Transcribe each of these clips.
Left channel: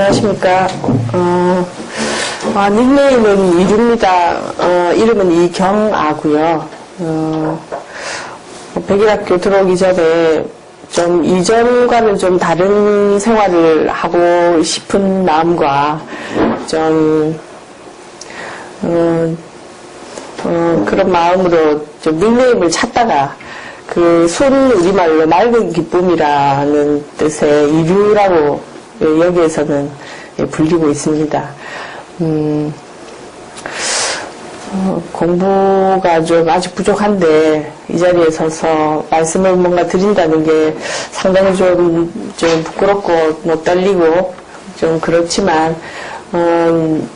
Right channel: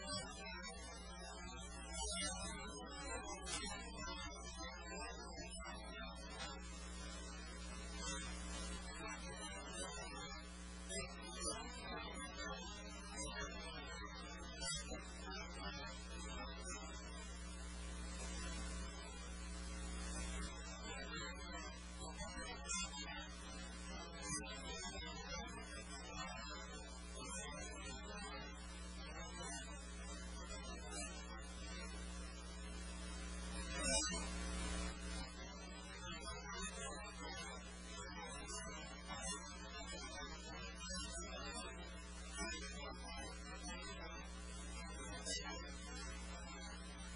안녕하십니까. 닉네임은 이루입니다. 이름은 이경아고요. 백일학교 들어오기 전에 좀 이전과는 좀 다른 생활을 하고 싶은 마음과 좀 그런 마음으로 좀 닉네임을 찾다가 그 순 우리말로 맑은 기쁨이라는 뜻의 이류라고 여기에서는 불리고 있습니다. 공부가 좀 아직 부족한데 이 자리에 서서 말씀을 뭔가 드린다는 게 상당히 좀 부끄럽고 뭐 떨리고 좀 그렇지만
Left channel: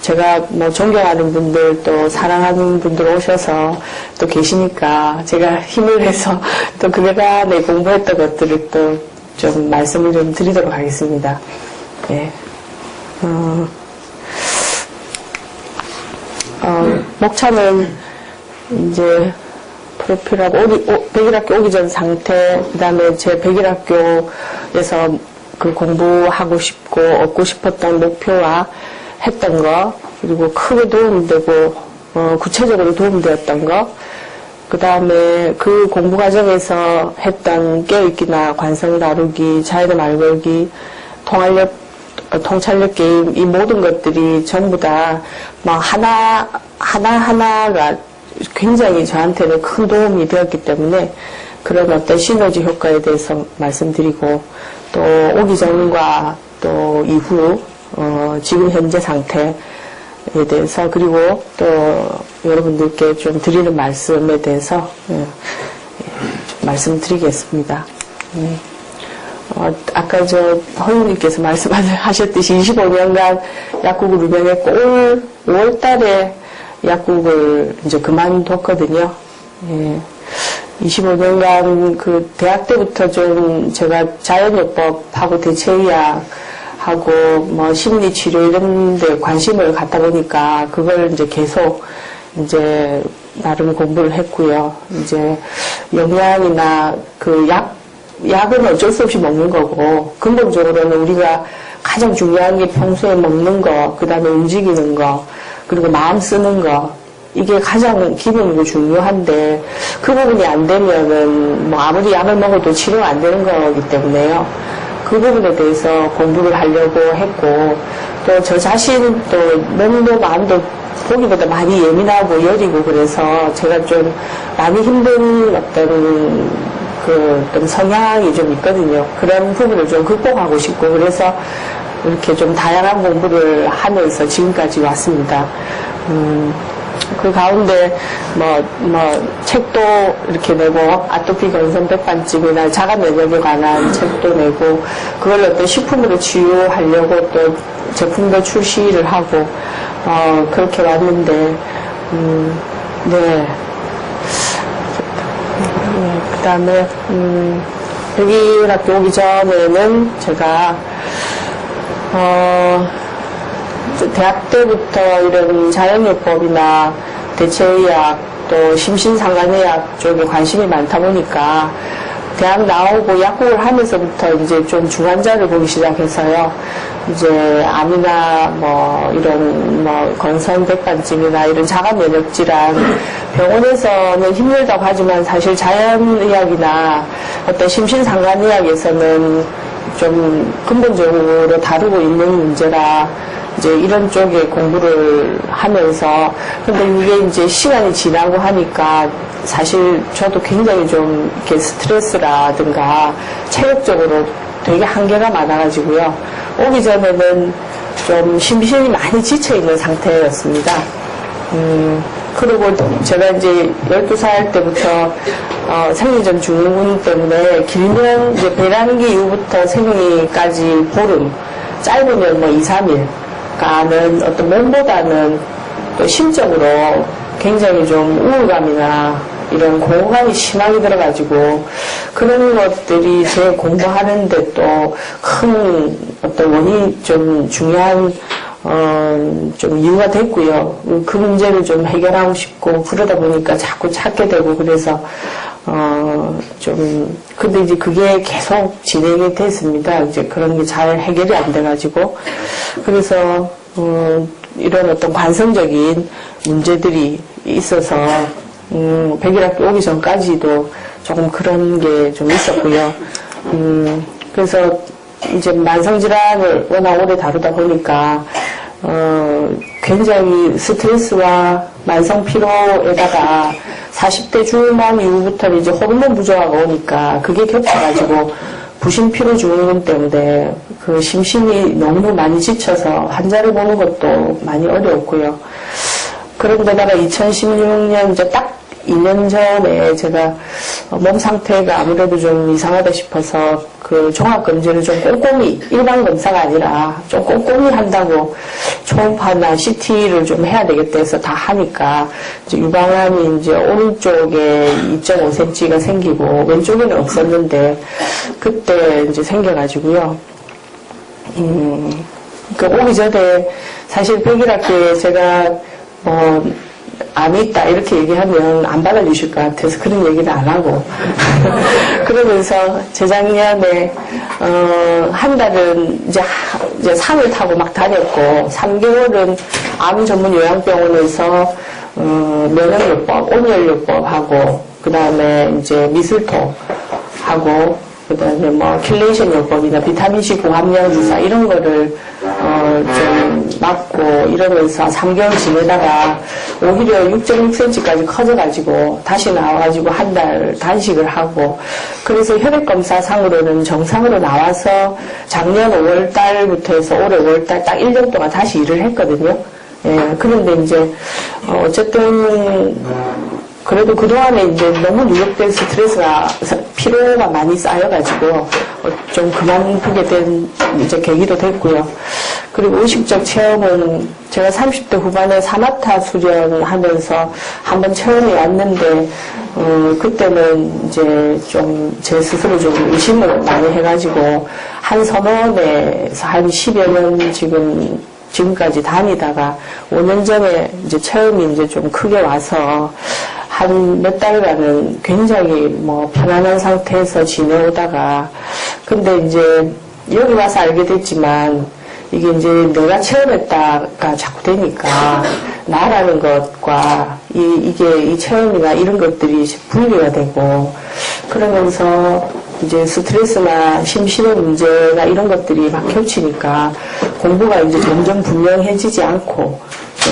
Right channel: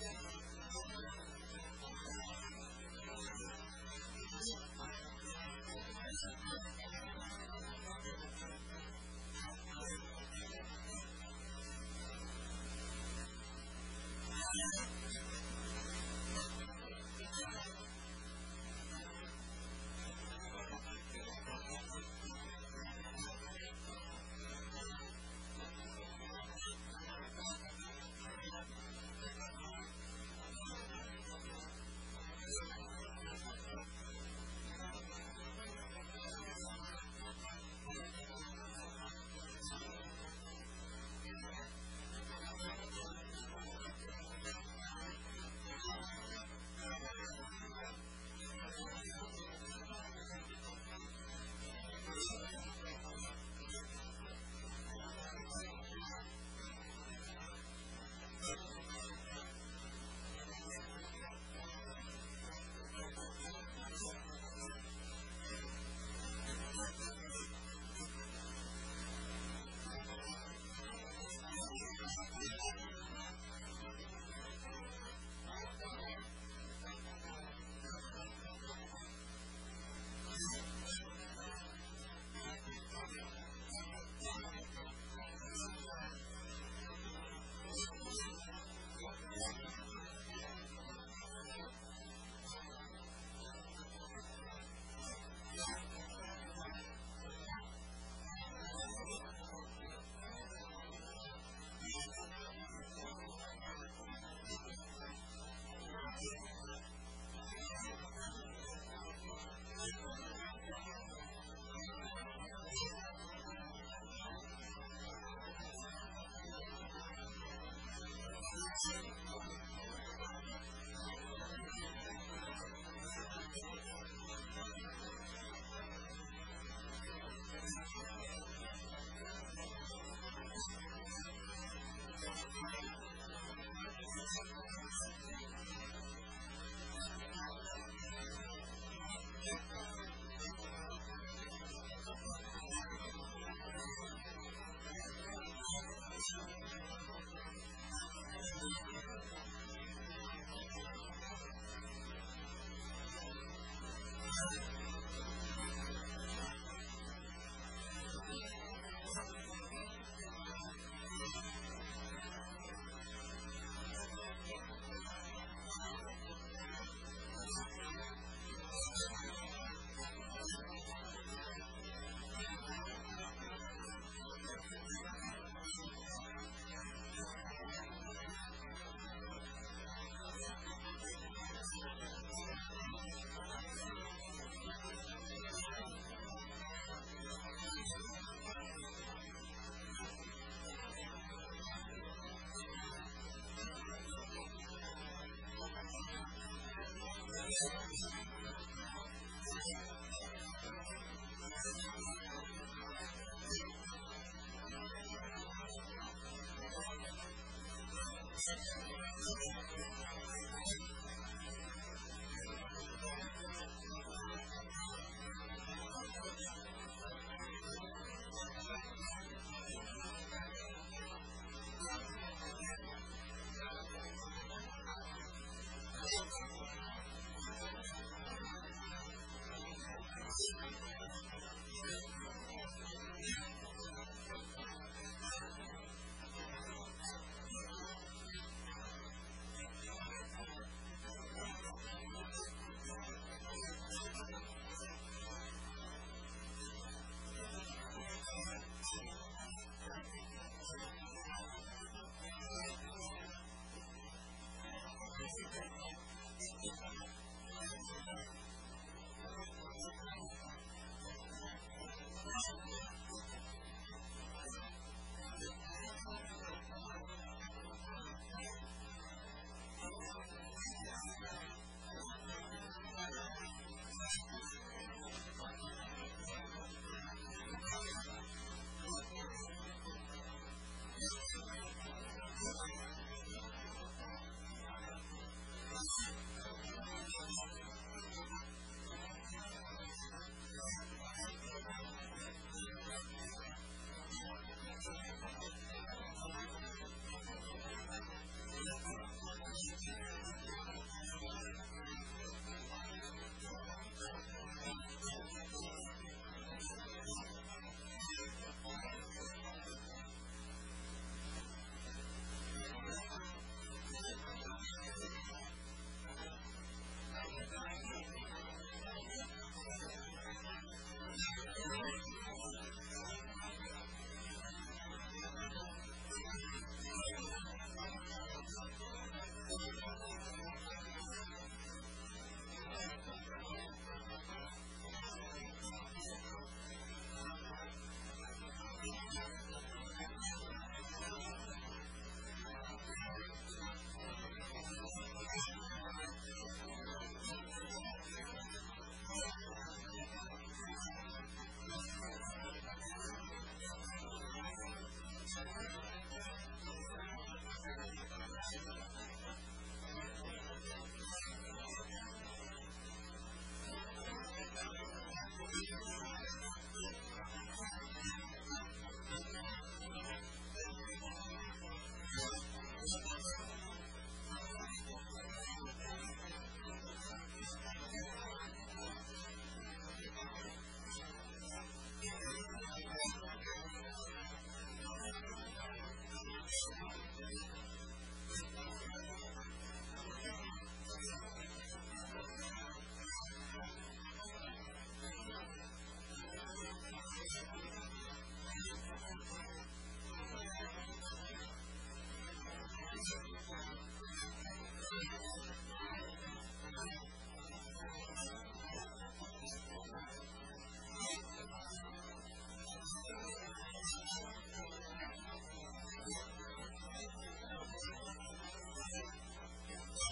제가 뭐 존경하는 분들 또 사랑하는 분들 오셔서 또 계시니까 제가 힘을 내서 또 그간에 공부했던 것들을 또 좀 말씀을 좀 드리도록 하겠습니다. 예. 목차는 이제 프로필하고 백일학교 오기 전 상태, 그 다음에 제 백일학교에서 그 공부하고 싶고 얻고 싶었던 목표와 했던 거, 그리고 크게 도움되고 구체적으로 도움되었던 거, 그 다음에 그 공부 과정에서 했던 깨어있기나 관성 다루기, 자연의 말 걸기, 통찰력 게임, 이 모든 것들이 전부 다 막 하나하나가 굉장히 저한테는 큰 도움이 되었기 때문에 그런 어떤 시너지 효과에 대해서 말씀드리고, 또 오기 전과 또 이후 지금 현재 상태에 대해서, 그리고 또 여러분들께 좀 드리는 말씀에 대해서 좀 말씀드리겠습니다. 아까 허유님께서 말씀하셨듯이 25년간 약국을 운영했고, 5월 달에 약국을 이제 그만뒀거든요. 25년간 그 대학 때부터 좀 제가 자연요법하고 대체의학하고 뭐 심리치료 이런 데 관심을 갖다 보니까 그걸 이제 계속 이제 나름 공부를 했고요. 이제 영양이나 그 약은 어쩔 수 없이 먹는 거고, 근본적으로는 우리가 가장 중요한 게 평소에 먹는 거, 그 다음에 움직이는 거, 그리고 마음 쓰는 거, 이게 가장 기본이고 중요한데, 그 부분이 안 되면은 뭐 아무리 약을 먹어도 치료가 안 되는 거기 때문에요. 그 부분에 대해서 공부를 하려고 했고, 또 저 자신 또 몸도 마음도 보기보다 많이 예민하고 여리고, 그래서 제가 좀 많이 힘든 어떤 좀 성향이 좀 있거든요. 그런 부분을 좀 극복하고 싶고, 그래서 이렇게 좀 다양한 공부를 하면서 지금까지 왔습니다. 그 가운데 책도 이렇게 내고, 아토피 건선 백반증이나 자가 면역에 관한 책도 내고, 그걸 어떤 식품으로 치유하려고 또 제품도 출시를 하고, 그렇게 왔는데, 네. 그 다음에, 백일학교 오기 전에는 제가, 대학 때부터 이런 자연요법이나 대체의학, 또 심신상간의학 쪽에 관심이 많다 보니까, 대학 나오고 약국을 하면서부터 이제 좀 중환자를 보기 시작해서요. 이제 암이나 이런 건선백반증이나 이런 자가면역질환, 병원에서는 힘들다고 하지만 사실 자연의학이나 어떤 심신상간의학에서는 좀 근본적으로 다루고 있는 문제라 이제 이런 쪽에 공부를 하면서, 근데 이게 이제 시간이 지나고 하니까 사실 저도 굉장히 좀 이렇게 스트레스라든가 체력적으로 되게 한계가 많아가지고요. 오기 전에는 좀 심신이 많이 지쳐있는 상태였습니다. 그리고 제가 이제 12살 때부터 생리전 증후군 때문에 길면 이제 배란기 이후부터 생리까지 보름, 짧으면 2, 3일 가는 어떤 몸보다는 또 심적으로 굉장히 좀 우울감이나 이런 공허감이 심하게 들어가지고, 그런 것들이 제 공부하는데 또 큰 어떤 원인이 좀 중요한 좀 이유가 됐고요. 그 문제를 좀 해결하고 싶고, 그러다 보니까 자꾸 찾게 되고, 그래서 근데 이제 그게 계속 진행이 됐습니다. 이제 그런 게 잘 해결이 안 돼가지고. 그래서, 이런 어떤 관성적인 문제들이 있어서, 백일학교 오기 전까지도 조금 그런 게 좀 있었고요. 그래서 이제 만성질환을 워낙 오래 다루다 보니까, 굉장히 스트레스와 만성 피로에다가 40대 중반 이후부터 이제 호르몬 부조화가 오니까 그게 겹쳐가지고 부신 피로 증후군 때문에 그 심신이 너무 많이 지쳐서 환자를 보는 것도 많이 어려웠고요. 그런데다가 2016년 이제 딱 2년 전에 제가 몸 상태가 아무래도 좀 이상하다 싶어서 그 종합검진을 좀 꼼꼼히, 일반 검사가 아니라 좀 꼼꼼히 한다고 초음파나 CT를 좀 해야 되겠다 해서 다 하니까 이제 유방암이 이제 오른쪽에 2.5cm가 생기고 왼쪽에는 없었는데 그때 이제 생겨가지고요. 그 오기 전에 사실 백일학교에 제가 암이 있다 이렇게 얘기하면 안 받아주실 것 같아서 그런 얘기는 안 하고 그러면서 재작년에 한 달은 이제 산을 타고 막 다녔고 3개월은 암 전문 요양병원에서 면역요법, 온열요법 하고 그 다음에 이제 미술토 하고 그 다음에 뭐 킬레이션 요법이나 비타민C 고함량 주사 이런 거를 좀 맞고 이러면서 3개월 지내다가 오히려 6.6cm까지 커져가지고 다시 나와가지고 한 달 단식을 하고 그래서 혈액검사상으로는 정상으로 나와서 작년 5월달부터 해서 올해 5월달 딱 1년 동안 다시 일을 했거든요. 예, 그런데 이제 어쨌든 그래도 그동안에 이제 너무 누적된 스트레스가, 피로가 많이 쌓여가지고, 좀 그만두게 된 이제 계기도 됐고요. 그리고 의식적 체험은 제가 30대 후반에 사마타 수련하면서 한번 체험이 왔는데, 그때는 이제 좀 제 스스로 좀 의심을 많이 해가지고, 한 선원에서 한 10여 년 지금까지 다니다가 5년 전에 이제 체험이 이제 좀 크게 와서, 한 몇 달간은 굉장히 편안한 상태에서 지내오다가, 근데 이제 여기 와서 알게 됐지만, 이게 이제 내가 체험했다가 자꾸 되니까, 나라는 것과 이 체험이나 이런 것들이 분리가 되고, 그러면서 이제 스트레스나 심신의 문제나 이런 것들이 막 겹치니까, 공부가 이제 점점 분명해지지 않고,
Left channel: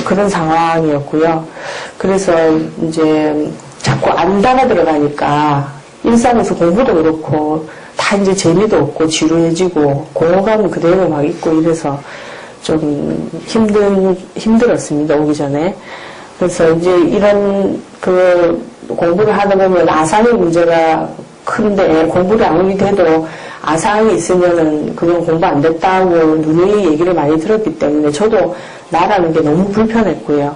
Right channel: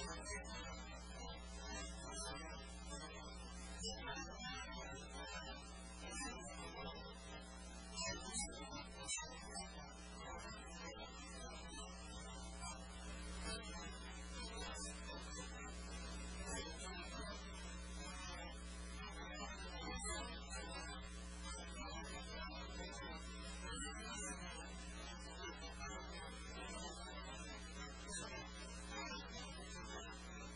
그런 상황이었고요. 그래서 이제 자꾸 안다가 들어가니까 일상에서 공부도 그렇고 다 이제 재미도 없고 지루해지고 공허감은 그대로 막 있고 이래서 좀 힘들었습니다. 오기 전에. 그래서 이제 이런 공부를 하다 보면 아상의 문제가 큰데 공부를 아무리 돼도 아상이 있으면은 그건 공부 안 됐다고 누누이 얘기를 많이 들었기 때문에 저도 나라는 게 너무 불편했고요.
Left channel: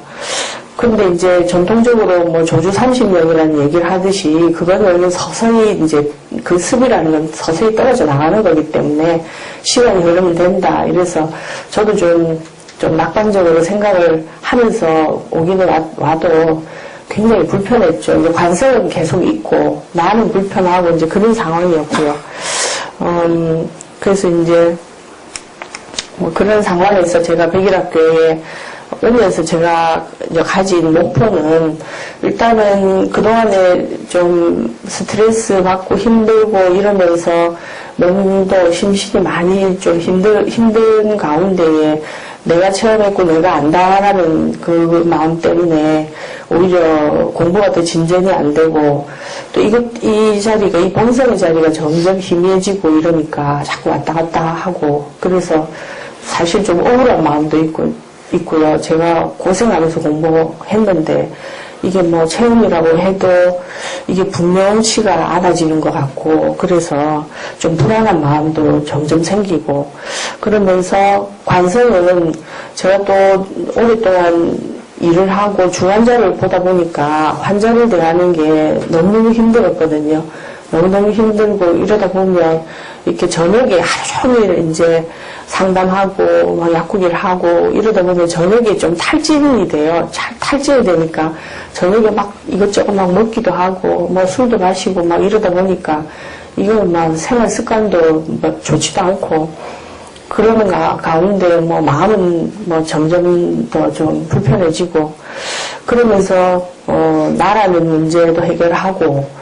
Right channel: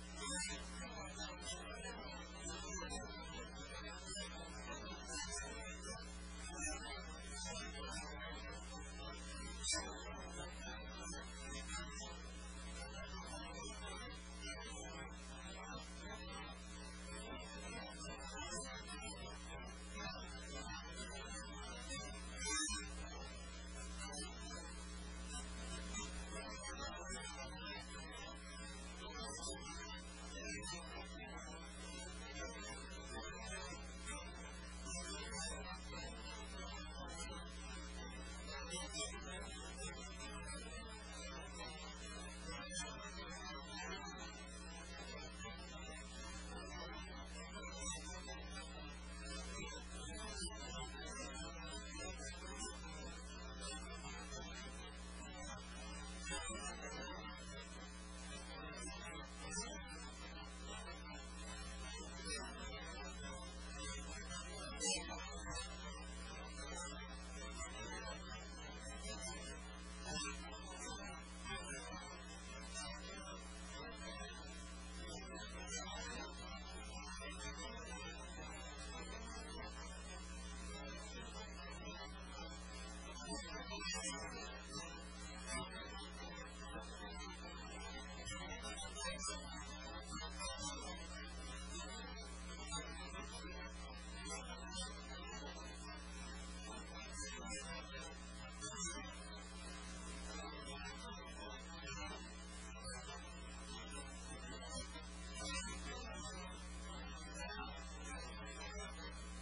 근데 이제 전통적으로 조주 30년이라는 얘기를 하듯이 그거는 서서히 이제 그 습이라는 건 서서히 떨어져 나가는 거기 때문에 시간이 흐르면 된다. 이래서 저도 좀 낙관적으로 생각을 하면서 오기는 와도 굉장히 불편했죠. 이제 관성은 계속 있고 나는 불편하고 이제 그런 상황이었고요. 그래서 이제 그런 상황에서 제가 백일학교에 오면서 제가 이제 가진 목표는 일단은 그동안에 좀 스트레스 받고 힘들고 이러면서 몸도 심신이 많이 좀 힘든 가운데에 내가 체험했고 내가 안다라는 그 마음 때문에 오히려 공부가 더 진전이 안 되고 또 이 자리가, 이 본성의 자리가 점점 희미해지고 이러니까 자꾸 왔다 갔다 하고 그래서 사실 좀 억울한 마음도 있고요. 제가 고생하면서 공부했는데 이게 체험이라고 해도 이게 분명치가 않아지는 것 같고 그래서 좀 불안한 마음도 점점 생기고 그러면서 관성은 제가 또 오랫동안 일을 하고 중환자를 보다 보니까 환자를 대하는 게 너무너무 힘들었거든요. 너무너무 힘들고 이러다 보면 이렇게 저녁에 하루 종일 이제 상담하고 막 약국일 하고 이러다 보면 저녁에 좀 탈진이 돼요. 탈진이 되니까 저녁에 막 이것저것 막 먹기도 하고 뭐 술도 마시고 막 이러다 보니까 이건 막 생활 습관도 뭐 좋지도 않고 그러는 가운데 뭐 마음은 뭐 점점 더 좀 불편해지고 그러면서 나라는 문제도 해결하고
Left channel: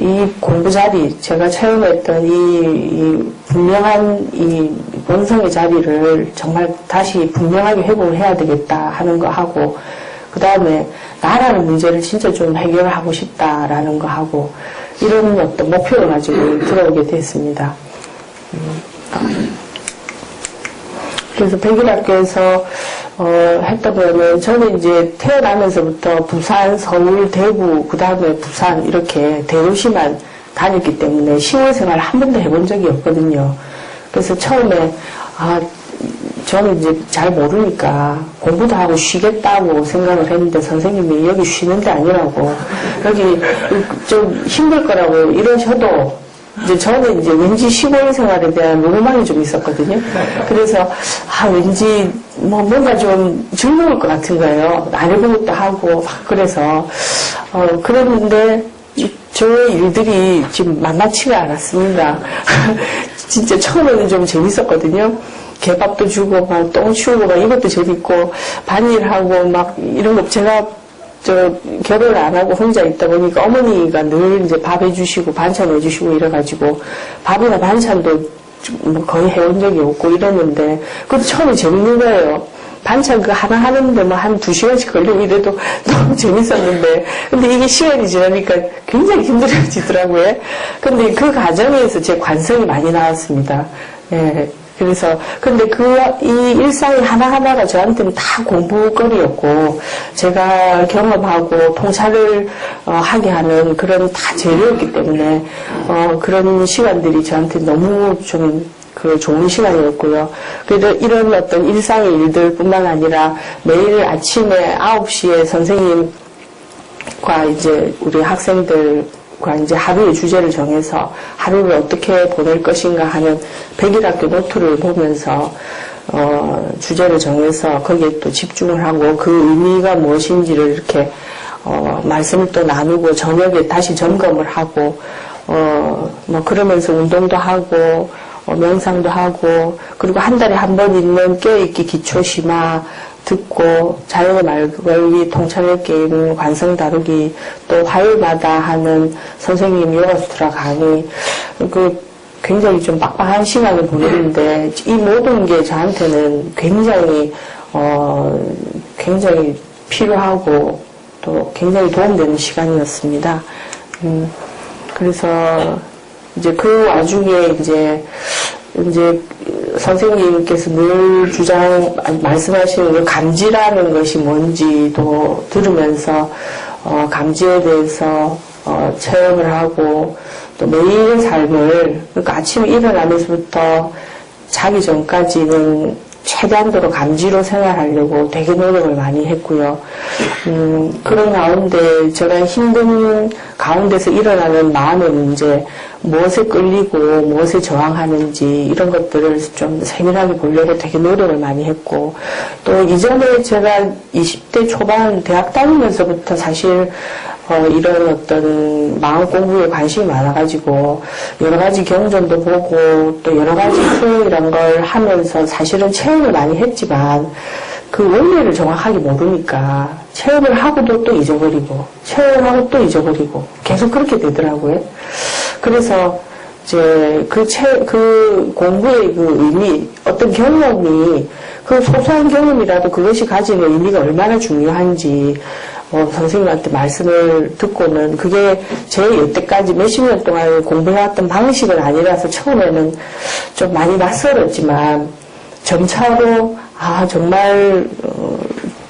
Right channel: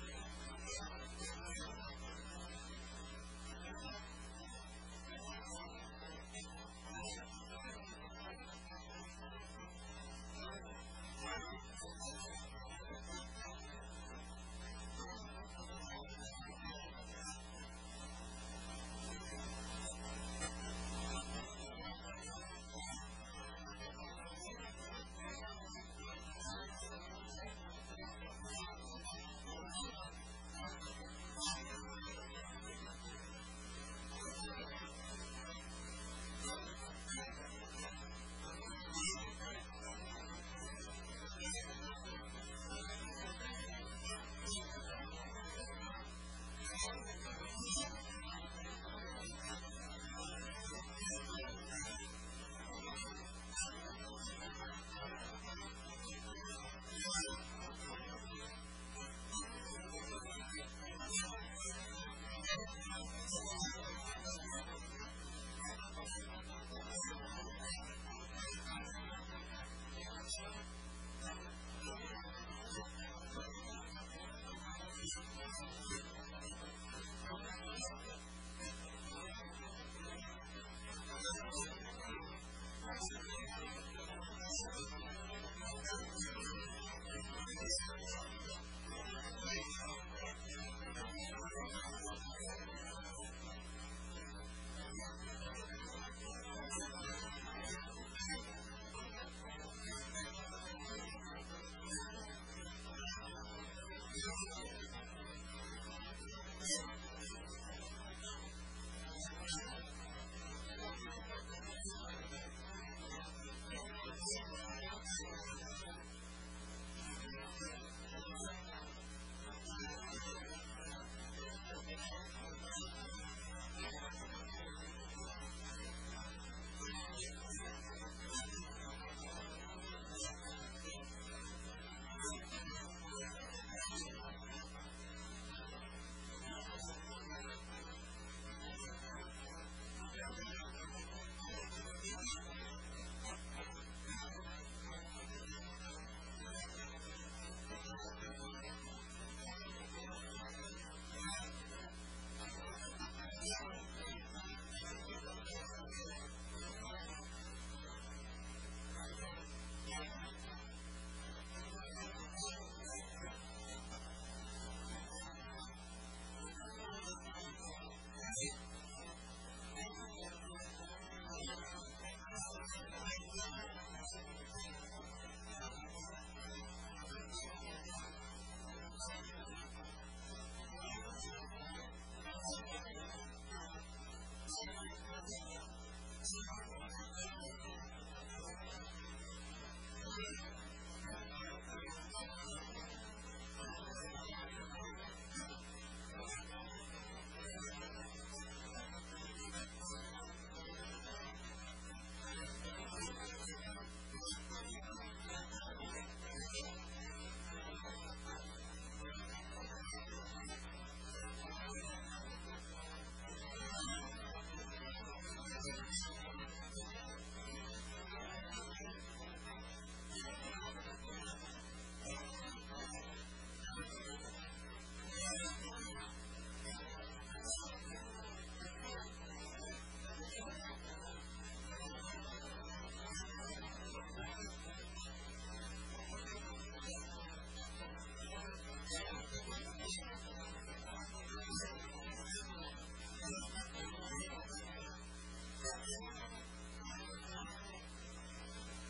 이 공부 자리, 제가 체험했던 이 분명한 이 본성의 자리를 정말 다시 분명하게 회복을 해야 되겠다 하는 거 하고, 그 다음에 나라는 문제를 진짜 좀 해결하고 싶다라는 거 하고, 이런 어떤 목표를 가지고 들어오게 됐습니다. 그래서 백일학교에서 했던 거는 저는 이제 태어나면서부터 부산, 서울, 대구, 그 다음에 부산 이렇게 대도시만 다녔기 때문에 시골 생활을 한 번도 해본 적이 없거든요. 그래서 처음에 저는 이제 잘 모르니까 공부도 하고 쉬겠다고 생각을 했는데 선생님이 여기 쉬는 데 아니라고 여기 좀 힘들 거라고 이러셔도 이제 저는 이제 왠지 시골 생활에 대한 로망이 좀 있었거든요. 그래서 왠지 뭔가 좀 즐거울 것 같은 거예요. 안 해본 것도 하고 막 그래서 그랬는데 저 일들이 지금 만만치가 않았습니다. 진짜 처음에는 좀 재밌었거든요. 개밥도 주고 막 똥 치우고 막 이것도 재밌고 반일하고 막 이런 거 제가 결혼을 안 하고 혼자 있다 보니까 어머니가 늘 이제 밥 해주시고 반찬 해주시고 이래가지고 밥이나 반찬도 뭐 거의 해온 적이 없고 이랬는데 그것도 처음에 재밌는 거예요. 반찬 그 하나 하는데 뭐 한 2시간씩 걸리고 이래도 너무 재밌었는데 근데 이게 시간이 지나니까 굉장히 힘들어지더라고요. 근데 그 과정에서 제 관성이 많이 나왔습니다. 예. 그래서, 근데 이 일상이 하나하나가 저한테는 다 공부거리였고, 제가 경험하고 통찰을 하게 하는 그런 다 재료였기 때문에, 그런 시간들이 저한테 너무 좀 좋은 시간이었고요. 그래도 이런 어떤 일상의 일들 뿐만 아니라 매일 아침에 9시에 선생님과 이제 우리 학생들과 이제 하루의 주제를 정해서 하루를 어떻게 보낼 것인가 하는 백일학교 노트를 보면서 주제를 정해서 거기에 또 집중을 하고 그 의미가 무엇인지를 이렇게 말씀을 또 나누고 저녁에 다시 점검을 하고 뭐 그러면서 운동도 하고 명상도 하고 그리고 한 달에 한 번 있는 깨어있기 기초심화 듣고 자연의 말걸기 통찰력 게임 관성 다루기 또 화요일마다 하는 선생님 요가수트라 강의 굉장히 좀 빡빡한 시간을 보내는데 이 모든 게 저한테는 굉장히 필요하고 또 굉장히 도움되는 시간이었습니다. 그래서 이제 그 와중에 이제 선생님께서 늘 말씀하시는 그 감지라는 것이 뭔지도 들으면서 감지에 대해서 체험을 하고 또 매일의 삶을 그러니까 아침에 일어나면서부터 자기 전까지는 최대한도로 감지로 생활하려고 되게 노력을 많이 했고요. 그런 가운데 제가 힘든 가운데서 일어나는 마음의 문제, 무엇에 끌리고 무엇에 저항하는지 이런 것들을 좀 세밀하게 보려고 되게 노력을 많이 했고 또 이전에 제가 20대 초반 대학 다니면서부터 사실 이런 어떤 마음 공부에 관심이 많아가지고 여러 가지 경전도 보고 또 여러 가지 수행이란 걸 하면서 사실은 체험을 많이 했지만 그 원리를 정확하게 모르니까 체험을 하고도 또 잊어버리고 체험하고 또 잊어버리고 계속 그렇게 되더라고요. 그래서 이제 그 공부의 그 의미, 어떤 경험이 그 소소한 경험이라도 그것이 가지는 의미가 얼마나 중요한지 선생님한테 말씀을 듣고는 그게 제 여태까지 몇십 년 동안 공부해왔던 방식은 아니라서 처음에는 좀 많이 낯설었지만 점차로 정말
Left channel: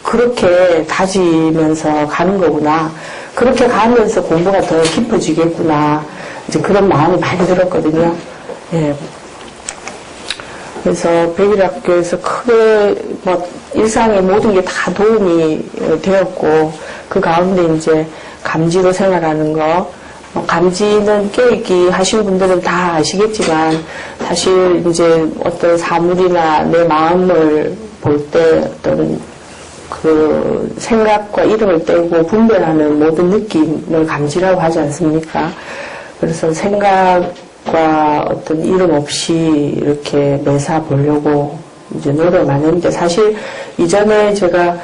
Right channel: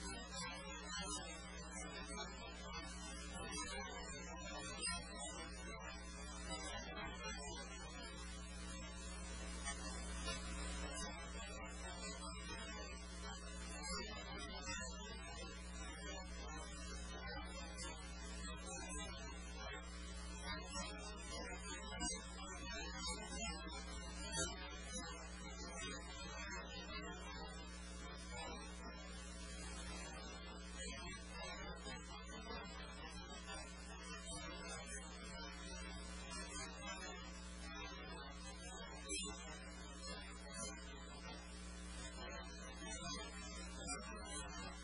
그렇게 다지면서 가는 거구나. 그렇게 가면서 공부가 더 깊어지겠구나. 이제 그런 마음이 많이 들었거든요. 예. 그래서 백일학교에서 크게 일상의 모든 게 다 도움이 되었고 그 가운데 이제 감지로 생활하는 거, 감지는 깨있기 하신 분들은 다 아시겠지만 사실 이제 어떤 사물이나 내 마음을 볼 때 어떤 그 생각과 이름을 떼고 분별하는 모든 느낌을 감지라고 하지 않습니까? 그래서 생각과 어떤 이름 없이 이렇게 매사 보려고 이제 노력을 많이 했는데 사실 이전에 제가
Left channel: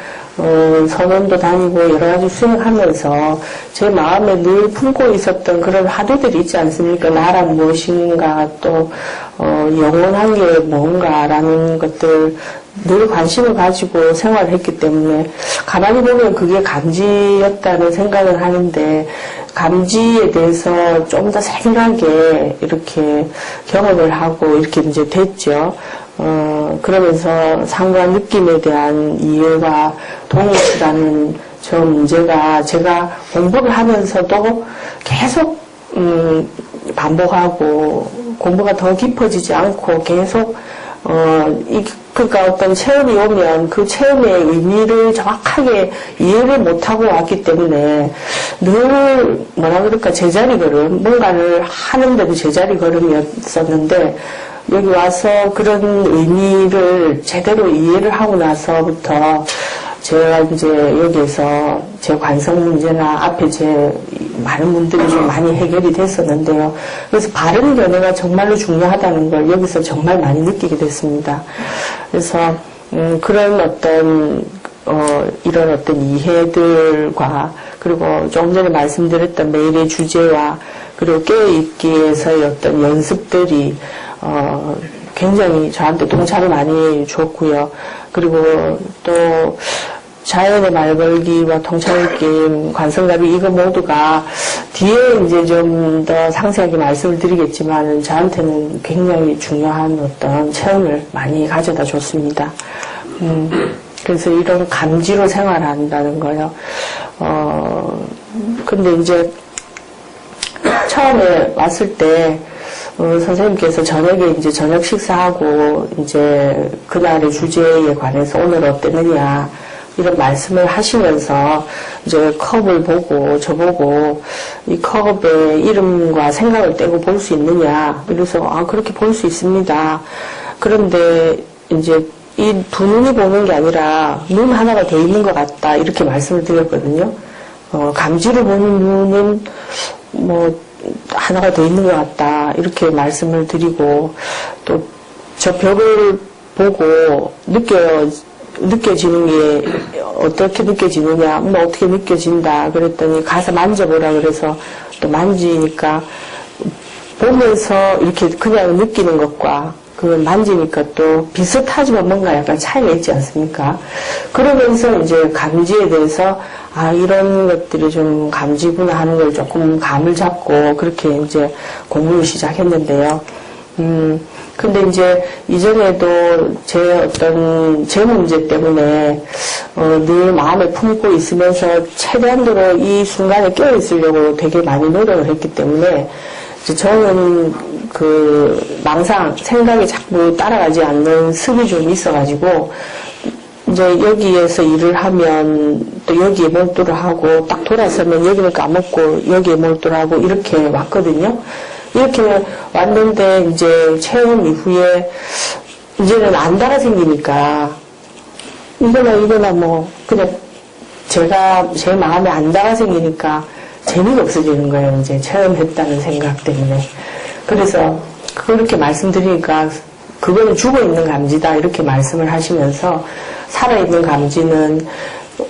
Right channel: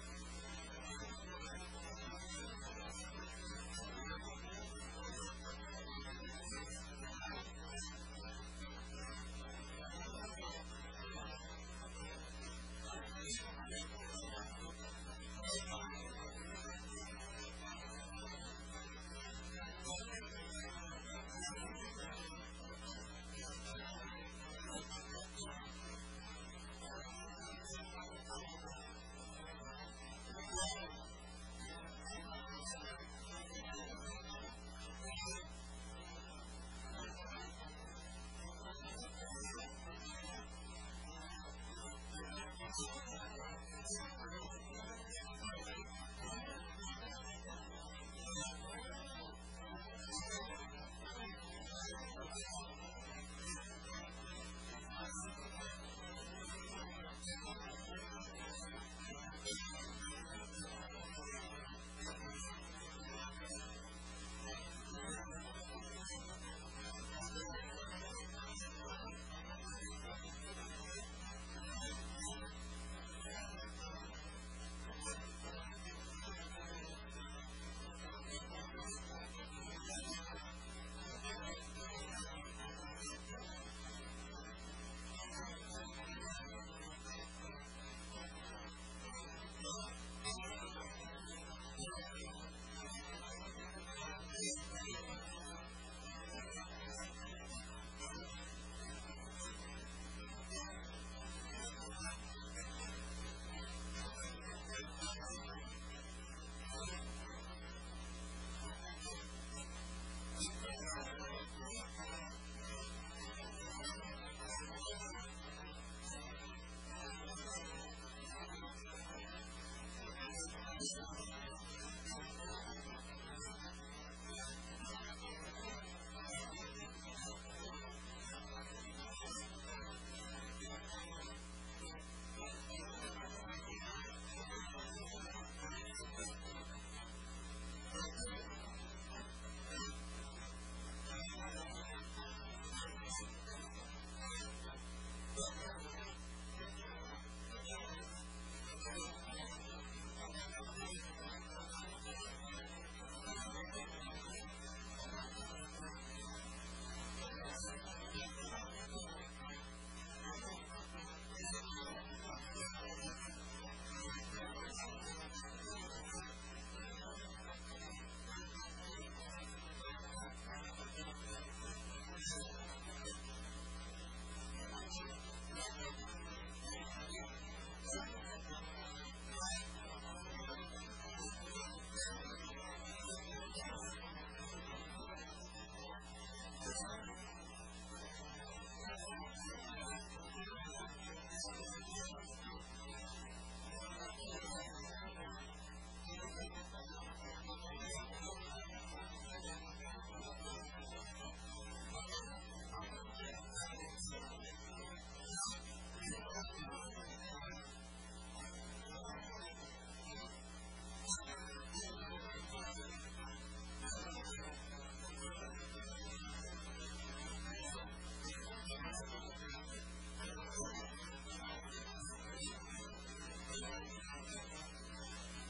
선원도 다니고 여러 가지 수행하면서 제 마음에 늘 품고 있었던 그런 화두들이 있지 않습니까? 나란 무엇인가 또 영원한 게 뭔가라는 것들 늘 관심을 가지고 생활을 했기 때문에 가만히 보면 그게 감지였다는 생각을 하는데 감지에 대해서 좀 더 세밀하게 이렇게 경험을 하고 이렇게 이제 됐죠. 그러면서 상관 느낌에 대한 이해와 동일치라는 저 문제가 제가 공부를 하면서도 계속 반복하고 공부가 더 깊어지지 않고 계속 그러니까 어떤 체험이 오면 그 체험의 의미를 정확하게 이해를 못하고 왔기 때문에 늘 뭐라 그럴까 제자리 걸음 뭔가를 하는데도 제자리 걸음이었었는데 여기 와서 그런 의미를 제대로 이해를 하고 나서부터 제가 이제 여기에서 제 관성 문제나 앞에 제 많은 분들이 좀 많이 해결이 됐었는데요. 그래서 바른 견해가 정말로 중요하다는 걸 여기서 정말 많이 느끼게 됐습니다. 그래서 그런 어떤 이런 어떤 이해들과 그리고 조금 전에 말씀드렸던 매일의 주제와 그리고 깨어있기에서의 어떤 연습들이 굉장히 저한테 동참을 많이 줬고요. 그리고 또 자연의 말걸기와 통찰느낌, 관성갑이 이거 모두가 뒤에 이제 좀 더 상세하게 말씀을 드리겠지만 저한테는 굉장히 중요한 어떤 체험을 많이 가져다 줬습니다. 그래서 이런 감지로 생활한다는 거요. 근데 이제 처음에 왔을 때 선생님께서 저녁에 이제 저녁 식사하고 이제 그날의 주제에 관해서 오늘 어땠느냐 이런 말씀을 하시면서 이제 컵을 보고 저보고 이 컵의 이름과 생각을 떼고 볼 수 있느냐 그래서 그렇게 볼 수 있습니다. 그런데 이제 이 두 눈이 보는 게 아니라 눈 하나가 돼 있는 것 같다 이렇게 말씀을 드렸거든요. 감지로 보는 눈은 뭐 하나가 돼 있는 것 같다 이렇게 말씀을 드리고 또 저 벽을 보고 느껴지는 게 어떻게 느껴지느냐 뭐 어떻게 느껴진다 그랬더니 가서 만져보라 그래서 또 만지니까 보면서 이렇게 그냥 느끼는 것과 그걸 만지니까 또 비슷하지만 뭔가 약간 차이가 있지 않습니까? 그러면서 이제 감지에 대해서 이런 것들이 좀 감지구나 하는 걸 조금 감을 잡고 그렇게 이제 공부를 시작했는데요. 근데 이제 이전에도 제 문제 때문에 늘 마음에 품고 있으면서 최대한도로 이 순간에 깨어 있으려고 되게 많이 노력을 했기 때문에 이제 저는 망상, 생각이 자꾸 따라가지 않는 습이 좀 있어가지고 이제 여기에서 일을 하면 또 여기에 몰두를 하고 딱 돌아서면 여기는 까먹고 여기에 몰두를 하고 이렇게 왔거든요. 이렇게 왔는데 이제 체험 이후에 이제는 안다가 생기니까 이거나 뭐 그냥 제가 제 마음에 안다가 생기니까 재미가 없어지는 거예요. 이제 체험했다는 생각 때문에. 그래서 그렇게 말씀드리니까 그거는 죽어있는 감지다 이렇게 말씀을 하시면서 살아있는 감지는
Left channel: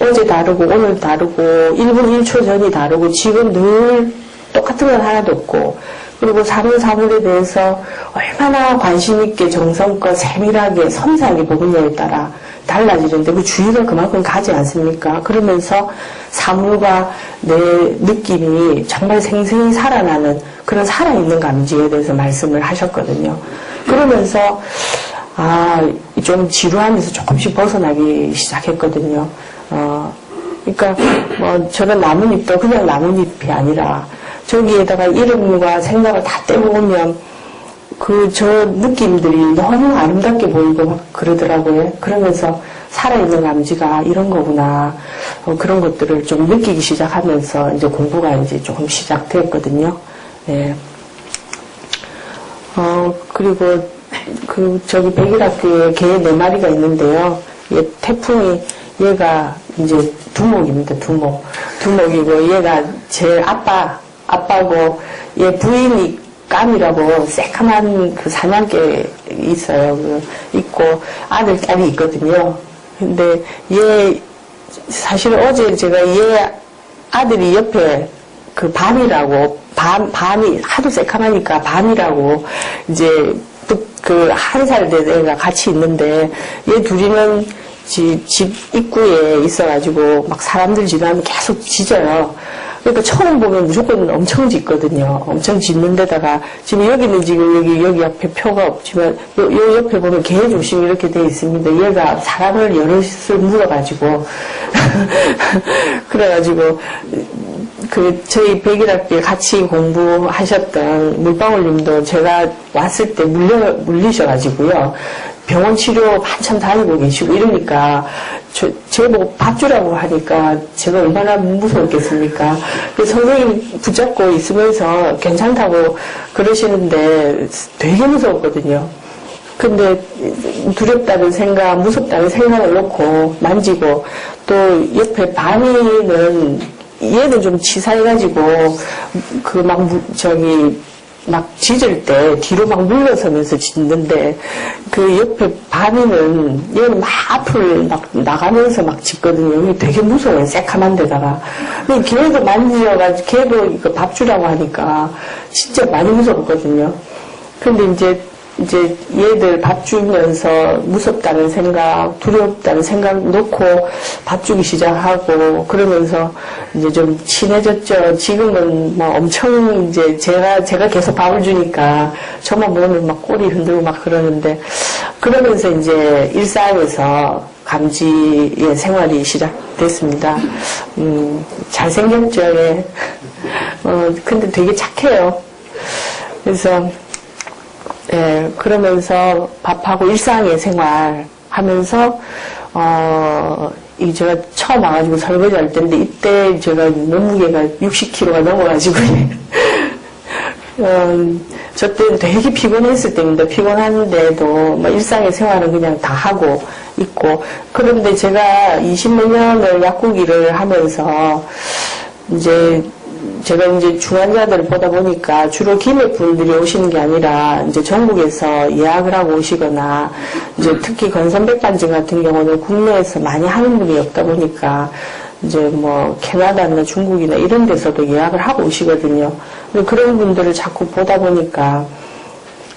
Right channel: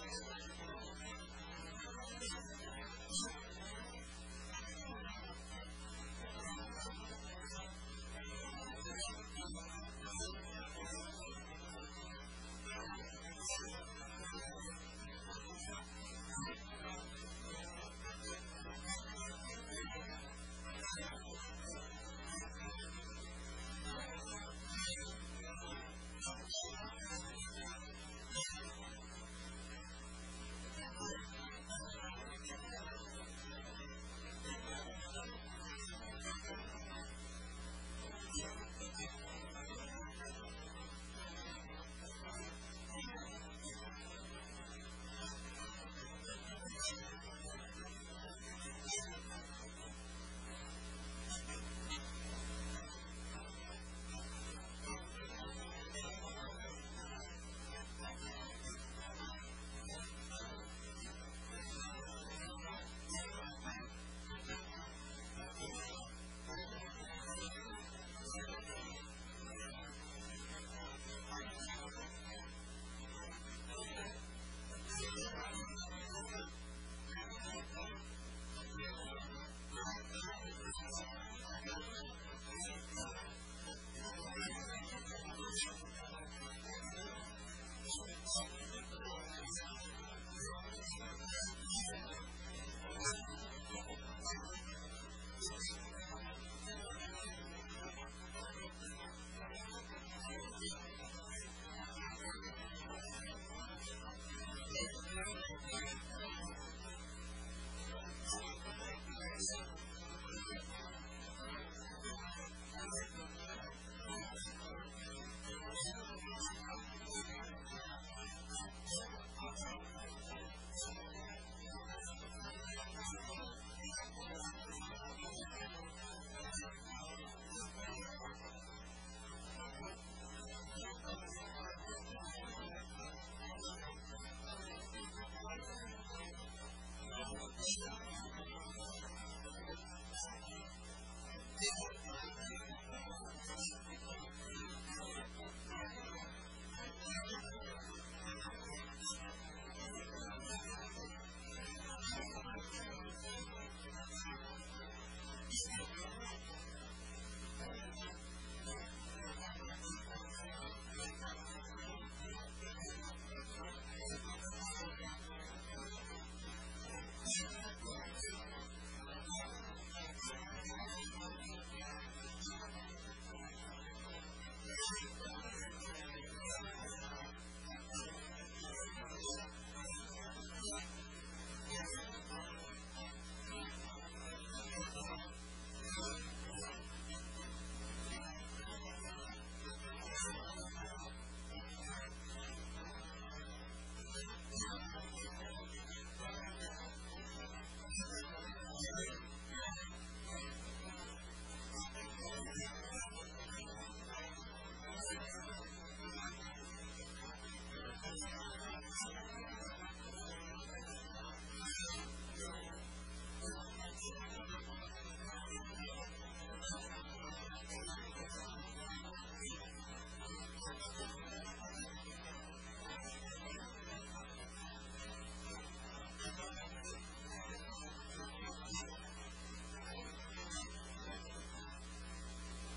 어제 다르고 오늘 다르고 1분 1초 전이 다르고 지금 늘 똑같은 건 하나도 없고 그리고 사물에 대해서 얼마나 관심 있게 정성껏 세밀하게 섬세하게 보느냐에 따라 달라지는데 그 주의가 그만큼 가지 않습니까? 그러면서 사물과 내 느낌이 정말 생생히 살아나는 그런 살아있는 감지에 대해서 말씀을 하셨거든요. 그러면서 좀 지루하면서 조금씩 벗어나기 시작했거든요. 그러니까 뭐 저런 나뭇잎도 그냥 나뭇잎이 아니라 저기에다가 이름과 생각을 다 떼고 오면 저 느낌들이 너무 아름답게 보이고 막 그러더라고요. 그러면서 살아있는 감지가 이런 거구나. 그런 것들을 좀 느끼기 시작하면서 이제 공부가 이제 조금 시작됐거든요. 예. 그리고 저기 백일학교에 개 4마리가 있는데요. 태풍이 얘가 이제 두목입니다. 두목이고 얘가 제 아빠고 얘 부인이 깜이라고 새카만 그 사냥개 있어요. 있고 아들, 딸이 있거든요. 근데 얘 사실 어제 제가 얘 아들이 옆에 그 밤이라고 밤이 하도 새카마니까 밤이라고 이제 그 1살 된 애가 같이 있는데 얘 둘이는 집 입구에 있어가지고 막 사람들 지나면 계속 짖어요. 그러니까 처음 보면 무조건 엄청 짖거든요. 엄청 짖는 데다가 지금 여기는 지금 여기 앞에 표가 없지만 요 옆에 보면 개 조심 이렇게 돼 있습니다. 얘가 사람을 여럿을 물어가지고 그래가지고 저희 백일학교에 같이 공부하셨던 물방울님도 제가 왔을 때 물리셔가지고요. 병원 치료 한참 다니고 계시고 이러니까 제보고 밥 주라고 하니까 제가 얼마나 무서웠겠습니까. 선생님 붙잡고 있으면서 괜찮다고 그러시는데 되게 무서웠거든요. 근데 두렵다는 생각, 무섭다는 생각을 놓고 만지고 또 옆에 바니는 얘는 좀 치사해가지고 막 짖을 때 뒤로 막 물러서면서 짖는데 그 옆에 바니는 얘는 막 앞을 막 나가면서 막 짖거든요. 이게 되게 무서워요. 새카만 데다가. 걔도 만지어가지고 걔도 이거 밥 주라고 하니까 진짜 많이 무섭거든요. 근데 이제 얘들 밥 주면서 무섭다는 생각, 두렵다는 생각 놓고 밥 주기 시작하고 그러면서 이제 좀 친해졌죠. 지금은 뭐 엄청 이제 제가 계속 밥을 주니까 저만 보면 막 꼬리 흔들고 막 그러는데 그러면서 이제 일상에서 감지의 생활이 시작됐습니다. 잘생겼죠. 예. 근데 되게 착해요. 그래서 예, 그러면서 밥하고 일상의 생활 하면서, 제가 처음 와가지고 설거지 할 때인데, 이때 제가 몸무게가 60kg가 넘어가지고, 저 때는 되게 피곤했을 때입니다. 피곤한데도, 일상의 생활은 그냥 다 하고 있고, 그런데 제가 20몇 년을 약국 일을 하면서, 제가 이제 중환자들을 보다 보니까 주로 기맥분들이 오시는 게 아니라 이제 전국에서 예약을 하고 오시거나 이제 특히 건선백반증 같은 경우는 국내에서 많이 하는 분이 없다 보니까 이제 뭐 캐나다나 중국이나 이런 데서도 예약을 하고 오시거든요. 근데 그런 분들을 자꾸 보다 보니까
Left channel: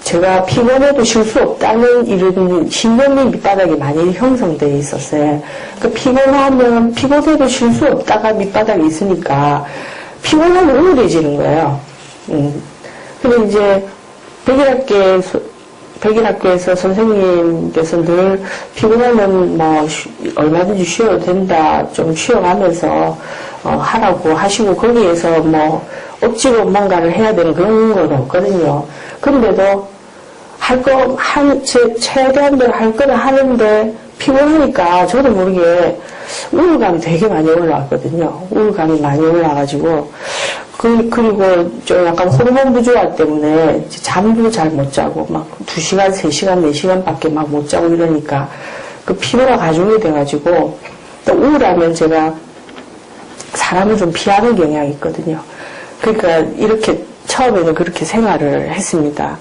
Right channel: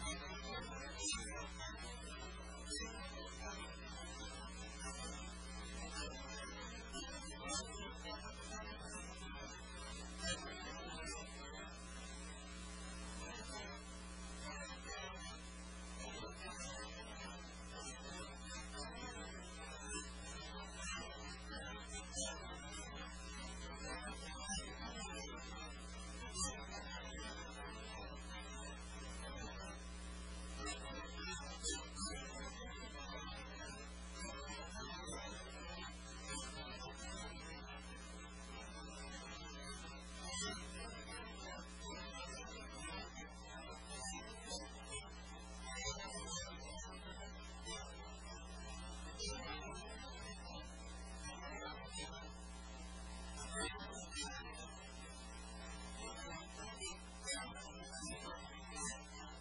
제가 피곤해도 쉴 수 없다는 이런 신념이 밑바닥에 많이 형성되어 있었어요. 그러니까 피곤해도 쉴 수 없다가 밑바닥에 있으니까 피곤하면 우울해지는 거예요. 근데 이제 백일학교에서 선생님께서 늘 피곤하면 뭐 얼마든지 쉬어도 된다, 좀 쉬어가면서 하라고 하시고 거기에서 뭐 억지로 뭔가를 해야 되는 그런 건 없거든요. 그런데도 최대한대로 할 거는 하는데 피곤하니까 저도 모르게 우울감이 되게 많이 올라왔거든요. 우울감이 많이 올라가지고 그리고 좀 약간 호르몬 부조화 때문에 잠도 잘 못 자고 막 2시간, 3시간, 4시간밖에 막 못 자고 이러니까 그 피로가 가중이 돼가지고 또 우울하면 제가 사람을 좀 피하는 경향이 있거든요. 그러니까 이렇게 처음에는 그렇게 생활을 했습니다.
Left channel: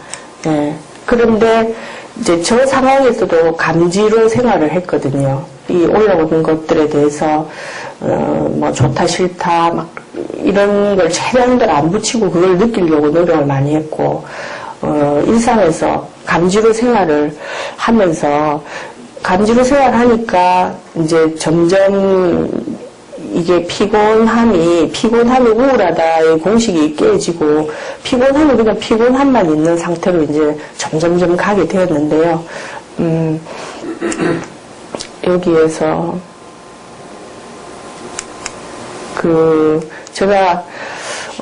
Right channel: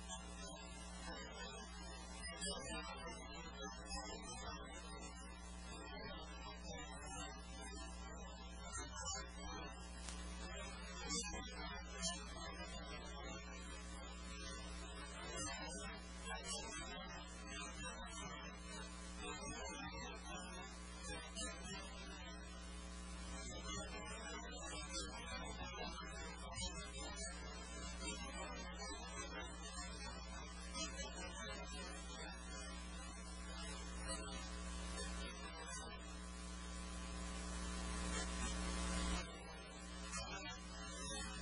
예. 그런데 이제 저 상황에서도 감지로 생활을 했거든요. 이 올라오는 것들에 대해서 뭐 좋다 싫다 막 이런 걸 최대한대로 안 붙이고 그걸 느끼려고 노력을 많이 했고 일상에서 감지로 생활을 하면서 감지로 생활하니까 이제 점점 이게 피곤함이 우울하다의 공식이 깨지고 피곤함이 그냥 피곤함만 있는 상태로 이제 점점점 가게 되었는데요. 여기에서 제가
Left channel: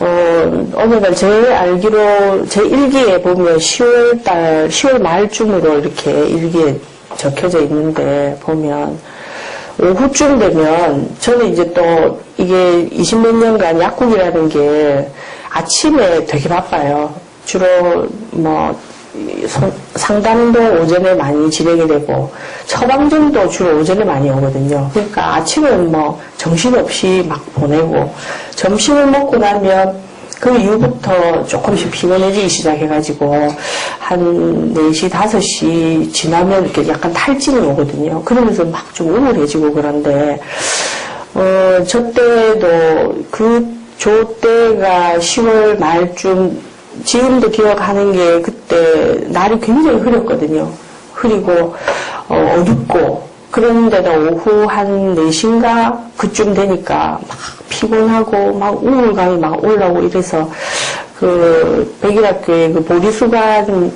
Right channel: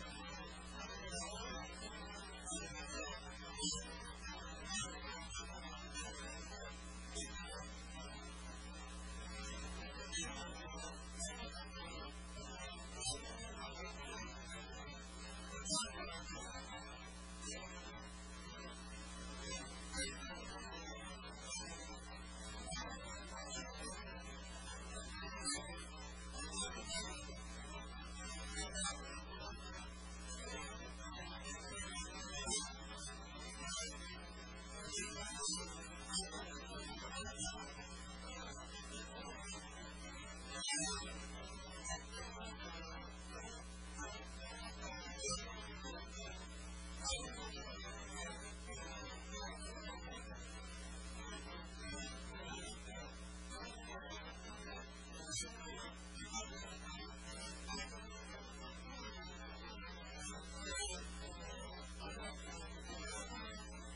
어느 날 제 알기로 제 일기에 보면 10월 말쯤으로 이렇게 일기에 적혀져 있는데 보면 오후쯤 되면 저는 이제 또 이게 20몇 년간 약국이라는 게 아침에 되게 바빠요. 주로 뭐 상담도 오전에 많이 진행이 되고 처방전도 주로 오전에 많이 오거든요. 그러니까 아침은 뭐 정신없이 막 보내고 점심을 먹고 나면 그 이후부터 조금씩 피곤해지기 시작해가지고 한 4시, 5시 지나면 이렇게 약간 탈진이 오거든요. 그러면서 막 좀 우울해지고 그런데 저 때도 저 때가 10월 말쯤 지금도 기억하는 게 그때 날이 굉장히 흐렸거든요. 흐리고 어둡고 그런데도 오후 한 4시인가 그쯤 되니까 막 피곤하고 막 우울감이 막 올라오고 이래서 그 백일학교에 그 보리수관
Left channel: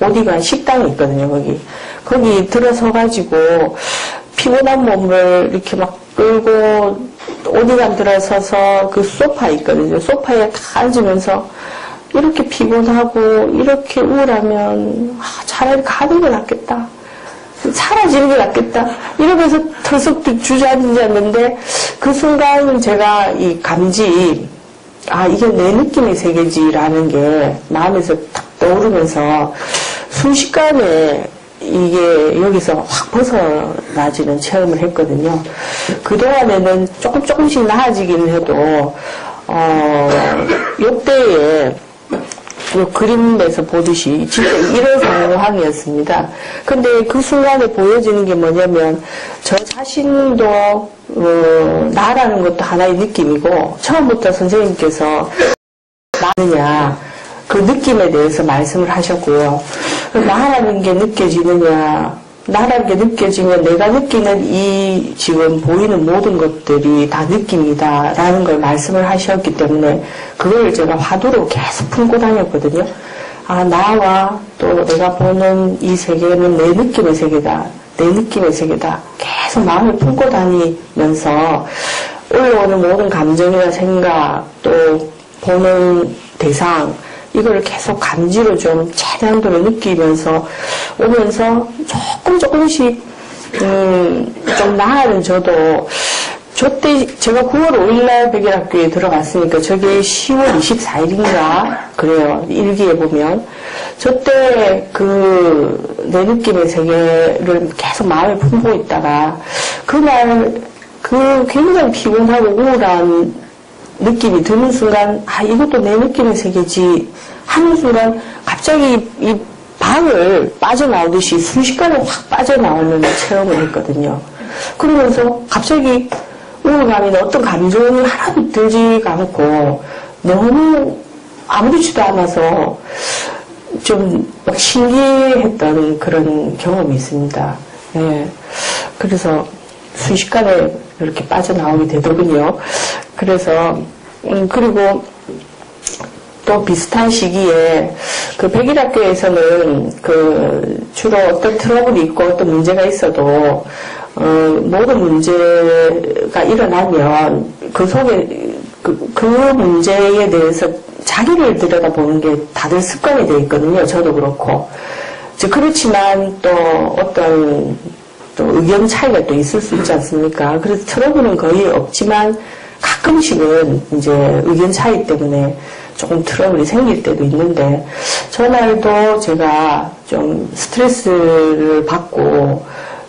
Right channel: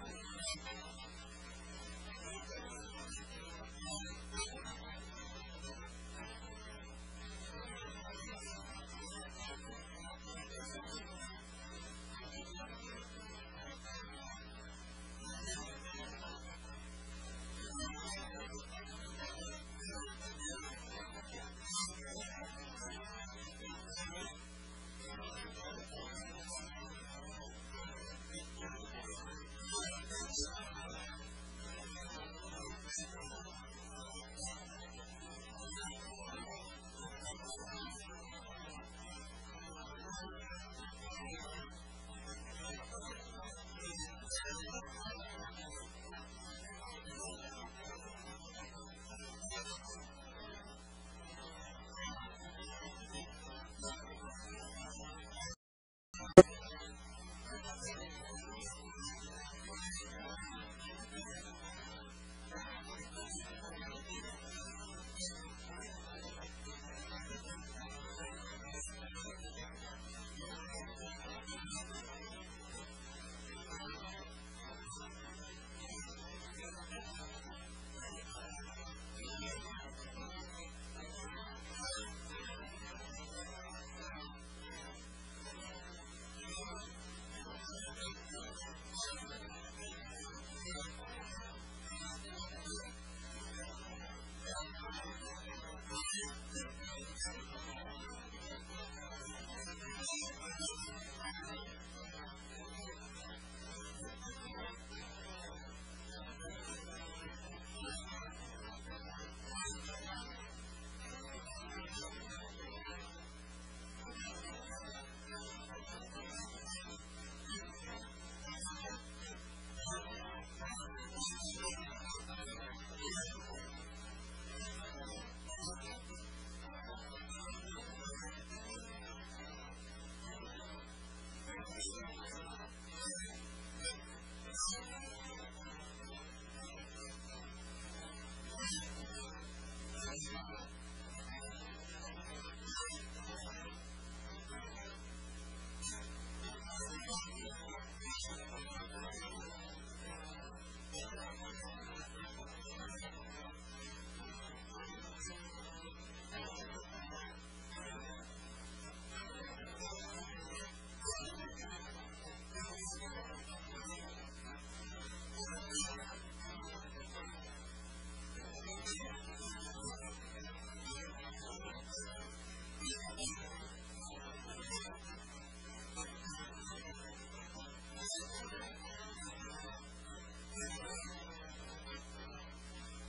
오디관 식당이 있거든요. 거기 들어서가지고 피곤한 몸을 이렇게 막 끌고 오디관 들어서서 그 소파 있거든요. 소파에 다 앉으면서 이렇게 피곤하고 이렇게 우울하면 차라리 가는 게 낫겠다. 사라지는 게 낫겠다. 이러면서 털썩 주저앉았는데 그 순간 제가 이 감지 이게 내 느낌의 세계지라는 게 마음에서 탁 떠오르면서 순식간에 이게 여기서 확 벗어나지는 체험을 했거든요. 그동안에는 조금씩 나아지긴 해도, 요때에 그 그림에서 보듯이 진짜 이런 상황이었습니다. 근데 그 순간에 보여지는 게 뭐냐면, 저 자신도, 나라는 것도 하나의 느낌이고, 처음부터 선생님께서 나느냐, 그 느낌에 대해서 말씀을 하셨고요. 나라는 게 느껴지느냐, 나라는 게 느껴지면 내가 느끼는 이 지금 보이는 모든 것들이 다 느낌이다라는 걸 말씀을 하셨기 때문에 그걸 제가 화두로 계속 품고 다녔거든요. 나와 또 내가 보는 이 세계는 내 느낌의 세계다. 내 느낌의 세계다. 계속 마음을 품고 다니면서 올라오는 모든 감정이나 생각 또 보는 대상 이걸 계속 감지로 좀 최대한도로 느끼면서 오면서 조금씩 좀 나아는 저도 저때 제가 9월 5일날 백일학교에 들어갔으니까 저게 10월 24일인가 그래요. 일기에 보면 저때 내 느낌의 세계를 계속 마음에 품고 있다가 그날 굉장히 피곤하고 우울한 느낌이 드는 순간 이것도 내 느낌의 세계지 하는 순간 갑자기 이 방을 빠져나오듯이 순식간에 확 빠져나오는 체험을 했거든요. 그러면서 갑자기 우울감이나 어떤 감정이 하나도 들지가 않고 너무 아무렇지도 않아서 좀 신기했던 그런 경험이 있습니다. 네. 그래서 순식간에 이렇게 빠져나오게 되더군요. 그래서 그리고 또 비슷한 시기에 그 백일학교에서는 주로 어떤 트러블이 있고 어떤 문제가 있어도 모든 문제가 일어나면 그 속에 그 문제에 대해서 자기를 들여다보는 게 다들 습관이 되어 있거든요. 저도 그렇고. 그렇지만 또 어떤 또 의견 차이가 또 있을 수 있지 않습니까? 그래서 트러블은 거의 없지만 가끔씩은 이제 의견 차이 때문에 조금 트러블이 생길 때도 있는데 저날도 제가 좀 스트레스를 받고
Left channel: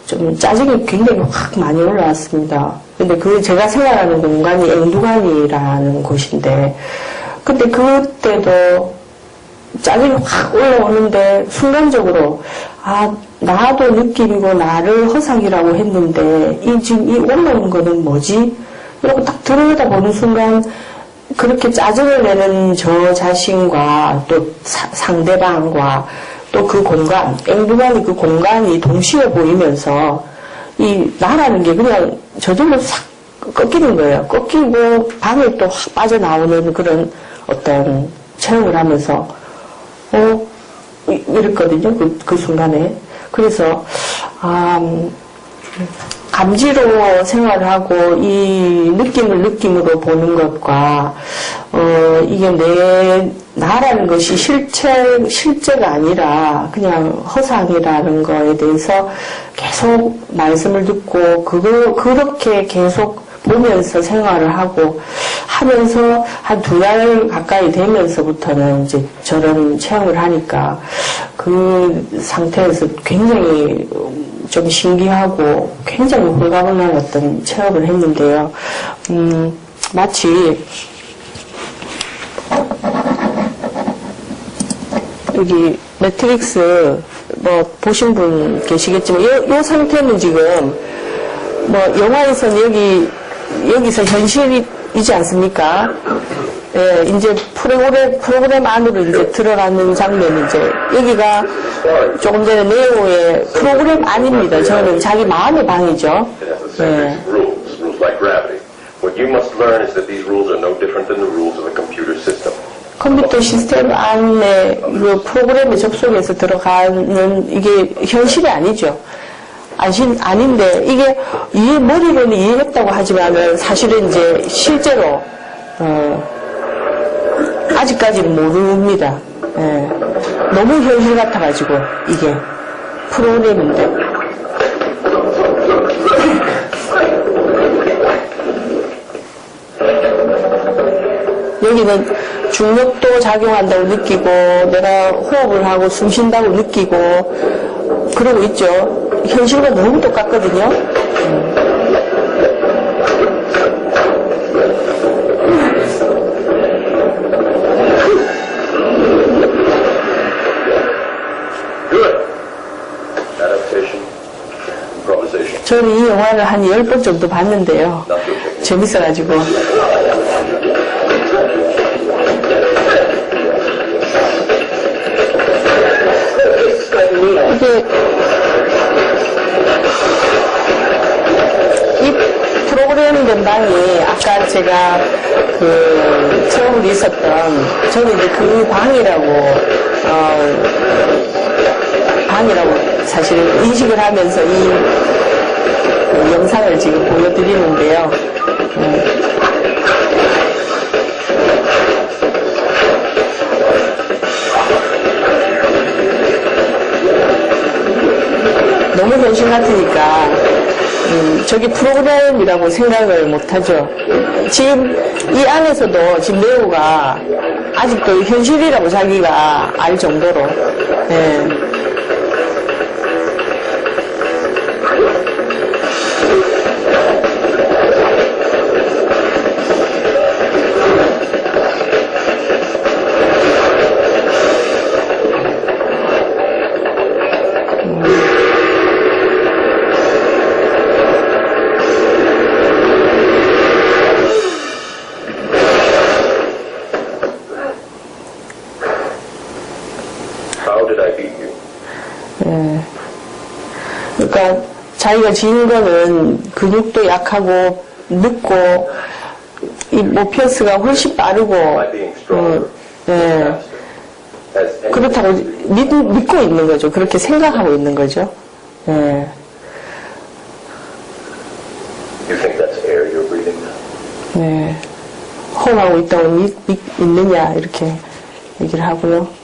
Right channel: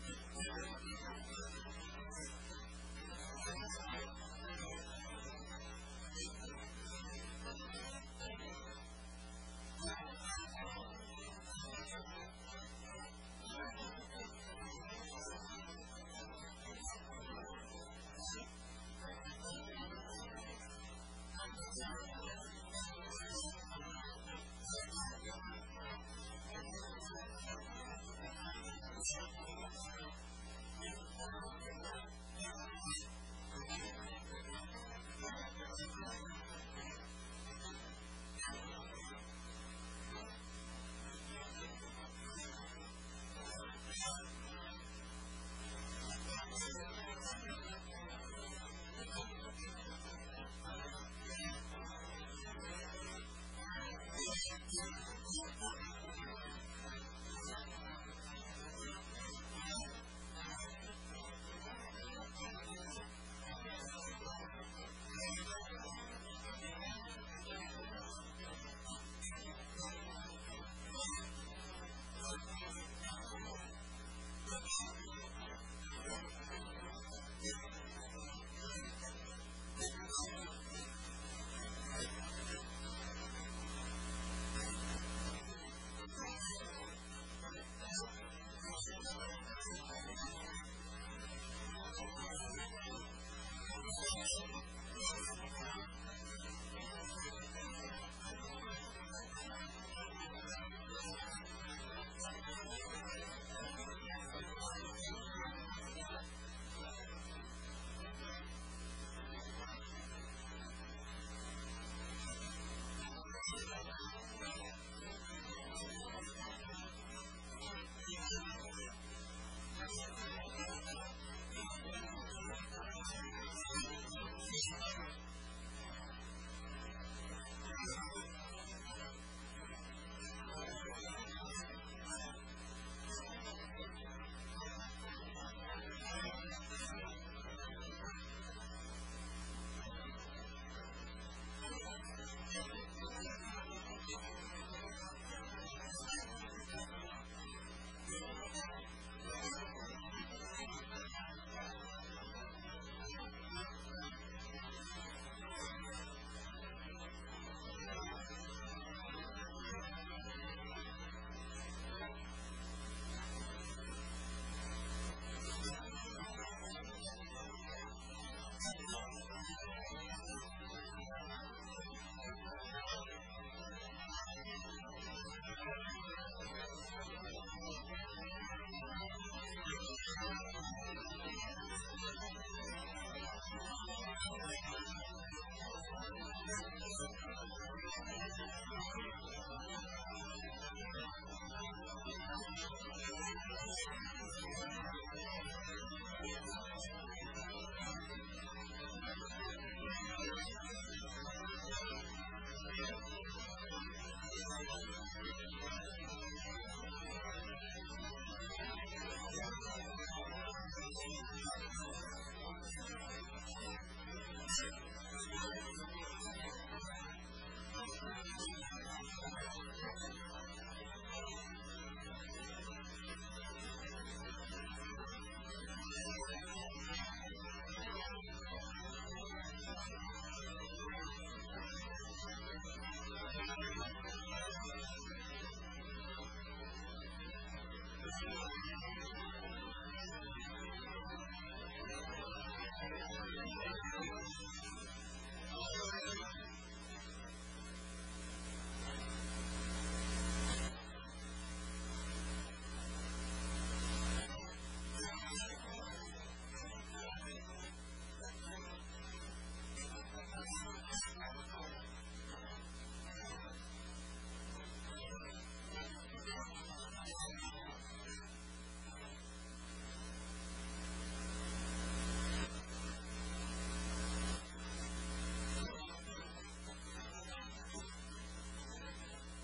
좀 짜증이 굉장히 확 많이 올라왔습니다. 근데 제가 생활하는 공간이 앵두관이라는 곳인데 근데 그때도 짜증이 확 올라오는데 순간적으로 나도 느낌이고 나를 허상이라고 했는데 지금 이 올라오는 거는 뭐지? 이러고 딱 들여다보는 순간 그렇게 짜증을 내는 저 자신과 또 상대방과 또 그 공간, 앵두관이 그 공간이 동시에 보이면서 이 나라는 게 그냥 저절로 싹 꺾이는 거예요. 꺾이고 방에 또 확 빠져나오는 그런 어떤 체험을 하면서 이랬거든요. 그 순간에. 그래서 감지로 생활을 하고 이 느낌을 느낌으로 보는 것과 이게 나라는 것이 실제가 아니라 그냥 허상이라는 거에 대해서 계속 말씀을 듣고 그렇게 계속 보면서 생활을 하고 하면서 한 2달 가까이 되면서부터는 이제 저런 체험을 하니까 그 상태에서 굉장히 좀 신기하고 굉장히 홀가분한 어떤 체험을 했는데요. 마치 여기 매트릭스 뭐 보신 분 계시겠지만 이 상태는 지금 뭐 영화에서는 여기서 현실이지 않습니까? 예, 이제 프로그램 안으로 이제 들어가는 장면이 이제 여기가 조금 전에 네오의 프로그램 아닙니다. 저는 자기 마음의 방이죠. 예. 컴퓨터 시스템 안에 그 프로그램에 접속해서 들어가는 이게 현실이 아니죠. 아닌데 이게 머리로는 이해했다고 하지만은 사실은 이제 실제로 아직까지는 모릅니다. 예. 너무 현실 같아가지고 이게 프로그램인데 여기는 중력도 작용한다고 느끼고 내가 호흡을 하고 숨 쉰다고 느끼고 그러고 있죠. 현실과 너무 똑같거든요. 저는 이 영화를 한 10번 정도 봤는데요. 재밌어가지고. 이게 이 프로그램된 방이 아까 제가 그 처음 있었던 저는 이제 그 방이라고 사실 인식을 하면서 그 영상을 지금 보여드리는데요. 너무 현실 같으니까 저게 프로그램이라고 생각을 못하죠. 지금 이 안에서도 지금 네오가 아직도 현실이라고 자기가 알 정도로 예. 그러니까 자기가 지은 거는 근육도 약하고 늦고 이 모피어스가 훨씬 빠르고 그렇다고 믿고 있는 거죠. 그렇게 생각하고 있는 거죠. 예. 네. 호흡하고 있다고 믿느냐 이렇게 얘기를 하고요.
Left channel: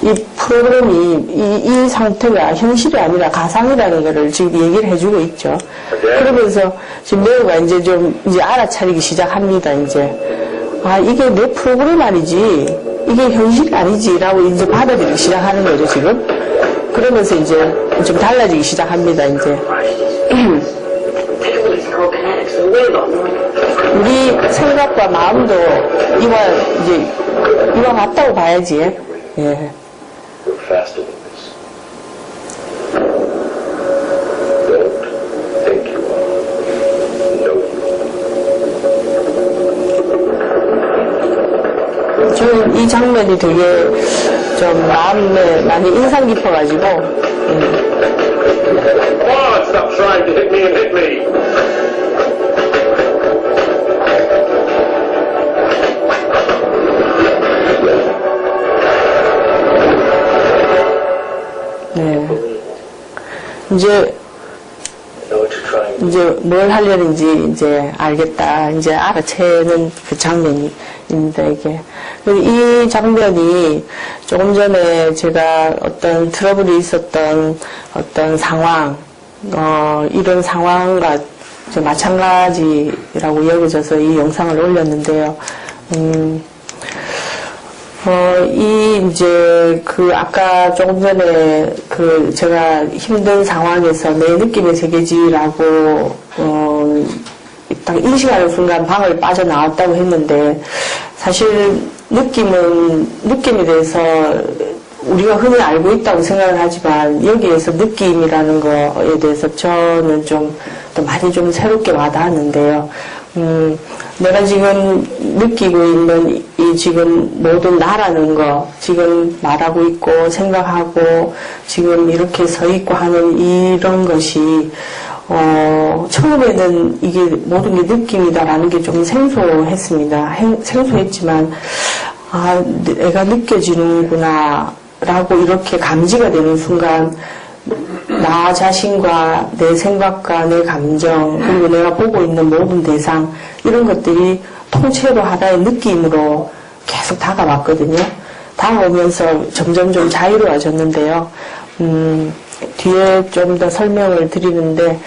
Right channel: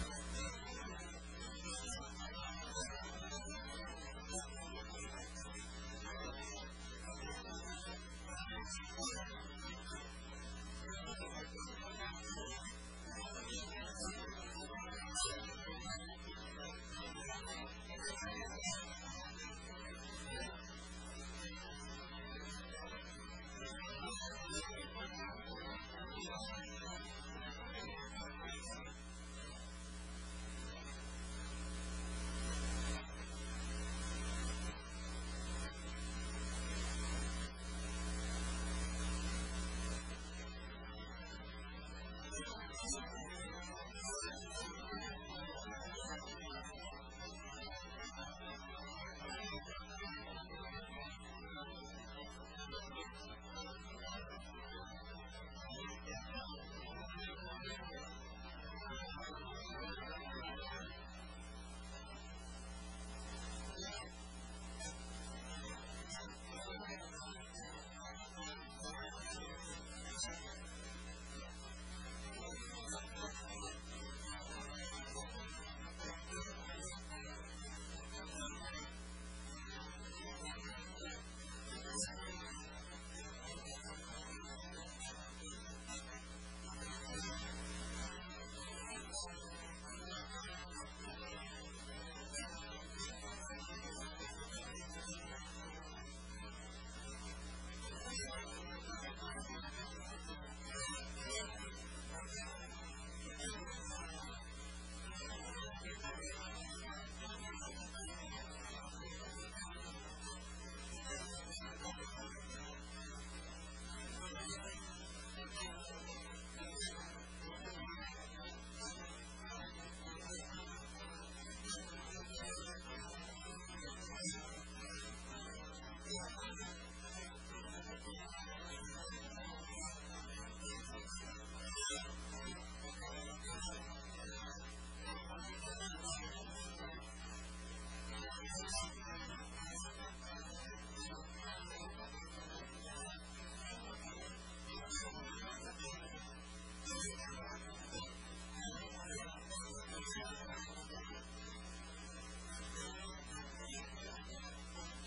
이 프로그램이 이 상태가 현실이 아니라 가상이라는 것을 지금 얘기를 해주고 있죠. 그러면서 지금 네오가 이제 좀 이제 알아차리기 시작합니다. 이제 이게 내 프로그램 아니지, 이게 현실이 아니지라고 이제 받아들이기 시작하는 거죠 지금. 그러면서 이제 좀 달라지기 시작합니다. 이제 우리 생각과 마음도 이와 같다고 봐야지. 예. Faster than this. Don't think you are. Know you are. 저는 이 장면이 되게 좀 마음에 많이 인상 깊어가지고. Stop trying to hit me and hit me. 네. 이제 이제 뭘 하려는지 이제 알겠다. 이제 알아채는 그 장면입니다, 이게. 이 장면이 조금 전에 제가 어떤 트러블이 있었던 어떤 상황, 이런 상황과 마찬가지라고 여겨져서 이 영상을 올렸는데요. 이제 아까 조금 전에 제가 힘든 상황에서 내 느낌의 세계지라고, 딱 인식하는 순간 방을 빠져나왔다고 했는데, 사실 느낌에 대해서 우리가 흔히 알고 있다고 생각을 하지만, 여기에서 느낌이라는 거에 대해서 저는 또 많이 새롭게 와닿았는데요. 내가 지금 느끼고 있는 이 지금 모든 나라는 거, 지금 말하고 있고 생각하고 지금 이렇게 서 있고 하는 이런 것이, 처음에는 이게 모든 게 느낌이다라는 게 좀 생소했습니다. 생소했지만, 내가 느껴지는구나, 라고 이렇게 감지가 되는 순간, 나 자신과 내 생각과 내 감정, 그리고 내가 보고 있는 모든 대상, 이런 것들이 통째로 하나의 느낌으로 계속 다가왔거든요. 다가오면서 점점 좀 자유로워졌는데요. 뒤에 좀 더 설명을 드리는데,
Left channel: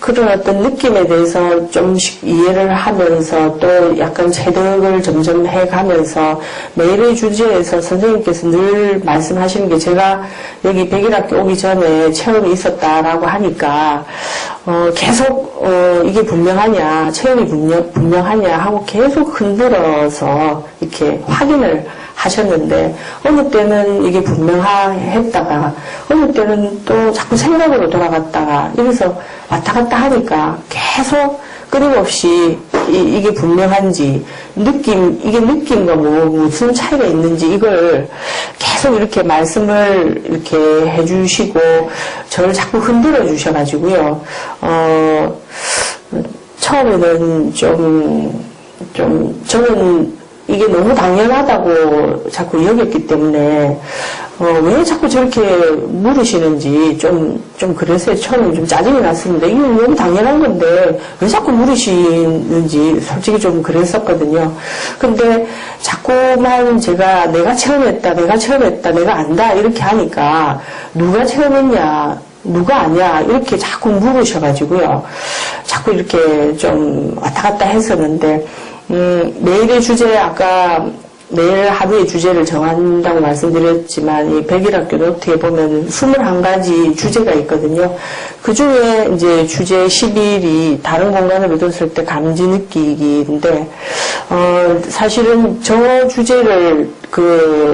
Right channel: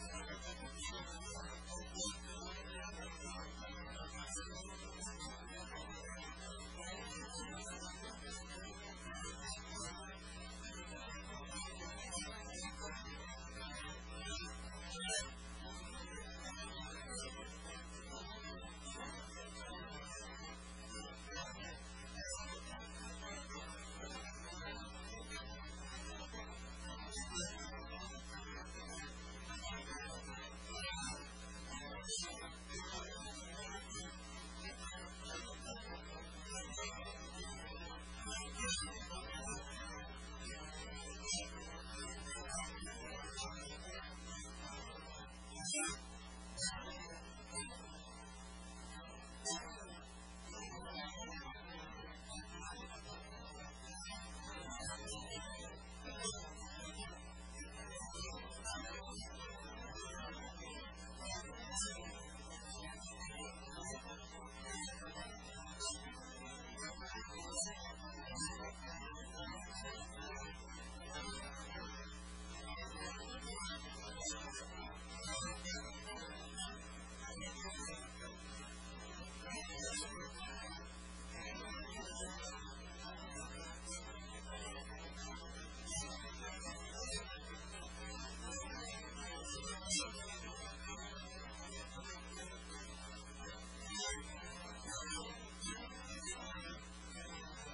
그런 어떤 느낌에 대해서 좀씩 이해를 하면서 또 약간 체득을 점점 해가면서 매일의 주제에서 선생님께서 늘 말씀하시는 게 제가 여기 백일학교 오기 전에 체험이 있었다라고 하니까, 계속, 이게 분명하냐, 체험이 분명하냐 하고 계속 흔들어서 이렇게 확인을 하셨는데, 어느 때는 이게 분명했다가, 어느 때는 또 자꾸 생각으로 돌아갔다가, 이래서 왔다 갔다 하니까 계속 끊임없이 이게 분명한지, 이게 느낌과 무슨 차이가 있는지, 이걸 계속 이렇게 말씀을 이렇게 해주시고, 저를 자꾸 흔들어 주셔가지고요, 처음에는 저는 이게 너무 당연하다고 자꾸 여겼기 때문에, 왜 자꾸 저렇게 물으시는지 좀 그래서 처음에 좀 짜증이 났습니다. 이게 너무 당연한 건데, 왜 자꾸 물으시는지 솔직히 좀 그랬었거든요. 근데 자꾸만 제가 내가 체험했다, 내가 안다, 이렇게 하니까, 누가 체험했냐, 누가 아냐, 이렇게 자꾸 물으셔가지고요. 자꾸 이렇게 좀 왔다 갔다 했었는데, 내일의 주제, 아까 내일 하루의 주제를 정한다고 말씀드렸지만, 이 백일학교 노트에 보면 21가지 주제가 있거든요. 그 중에 이제 주제 11이 다른 공간으로 뒀을 때 감지 느끼기인데, 사실은 저 주제를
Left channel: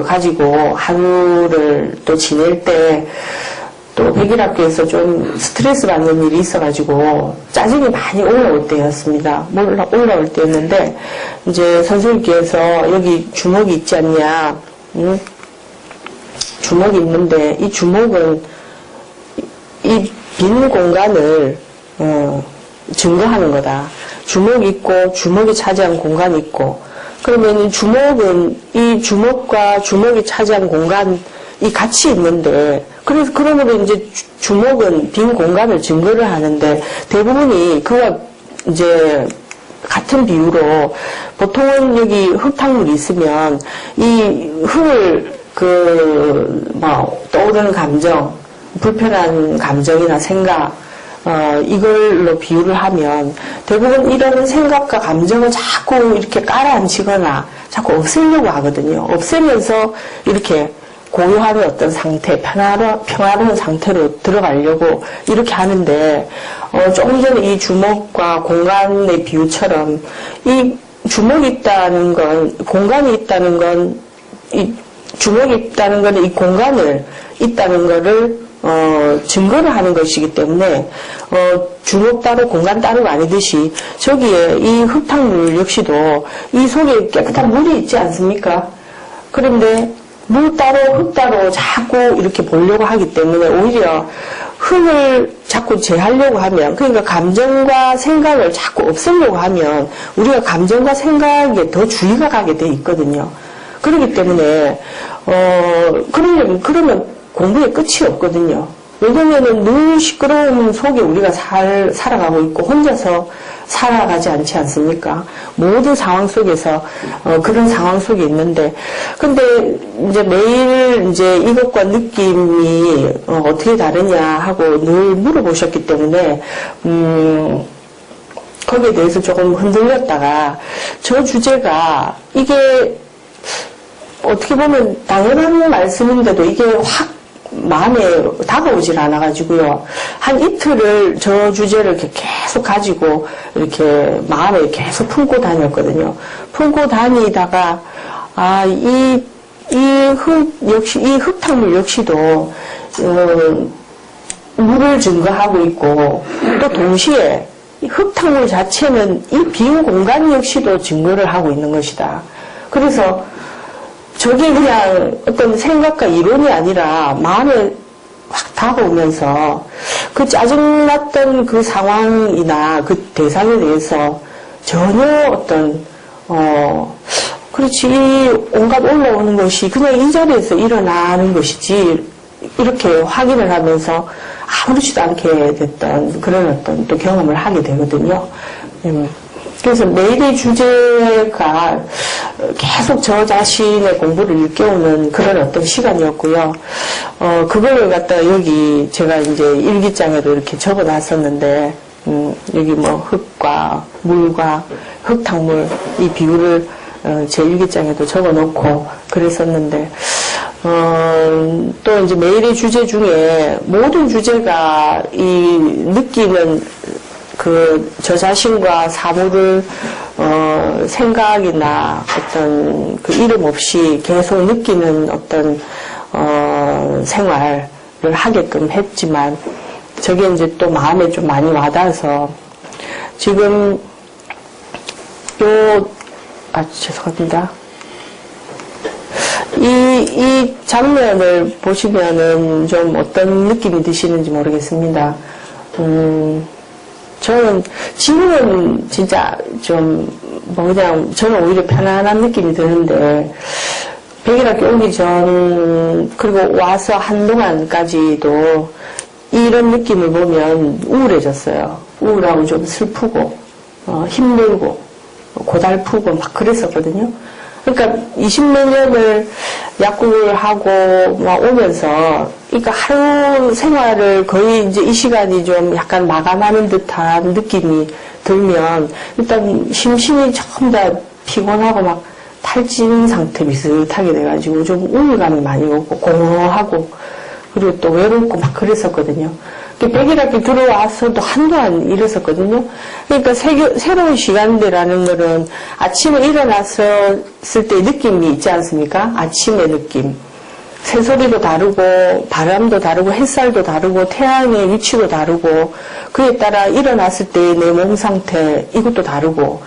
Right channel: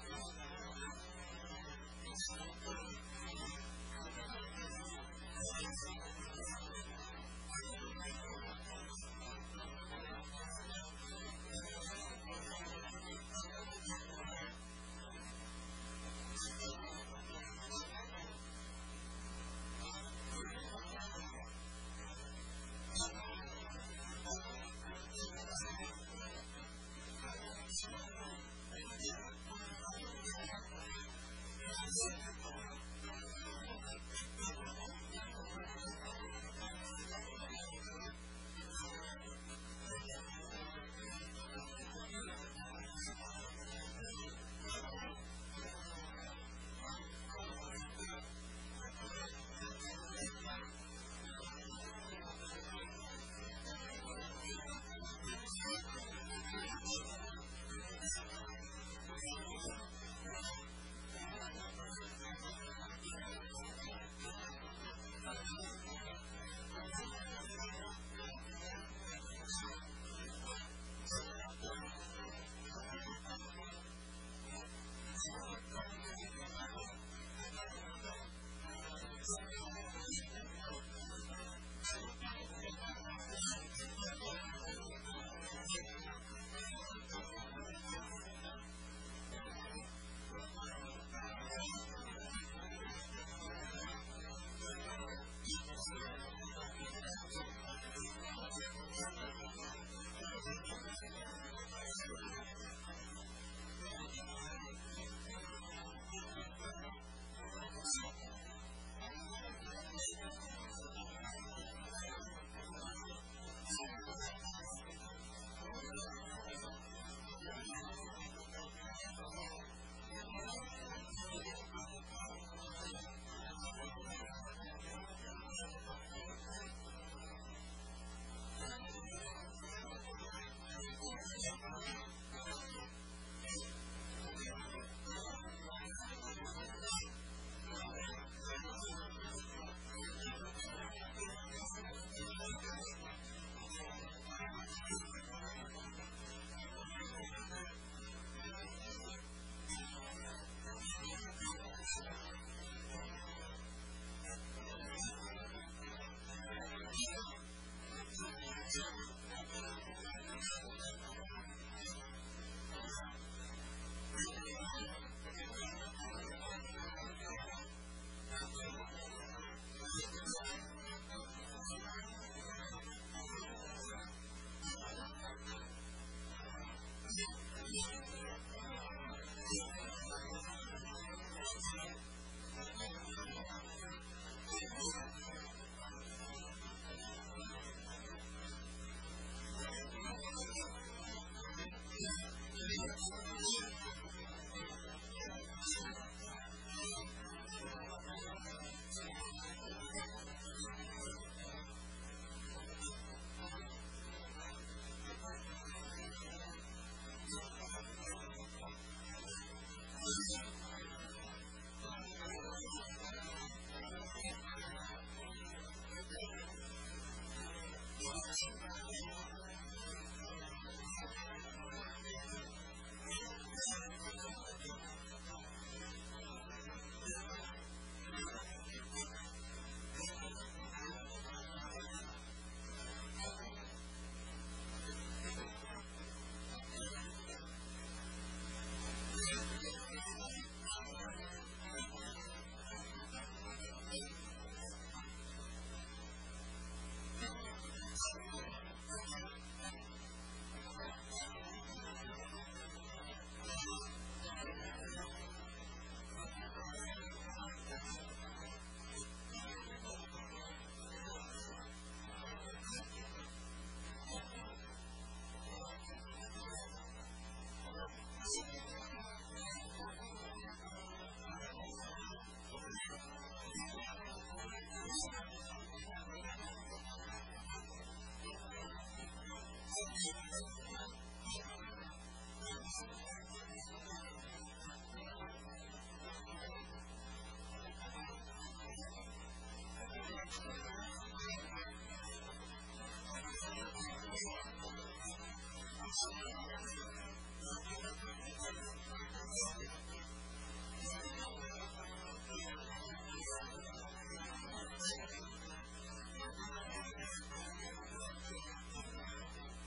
가지고 하루를 또 지낼 때, 또 백일학교에서 좀 스트레스 받는 일이 있어가지고 짜증이 많이 올라올 때였습니다. 올라올 때였는데, 이제 선생님께서 여기 주먹이 있지 않냐, 주먹이 있는데 이 주먹은 이 빈 공간을 증거하는 거다. 주먹이 있고 주먹이 차지한 공간이 있고, 그러면 주먹은 이 주먹과 주먹이 차지한 공간이 같이 있는데, 그러므로 이제 주먹은 빈 공간을 증거를 하는데, 대부분이 그와 이제 같은 비유로, 보통은 여기 흙탕물이 있으면 이 흙을 떠오르는 감정, 불편한 감정이나 생각, 이걸로 비유를 하면 대부분 이런 생각과 감정을 자꾸 이렇게 깔아앉히거나 자꾸 없애려고 하거든요. 없애면서 이렇게 고요한 어떤 상태, 평화로운 상태로 들어가려고 이렇게 하는데, 조금 전에 이 주먹과 공간의 비유처럼, 이 주먹이 있다는 건, 공간이 있다는 건, 이 주먹이 있다는 건 이 공간을 있다는 거를, 증거를 하는 것이기 때문에, 주먹 따로 공간 따로가 아니듯이, 저기에 이 흙탕물 역시도 이 속에 깨끗한 물이 있지 않습니까? 그런데, 물 따로 흙 따로 자꾸 이렇게 보려고 하기 때문에 오히려 흙을 자꾸 제하려고 하면, 그러니까 감정과 생각을 자꾸 없애려고 하면 우리가 감정과 생각에 더 주의가 가게 돼 있거든요. 그렇기 때문에 그러면 공부에 끝이 없거든요. 왜냐면은 늘 시끄러운 속에 우리가 살아가고 있고 혼자서 살아가지 않지 않습니까? 모든 상황 속에서 그런 상황 속에 있는데, 근데 이제 매일 이제 이것과 느낌이 어떻게 다르냐 하고 늘 물어보셨기 때문에 거기에 대해서 조금 흔들렸다가 저 주제가 이게 어떻게 보면 당연한 말씀인데도 이게 확 마음에 다가오질 않아가지고요. 한 이틀을 저 주제를 이렇게 계속 가지고 이렇게 마음에 계속 품고 다녔거든요. 품고 다니다가, 이 흙탕물 역시도, 물을 증거하고 있고, 또 동시에 이 흙탕물 자체는 이 빈 공간 역시도 증거를 하고 있는 것이다. 그래서 저게 그냥 어떤 생각과 이론이 아니라 마음에 확 다가오면서 그 짜증났던 그 상황이나 그 대상에 대해서 전혀 어떤, 그렇지, 온갖 올라오는 것이 그냥 이 자리에서 일어나는 것이지, 이렇게 확인을 하면서 아무렇지도 않게 됐던 그런 어떤 또 경험을 하게 되거든요. 그래서 매일의 주제가 계속 저 자신의 공부를 일깨우는 그런 어떤 시간이었고요. 그걸 갖다가 여기 제가 이제 일기장에도 이렇게 적어 놨었는데, 여기 뭐 흙과 물과 흙탕물 이 비유를 제 일기장에도 적어 놓고 그랬었는데, 또 이제 매일의 주제 중에 모든 주제가 이 느끼는 저 자신과 사물을, 생각이나 어떤 그 이름 없이 계속 느끼는 어떤, 생활을 하게끔 했지만, 저게 이제 또 마음에 좀 많이 와닿아서, 지금, 죄송합니다. 이 장면을 보시면은 좀 어떤 느낌이 드시는지 모르겠습니다. 저는 지금은 진짜 좀 그냥 저는 오히려 편안한 느낌이 드는데 백일학교 오기 전 그리고 와서 한동안까지도 이런 느낌을 보면 우울해졌어요. 우울하고 좀 슬프고 힘들고 고달프고 막 그랬었거든요. 그러니까 20몇 년을 약국을 하고 막 오면서, 그러니까 하루 생활을 거의 이제 이 시간이 좀 약간 마감하는 듯한 느낌이 들면, 일단 심신이 전부 다 피곤하고 막 탈진 상태 비슷하게 돼가지고 좀 우울감이 많이 오고 공허하고, 그리고 또 외롭고 막 그랬었거든요. 백일학기 들어와서도 한동안 이랬었거든요. 그러니까 새로운 시간대라는 거는 아침에 일어났을 때 느낌이 있지 않습니까? 아침의 느낌. 새소리도 다르고 바람도 다르고 햇살도 다르고 태양의 위치도 다르고 그에 따라 일어났을 때의 내 몸 상태 이것도 다르고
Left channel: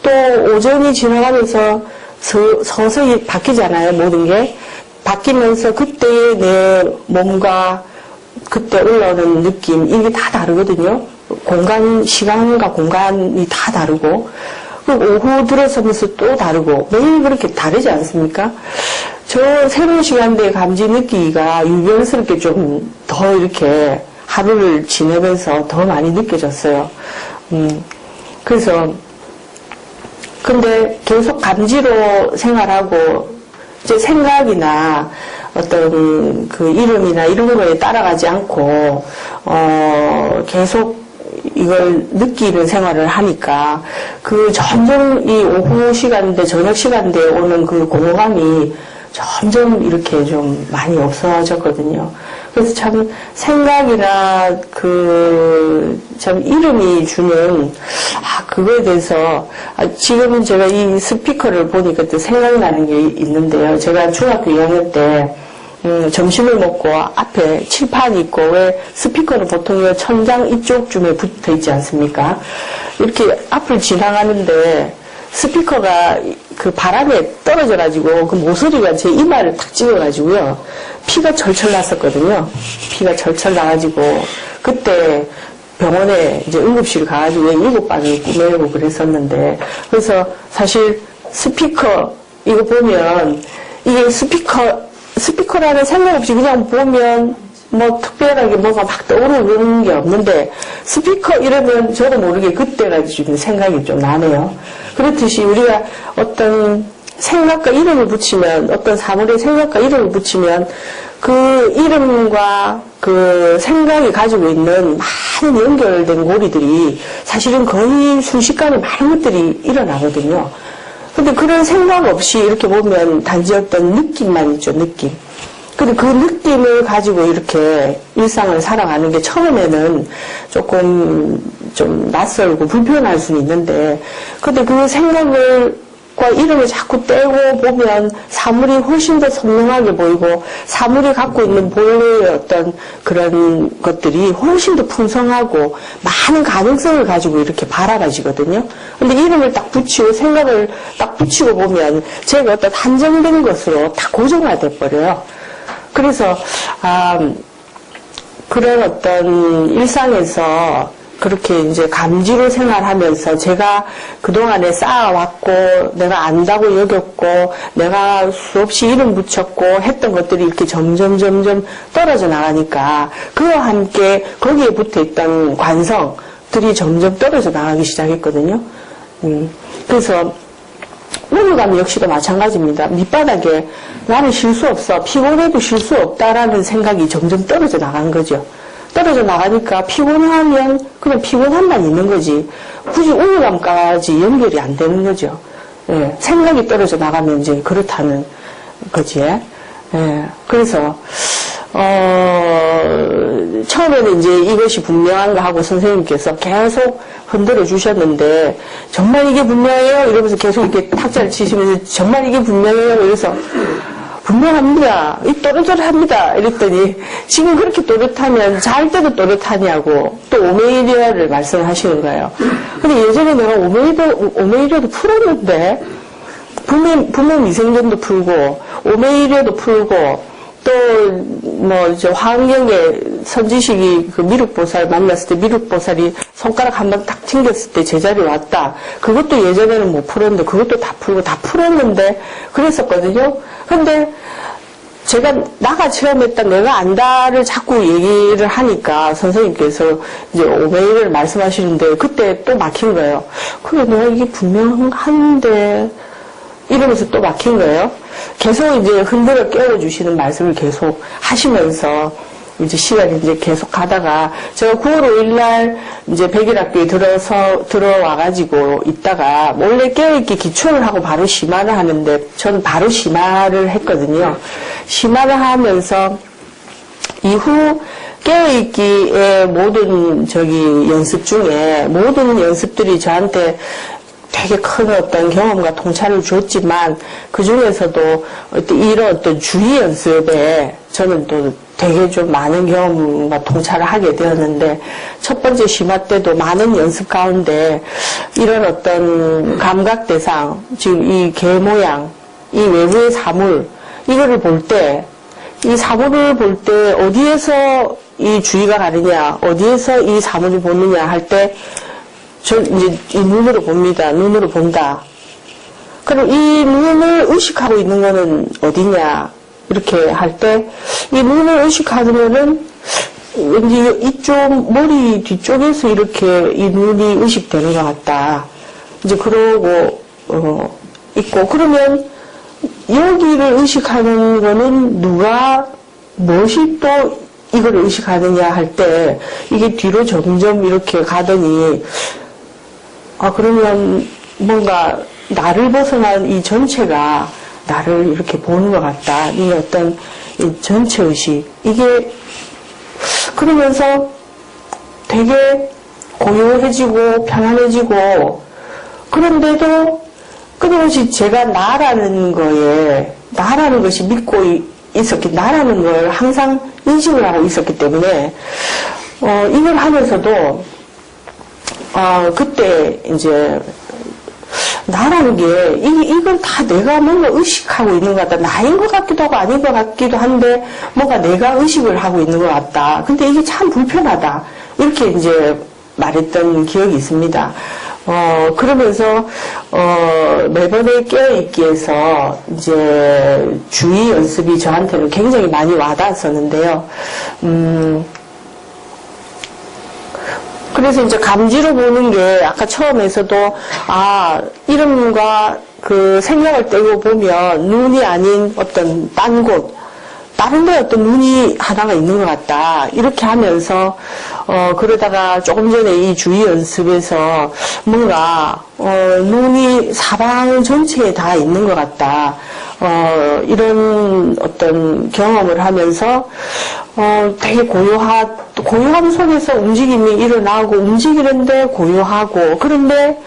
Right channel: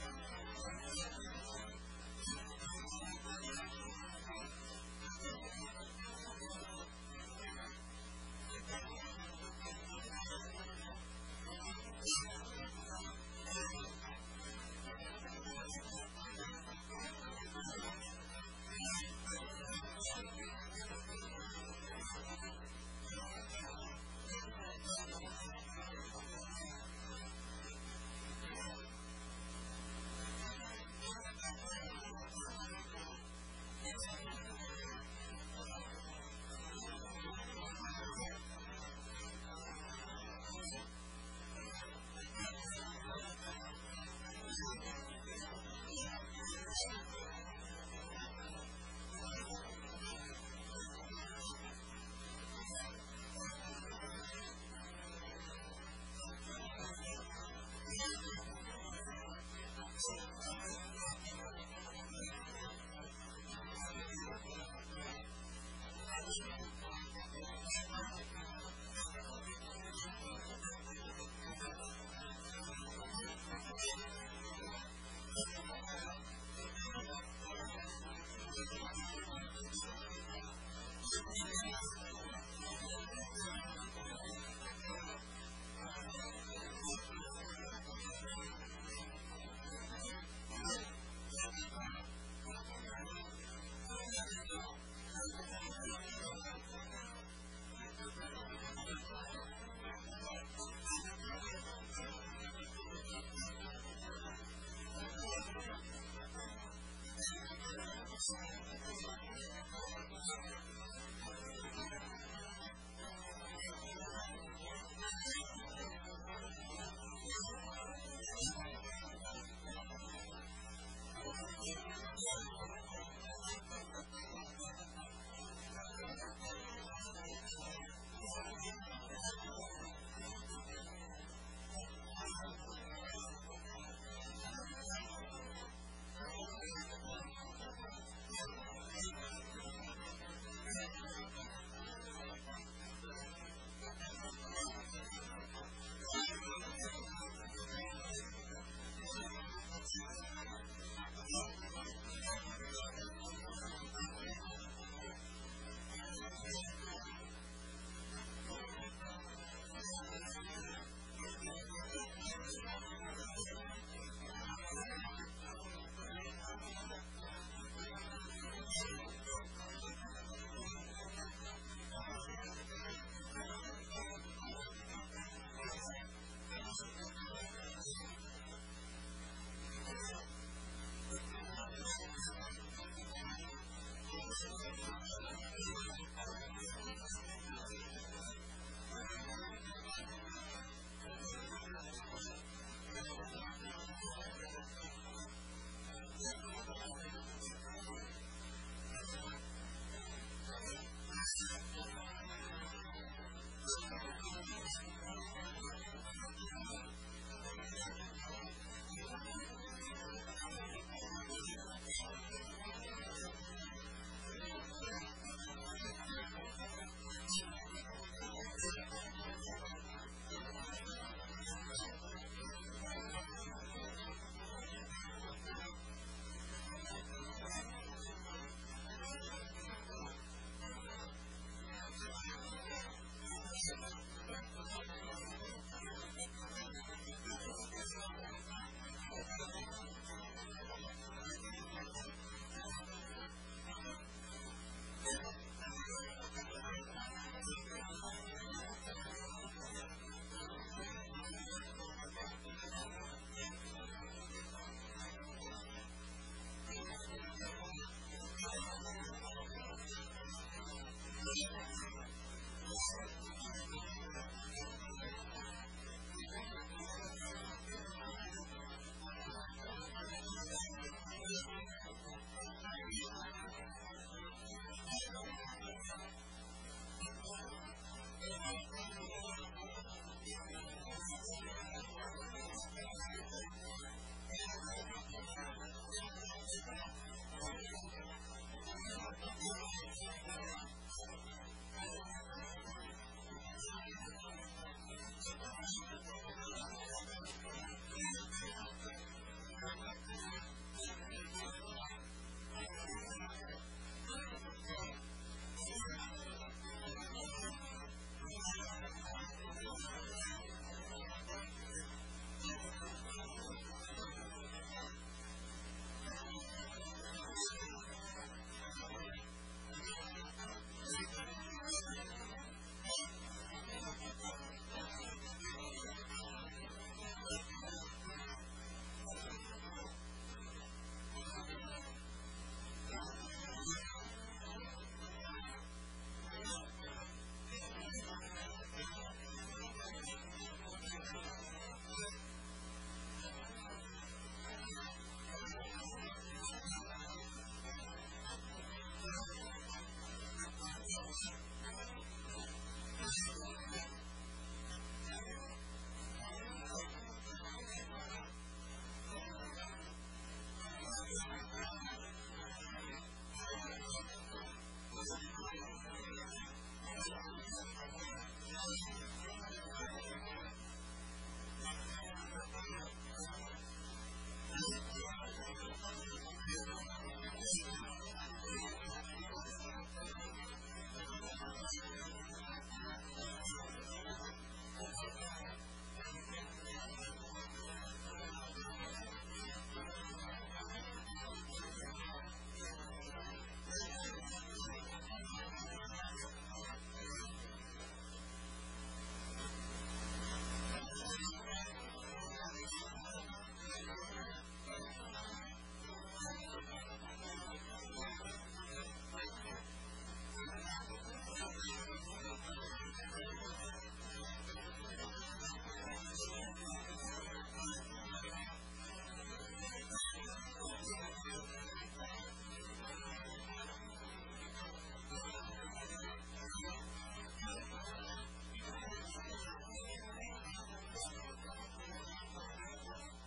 또 오전이 지나가면서 서서히 바뀌잖아요. 모든 게. 바뀌면서 그때의 내 몸과 그때 올라오는 느낌, 이게 다 다르거든요. 시간과 공간이 다 다르고, 오후 들어서면서 또 다르고, 매일 그렇게 다르지 않습니까? 저 새로운 시간대의 감지 느끼기가 유별스럽게 좀 더 이렇게 하루를 지내면서 더 많이 느껴졌어요. 그래서, 근데 계속 감지로 생활하고, 이제 생각이나, 어떤 그 이름이나 이런 거에 따라가지 않고 계속 이걸 느끼는 생활을 하니까 그 점점 이 오후 시간대 저녁 시간대에 오는 그 공허감이 점점 이렇게 좀 많이 없어졌거든요. 그래서 참 생각이나 참 이름이 주는 그거에 대해서 지금은 제가 이 스피커를 보니까 또 생각이 나는 게 있는데요. 제가 중학교 2학년 때 점심을 먹고 앞에 칠판이 있고 왜 스피커는 보통 천장 이쪽쯤에 붙어 있지 않습니까? 이렇게 앞을 지나가는데 스피커가 그 바람에 떨어져가지고 그 모서리가 제 이마를 탁 찍어가지고요. 피가 철철 났었거든요. 피가 철철 나가지고 그때 병원에 이제 응급실 가가지고 7방을 꾸며고 그랬었는데 그래서 사실 스피커 이거 보면 이게 스피커라는 생각 없이 그냥 보면 뭐 특별하게 뭐가 막 떠오르는 게 없는데 스피커 이러면 저도 모르게 그때가 좀 생각이 좀 나네요. 그렇듯이 우리가 어떤 생각과 이름을 붙이면, 어떤 사물의 생각과 이름을 붙이면 그 이름과 그 생각이 가지고 있는 많은 연결된 고리들이 사실은 거의 순식간에 많은 것들이 일어나거든요. 근데 그런 생각 없이 이렇게 보면 단지 어떤 느낌만 있죠, 느낌. 근데 그 느낌을 가지고 이렇게 일상을 살아가는 게 처음에는 조금 좀 낯설고 불편할 수는 있는데, 근데 그 생각과 이름을 자꾸 떼고 보면 사물이 훨씬 더 선명하게 보이고, 사물이 갖고 있는 본래의 어떤 그런 것들이 훨씬 더 풍성하고 많은 가능성을 가지고 이렇게 바라봐지거든요. 근데 이름을 딱 붙이고 생각을 딱 붙이고 보면 제가 어떤 한정된 것으로 다 고정화돼 버려요. 그래서 그런 어떤 일상에서 그렇게 이제 감지로 생활하면서 제가 그동안에 쌓아왔고 내가 안다고 여겼고 내가 수없이 이름 붙였고 했던 것들이 이렇게 점점 떨어져 나가니까 그와 함께 거기에 붙어있던 관성들이 점점 떨어져 나가기 시작했거든요. 그래서 우울감 역시도 마찬가지입니다. 밑바닥에 나는 쉴 수 없어, 피곤해도 쉴 수 없다라는 생각이 점점 떨어져 나간 거죠. 떨어져 나가니까 피곤하면 그냥 피곤함만 있는 거지 굳이 우울감까지 연결이 안 되는 거죠. 예, 생각이 떨어져 나가면 이제 그렇다는 거지. 예, 그래서 처음에는 이제 이것이 분명한가 하고 선생님께서 계속 흔들어 주셨는데 정말 이게 분명해요? 이러면서 계속 이렇게 탁자를 치시면서 정말 이게 분명해요? 이래서 분명합니다. 또렷합니다. 이랬더니 지금 그렇게 또렷하면 잘 때도 또렷하냐고 또 오메이리아를 말씀하시는 거예요. 근데 예전에 내가 오메이리아도 풀었는데 부모 미생전도 풀고 오메이리아도 풀고 또 뭐 이제 화엄경에 선지식이 그 미륵보살 만났을 때 미륵보살이 손가락 한번 탁 튕겼을 때 제자리 왔다. 그것도 예전에는 못 풀었는데 그것도 다 풀고 다 풀었는데 그랬었거든요. 근데 제가 나가 체험했다 내가 안다를 자꾸 얘기를 하니까 선생님께서 이제 오메이를 말씀하시는데 그때 또 막힌 거예요. 그래 내가 이게 분명한데 이러면서 또 막힌 거예요. 계속 이제 흔들어 깨워주시는 말씀을 계속 하시면서 이제 시간이 이제 계속 가다가 제가 9월 5일날 이제 백일학교에 들어와가지고 있다가 몰래 깨어있기 기초를 하고 바로 심화를 하는데 저는 바로 심화를 했거든요. 심화를 하면서 이후 깨어있기의 모든 연습 중에 모든 연습들이 저한테 되게 큰 어떤 경험과 통찰을 줬지만 그 중에서도 이런 어떤 주의 연습에 저는 또 되게 좀 많은 경험과 통찰을 하게 되었는데 첫 번째 심화 때도 많은 연습 가운데 이런 어떤 감각 대상, 지금 이 개 모양, 이 외부의 사물 이거를 볼 때 이 사물을 볼 때 어디에서 이 주의가 가느냐, 어디에서 이 사물을 보느냐 할 때 저 이제 이 눈으로 봅니다. 눈으로 본다. 그럼 이 눈을 의식하고 있는 거는 어디냐? 이렇게 할 때 이 눈을 의식하면은 왠지 이쪽 머리 뒤쪽에서 이렇게 이 눈이 의식되는 것 같다. 이제 그러고 있고 그러면 여기를 의식하는 거는 누가 무엇이 또 이걸 의식하느냐 할 때 이게 뒤로 점점 이렇게 가더니 그러면 뭔가 나를 벗어난 이 전체가 나를 이렇게 보는 것 같다. 이 어떤 이 전체 의식. 이게 그러면서 되게 고요해지고 편안해지고 그런데도 끊임없이 제가 나라는 것이 믿고 나라는 걸 항상 인식을 하고 있었기 때문에 이걸 하면서도 그때 이제 나라는 게 이건 다 내가 뭔가 의식하고 있는 것 같다. 나인 것 같기도 하고 아닌 것 같기도 한데 뭔가 내가 의식을 하고 있는 것 같다. 근데 이게 참 불편하다. 이렇게 이제 말했던 기억이 있습니다. 그러면서, 매번에 깨어있기에서, 이제, 주의 연습이 저한테는 굉장히 많이 와닿았었는데요. 그래서 이제 감지로 보는 게, 아까 처음에서도, 이름과 그 생각을 떼고 보면, 눈이 아닌 어떤 딴 곳, 다른 데 어떤 눈이 하나가 있는 것 같다. 이렇게 하면서, 그러다가 조금 전에 이 주의 연습에서 뭔가, 눈이 사방 전체에 다 있는 것 같다. 이런 어떤 경험을 하면서, 되게 고요함 속에서 움직임이 일어나고, 움직이는데 고요하고, 그런데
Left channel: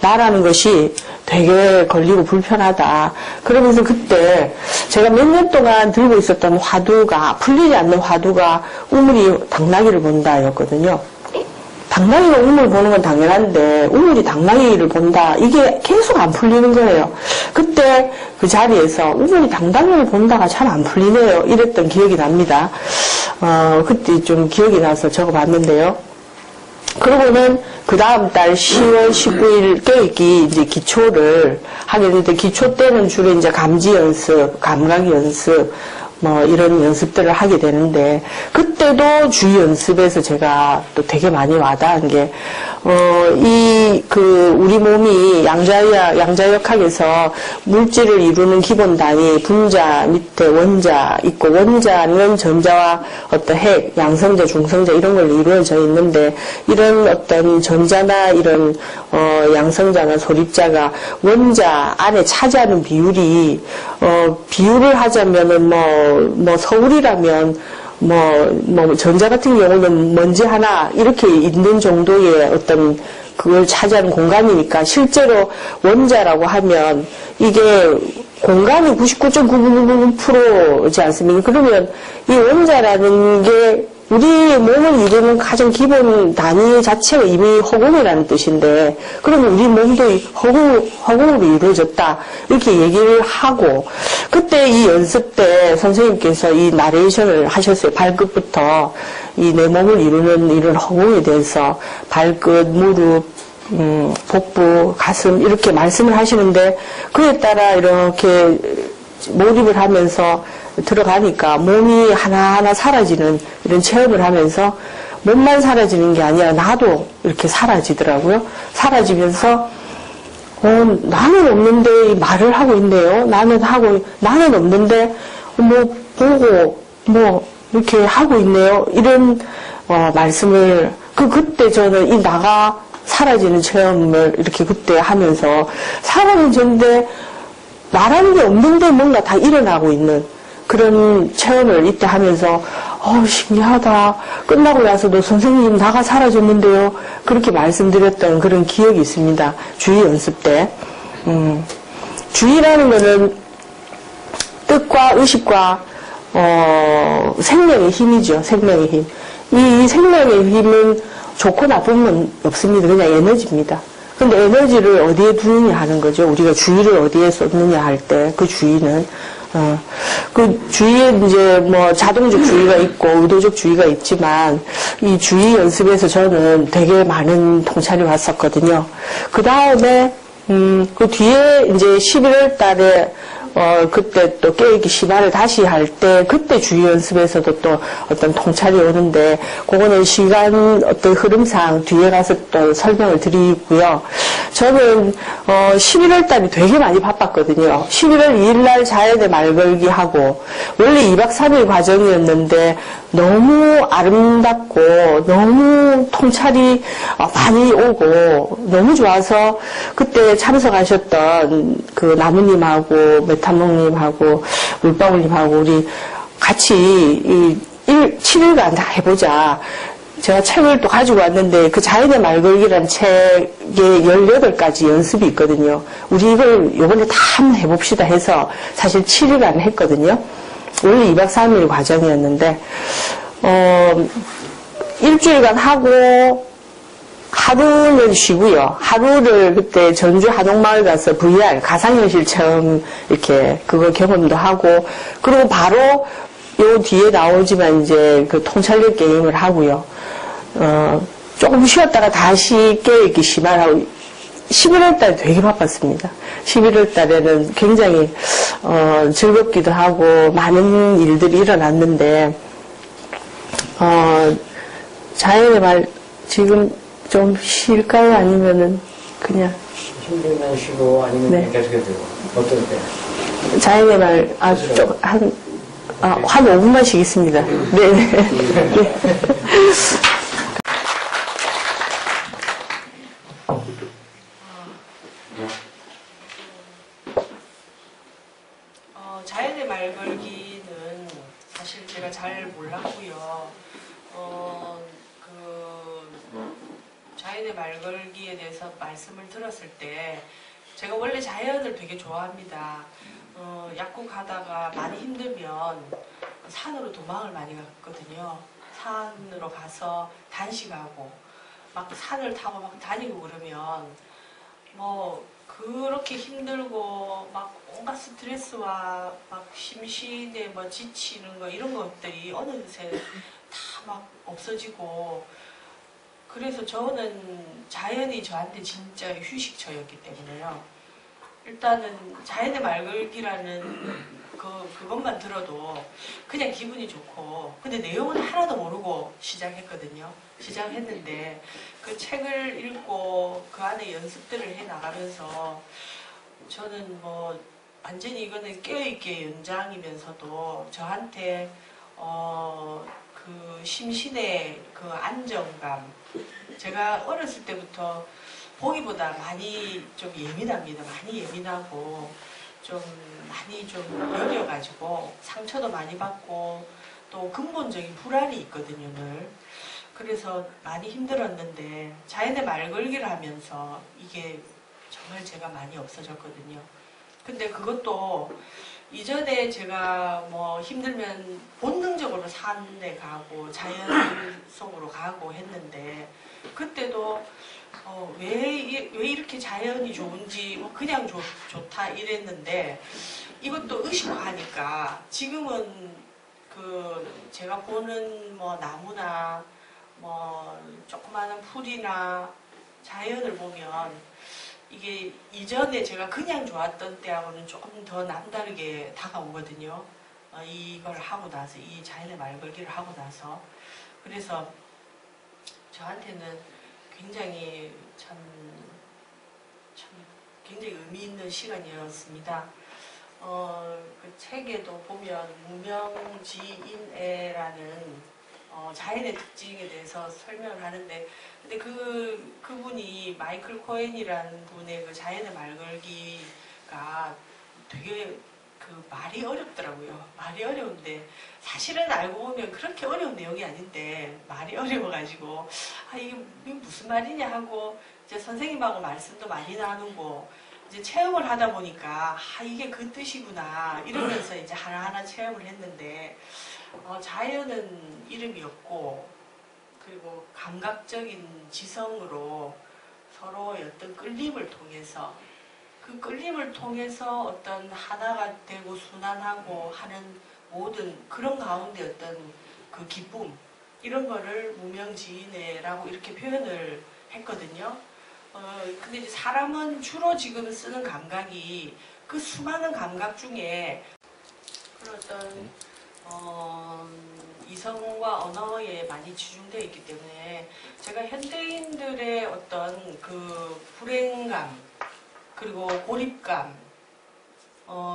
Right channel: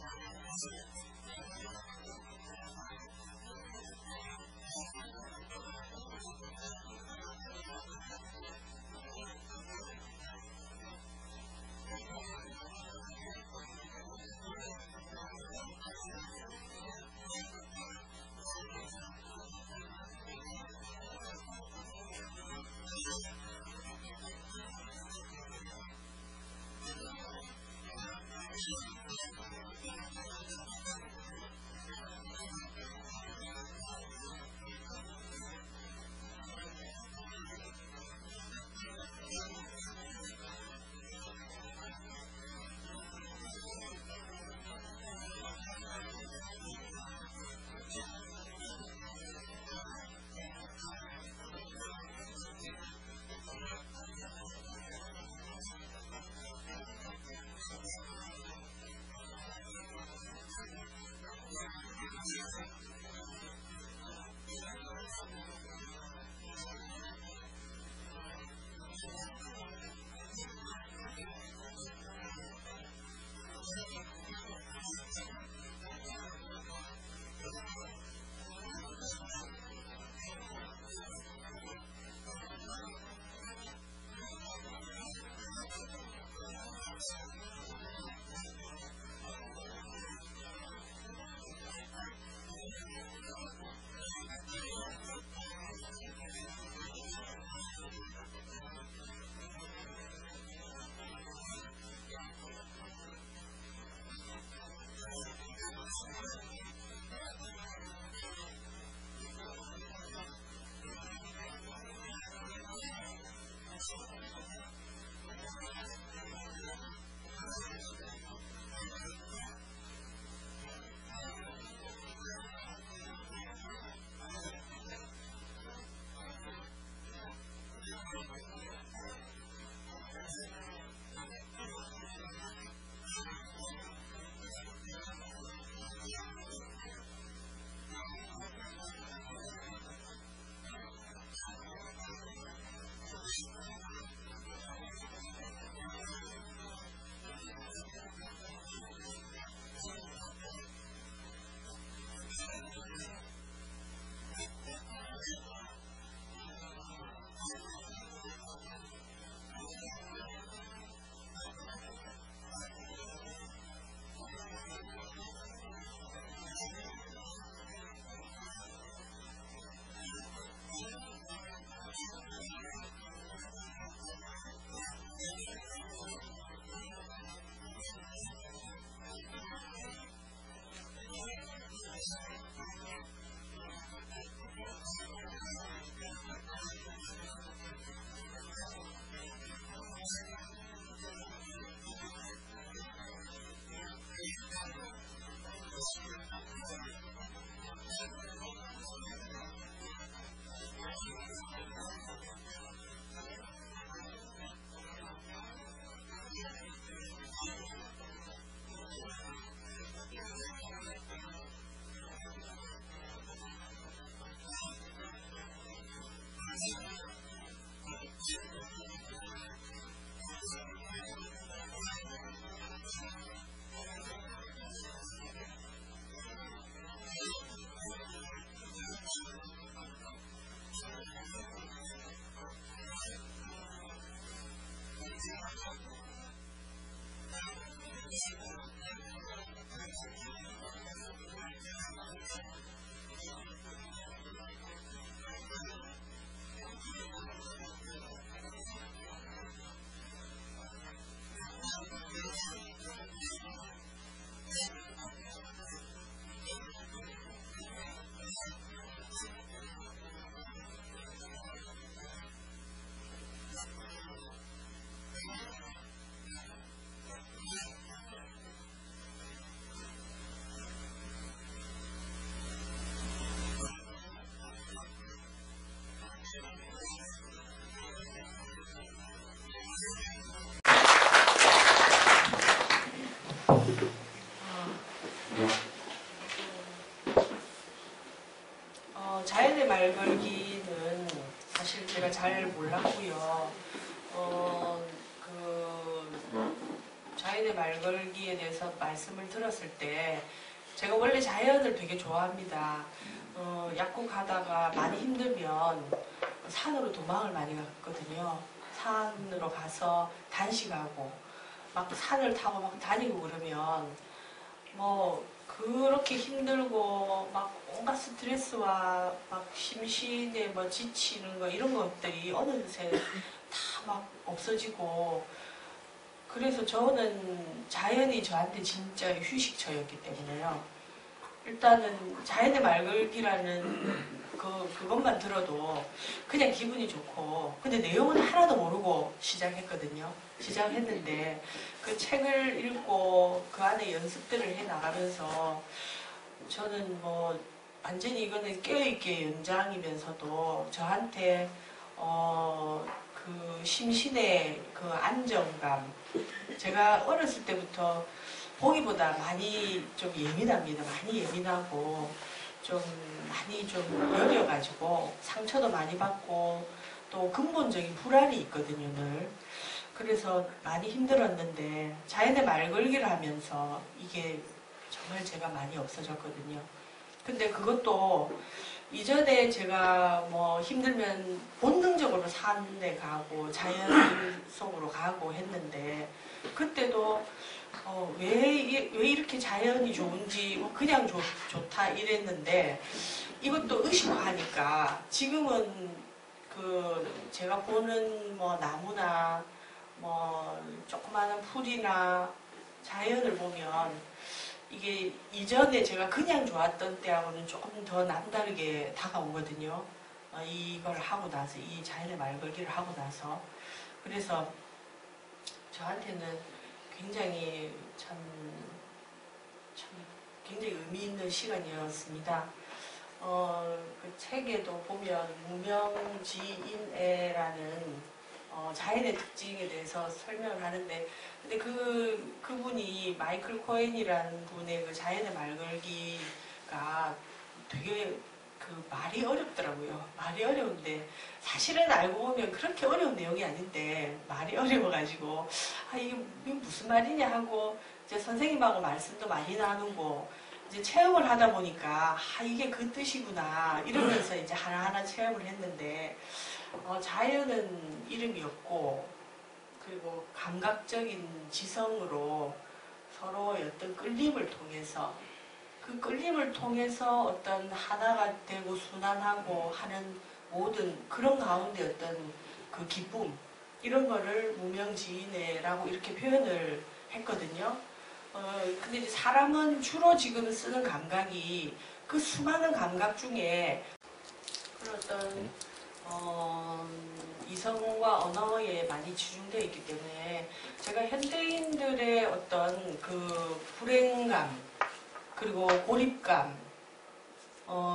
나라는 것이 되게 걸리고 불편하다. 그러면서 그때 제가 몇 년 동안 들고 있었던 화두가, 풀리지 않는 화두가 우물이 당나귀를 본다였거든요. 당나귀가 우물 보는 건 당연한데 우물이 당나귀를 본다. 이게 계속 안 풀리는 거예요. 그때 그 자리에서 우물이 당나귀를 본다가 참 안 풀리네요. 이랬던 기억이 납니다. 그때 좀 기억이 나서 적어봤는데요. 그러고는 그 다음 달 10월 19일 깨있기 이제 기초를 하게 되는데, 기초 때는 주로 이제 감지 연습, 감각 연습, 이런 연습들을 하게 되는데, 그때도 주의 연습에서 제가 또 되게 많이 와닿은 게, 우리 몸이 양자역학에서 물질을 이루는 기본 단위, 분자 밑에 원자 있고, 원자는 전자와 어떤 핵, 양성자, 중성자 이런 걸로 이루어져 있는데, 이런 어떤 전자나 이런, 양성자나 소립자가 원자 안에 차지하는 비율이, 비율을 하자면은 서울이라면, 전자 같은 경우는 먼지 하나 이렇게 있는 정도의 어떤 그걸 차지하는 공간이니까, 실제로 원자라고 하면 이게 공간이 99.999%지 않습니까? 그러면 이 원자라는 게 우리 몸을 이루는 가장 기본 단위 자체가 이미 허공이라는 뜻인데, 그러면 우리 몸도 허공으로 이루어졌다. 이렇게 얘기를 하고, 그때 이 연습 때 선생님께서 이 나레이션을 하셨어요. 발끝부터 이 내 몸을 이루는 이런 허공에 대해서 발끝, 무릎, 복부, 가슴 이렇게 말씀을 하시는데, 그에 따라 이렇게 몰입을 하면서 들어가니까 몸이 하나하나 사라지는 이런 체험을 하면서, 몸만 사라지는 게 아니라 나도 이렇게 사라지더라고요. 사라지면서 나는 없는데 말을 하고 있네요. 나는 없는데 보고 이렇게 하고 있네요. 이런 말씀을 그때 저는 이 나가 사라지는 체험을 이렇게 그때 하면서, 사라지는데 말하는 게 없는데 뭔가 다 일어나고 있는 그런 체험을 이때 하면서, 신기하다. 끝나고 나서도 선생님 나가 사라졌는데요. 그렇게 말씀드렸던 그런 기억이 있습니다. 주의 연습 때. 주의라는 거는 뜻과 의식과, 생명의 힘이죠. 생명의 힘. 이 생명의 힘은 좋고 나쁨은 없습니다. 그냥 에너지입니다. 근데 에너지를 어디에 두느냐 하는 거죠. 우리가 주의를 어디에 쏟느냐 할 때 그 주의는, 그 주의에 이제 자동적 주의가 있고 의도적 주의가 있지만, 이 주의 연습에서 저는 되게 많은 통찰이 왔었거든요. 그 다음에, 그 뒤에 이제 11월 달에 그때 또 깨어있기 심화를 다시 할 때, 그때 주의 연습에서도 또 어떤 통찰이 오는데, 그거는 시간 어떤 흐름상 뒤에 가서 또 설명을 드리고요. 저는 11월 달이 되게 많이 바빴거든요. 11월 2일 날 자연의 말 걸기 하고, 원래 2박 3일 과정이었는데 너무 아름답고 너무 통찰이 많이 오고 너무 좋아서, 그때 참석하셨던 그 나무님하고 메타몽님하고 물방울님하고 우리 같이 7일간 다 해보자. 제가 책을 또 가지고 왔는데, 그 자연의 말 걸기라는 책에 18가지 연습이 있거든요. 우리 이걸 요번에 다 한번 해봅시다 해서 사실 7일간 했거든요. 원래 2박 3일 과정이었는데, 일주일간 하고, 하루는 쉬고요. 하루를 그때 전주 한옥마을 가서 VR, 가상현실 체험, 이렇게, 그거 경험도 하고, 그리고 바로 요 뒤에 나오지만 이제 그 통찰력 게임을 하고요. 조금 쉬었다가 다시 깨어있기 심화하고, 11월 달 되게 바빴습니다. 11월 달에는 굉장히 즐겁기도 하고 많은 일들이 일어났는데 자연의 말 지금 좀 쉴까요? 아니면은 그냥 힘들면 쉬고 아니면 네. 계속해도 되고 어떨 때? 자연의 말 한 5분만 쉬겠습니다. 네네. 네. 자연의 말 걸기는 사실 제가 잘 몰랐고요. 자연의 말 걸기에 대해서 말씀을 들었을 때 제가 원래 자연을 되게 좋아합니다. 약국하다가 많이 힘들면 산으로 도망을 많이 갔거든요. 산으로 가서 단식하고 막 산을 타고 막 다니고 그러면 뭐 그렇게 힘들고 막 온갖 스트레스와 막 심신에 뭐 지치는 거 이런 것들이 어느새 다 막 없어지고 그래서 저는 자연이 저한테 진짜 휴식처였기 때문에요. 일단은 자연의 말걸기라는 그것만 들어도 그냥 기분이 좋고 근데 내용은 하나도 모르고 시작했거든요. 시작했는데 그 책을 읽고 그 안에 연습들을 해 나가면서 저는 뭐 완전히 이거는 깨어있게 연장이면서도 저한테 그 심신의 그 안정감 제가 어렸을 때부터 보기보다 많이 좀 예민합니다. 많이 예민하고 좀 많이 좀 여려가지고 상처도 많이 받고 또 근본적인 불안이 있거든요, 늘. 그래서 많이 힘들었는데 자연의 말걸기를 하면서 이게 정말 제가 많이 없어졌거든요. 근데 그것도 이전에 제가 뭐 힘들면 본능적으로 산에 가고 자연 속으로 가고 했는데 그때도 왜 이렇게 자연이 좋은지 뭐 그냥 좋다 이랬는데 이것도 의식화하니까 지금은 그 제가 보는 뭐 나무나 뭐 조그마한 풀이나 자연을 보면 이게 이전에 제가 그냥 좋았던 때하고는 조금 더 남다르게 다가오거든요. 이걸 하고 나서 이 자연의 말걸기를 하고 나서 그래서 저한테는 굉장히 참 굉장히 의미 있는 시간이었습니다. 그 책에도 보면 무명지인애라는 자연의 특징에 대해서 설명을 하는데 근데 그분이 마이클 코엔이라는 분의 그 자연의 말걸기가 되게 그 말이 어렵더라고요. 말이 어려운데 사실은 알고 보면 그렇게 어려운 내용이 아닌데 말이 어려워가지고 이게 무슨 말이냐 하고 이제 선생님하고 말씀도 많이 나누고 이제 체험을 하다 보니까 이게 그 뜻이구나 이러면서 이제 하나하나 체험을 했는데 자연은 이름이 없고 그리고 감각적인 지성으로 서로의 어떤 끌림을 통해서 그 끌림을 통해서 어떤 하나가 되고 순환하고 하는 모든 그런 가운데 어떤 그 기쁨 이런 거를 무명지인애라고 이렇게 표현을 했거든요. 근데 이제 사람은 주로 지금 쓰는 감각이 그 수많은 감각 중에 그런 어떤 이성과 언어에 많이 치중되어 있기 때문에 제가 현대인들의 어떤 그 불행감 그리고 고립감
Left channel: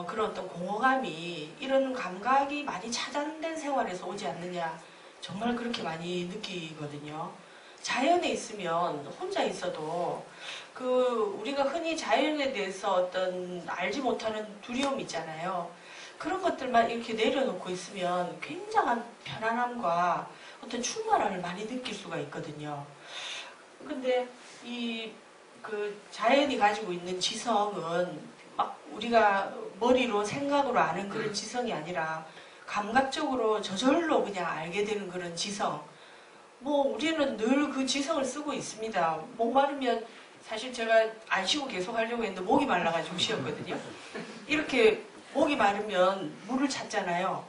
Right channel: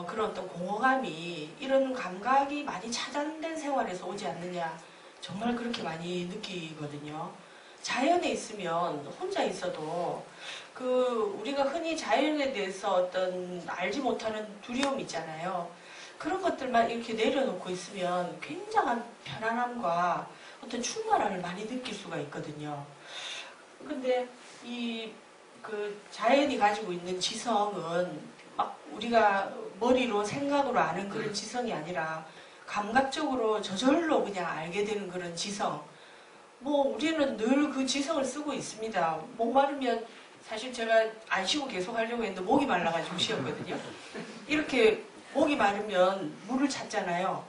그런 어떤 공허감이 이런 감각이 많이 차단된 생활에서 오지 않느냐 정말 그렇게 많이 느끼거든요. 자연에 있으면 혼자 있어도 그 우리가 흔히 자연에 대해서 어떤 알지 못하는 두려움 있잖아요. 그런 것들만 이렇게 내려놓고 있으면 굉장한 편안함과 어떤 충만함을 많이 느낄 수가 있거든요. 근데 그 자연이 가지고 있는 지성은 막 우리가 머리로 생각으로 아는 그런 지성이 아니라 감각적으로 저절로 그냥 알게 되는 그런 지성. 뭐 우리는 늘 그 지성을 쓰고 있습니다. 목 마르면 사실 제가 안 쉬고 계속 하려고 했는데 목이 말라가지고 쉬었거든요. 이렇게 목이 마르면 물을 찾잖아요.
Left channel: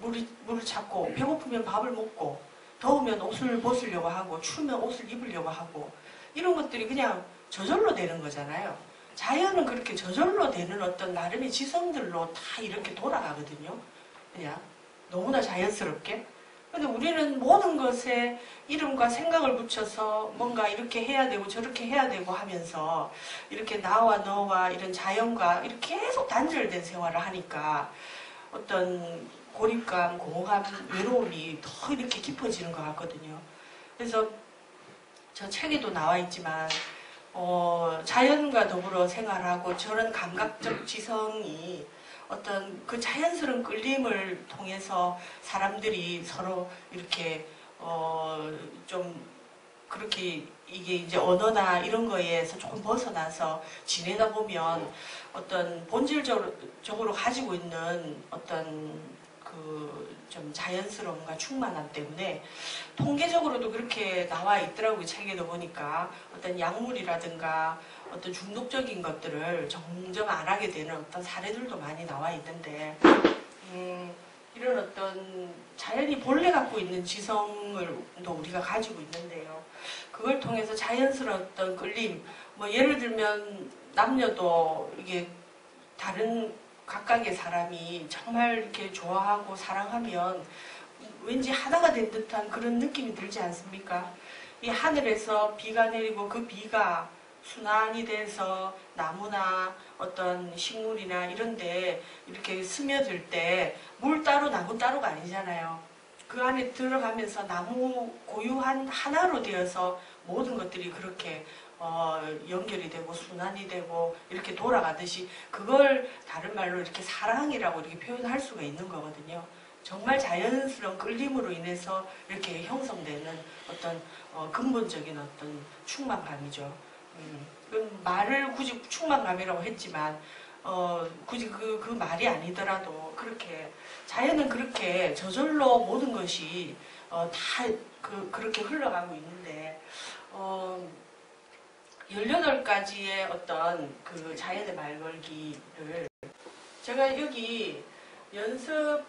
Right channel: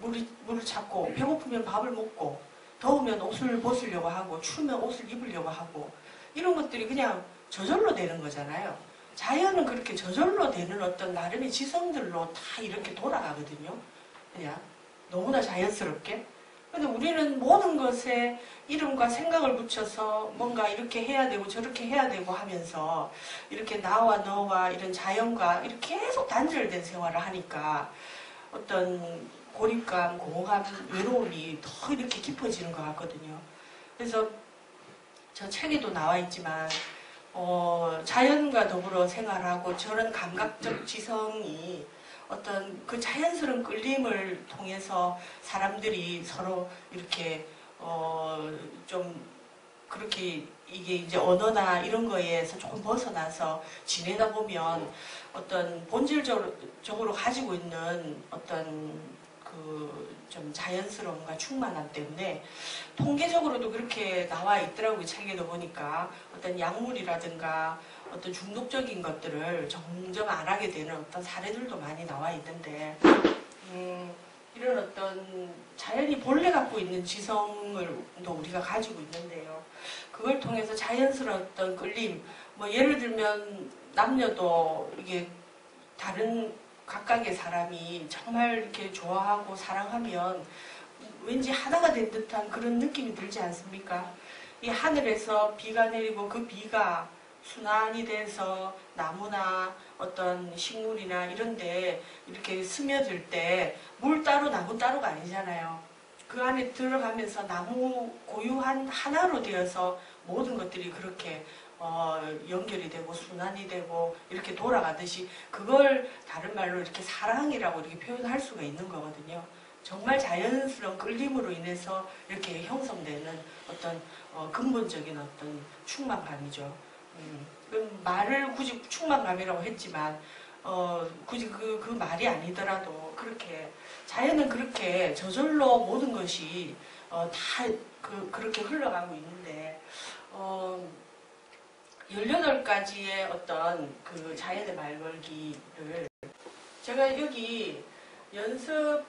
물을 찾고 배고프면 밥을 먹고 더우면 옷을 벗으려고 하고 추우면 옷을 입으려고 하고 이런 것들이 그냥 저절로 되는 거잖아요. 자연은 그렇게 저절로 되는 어떤 나름의 지성들로 다 이렇게 돌아가거든요. 그냥 너무나 자연스럽게. 근데 우리는 모든 것에 이름과 생각을 붙여서 뭔가 이렇게 해야 되고 저렇게 해야 되고 하면서 이렇게 나와 너와 이런 자연과 이렇게 계속 단절된 생활을 하니까 어떤 고립감, 공허감, 외로움이 더 이렇게 깊어지는 것 같거든요. 그래서 저 책에도 나와 있지만 자연과 더불어 생활하고 저런 감각적 지성이 어떤 그 자연스러운 끌림을 통해서 사람들이 서로 이렇게 좀 그렇게 이게 이제 언어나 이런 거에서 조금 벗어나서 지내다 보면 어떤 본질적으로 가지고 있는 어떤 그 좀 자연스러움과 충만함 때문에 통계적으로도 그렇게 나와 있더라고요. 책에도 보니까 어떤 약물이라든가 어떤 중독적인 것들을 점점 안 하게 되는 어떤 사례들도 많이 나와 있는데 이런 어떤 자연이 본래 갖고 있는 지성을 또 우리가 가지고 있는데요. 그걸 통해서 자연스러웠던 끌림, 뭐 예를 들면 남녀도 이게 다른 각각의 사람이 정말 이렇게 좋아하고 사랑하면 왠지 하나가 된 듯한 그런 느낌이 들지 않습니까? 이 하늘에서 비가 내리고 그 비가 순환이 돼서 나무나 어떤 식물이나 이런데 이렇게 스며들 때 물 따로 나무 따로가 아니잖아요. 그 안에 들어가면서 나무 고유한 하나로 되어서 모든 것들이 그렇게 연결이 되고 순환이 되고 이렇게 돌아가듯이 그걸 다른 말로 이렇게 사랑이라고 이렇게 표현할 수가 있는 거거든요. 정말 자연스러운 끌림으로 인해서 이렇게 형성되는 어떤 근본적인 어떤 충만감이죠. 그 말을 굳이 충만감이라고 했지만 굳이 그 말이 아니더라도 그렇게 자연은 그렇게 저절로 모든 것이 다 그렇게 흘러가고 있는데 18가지의 어떤 그 자연의 말 걸기를 제가 여기 연습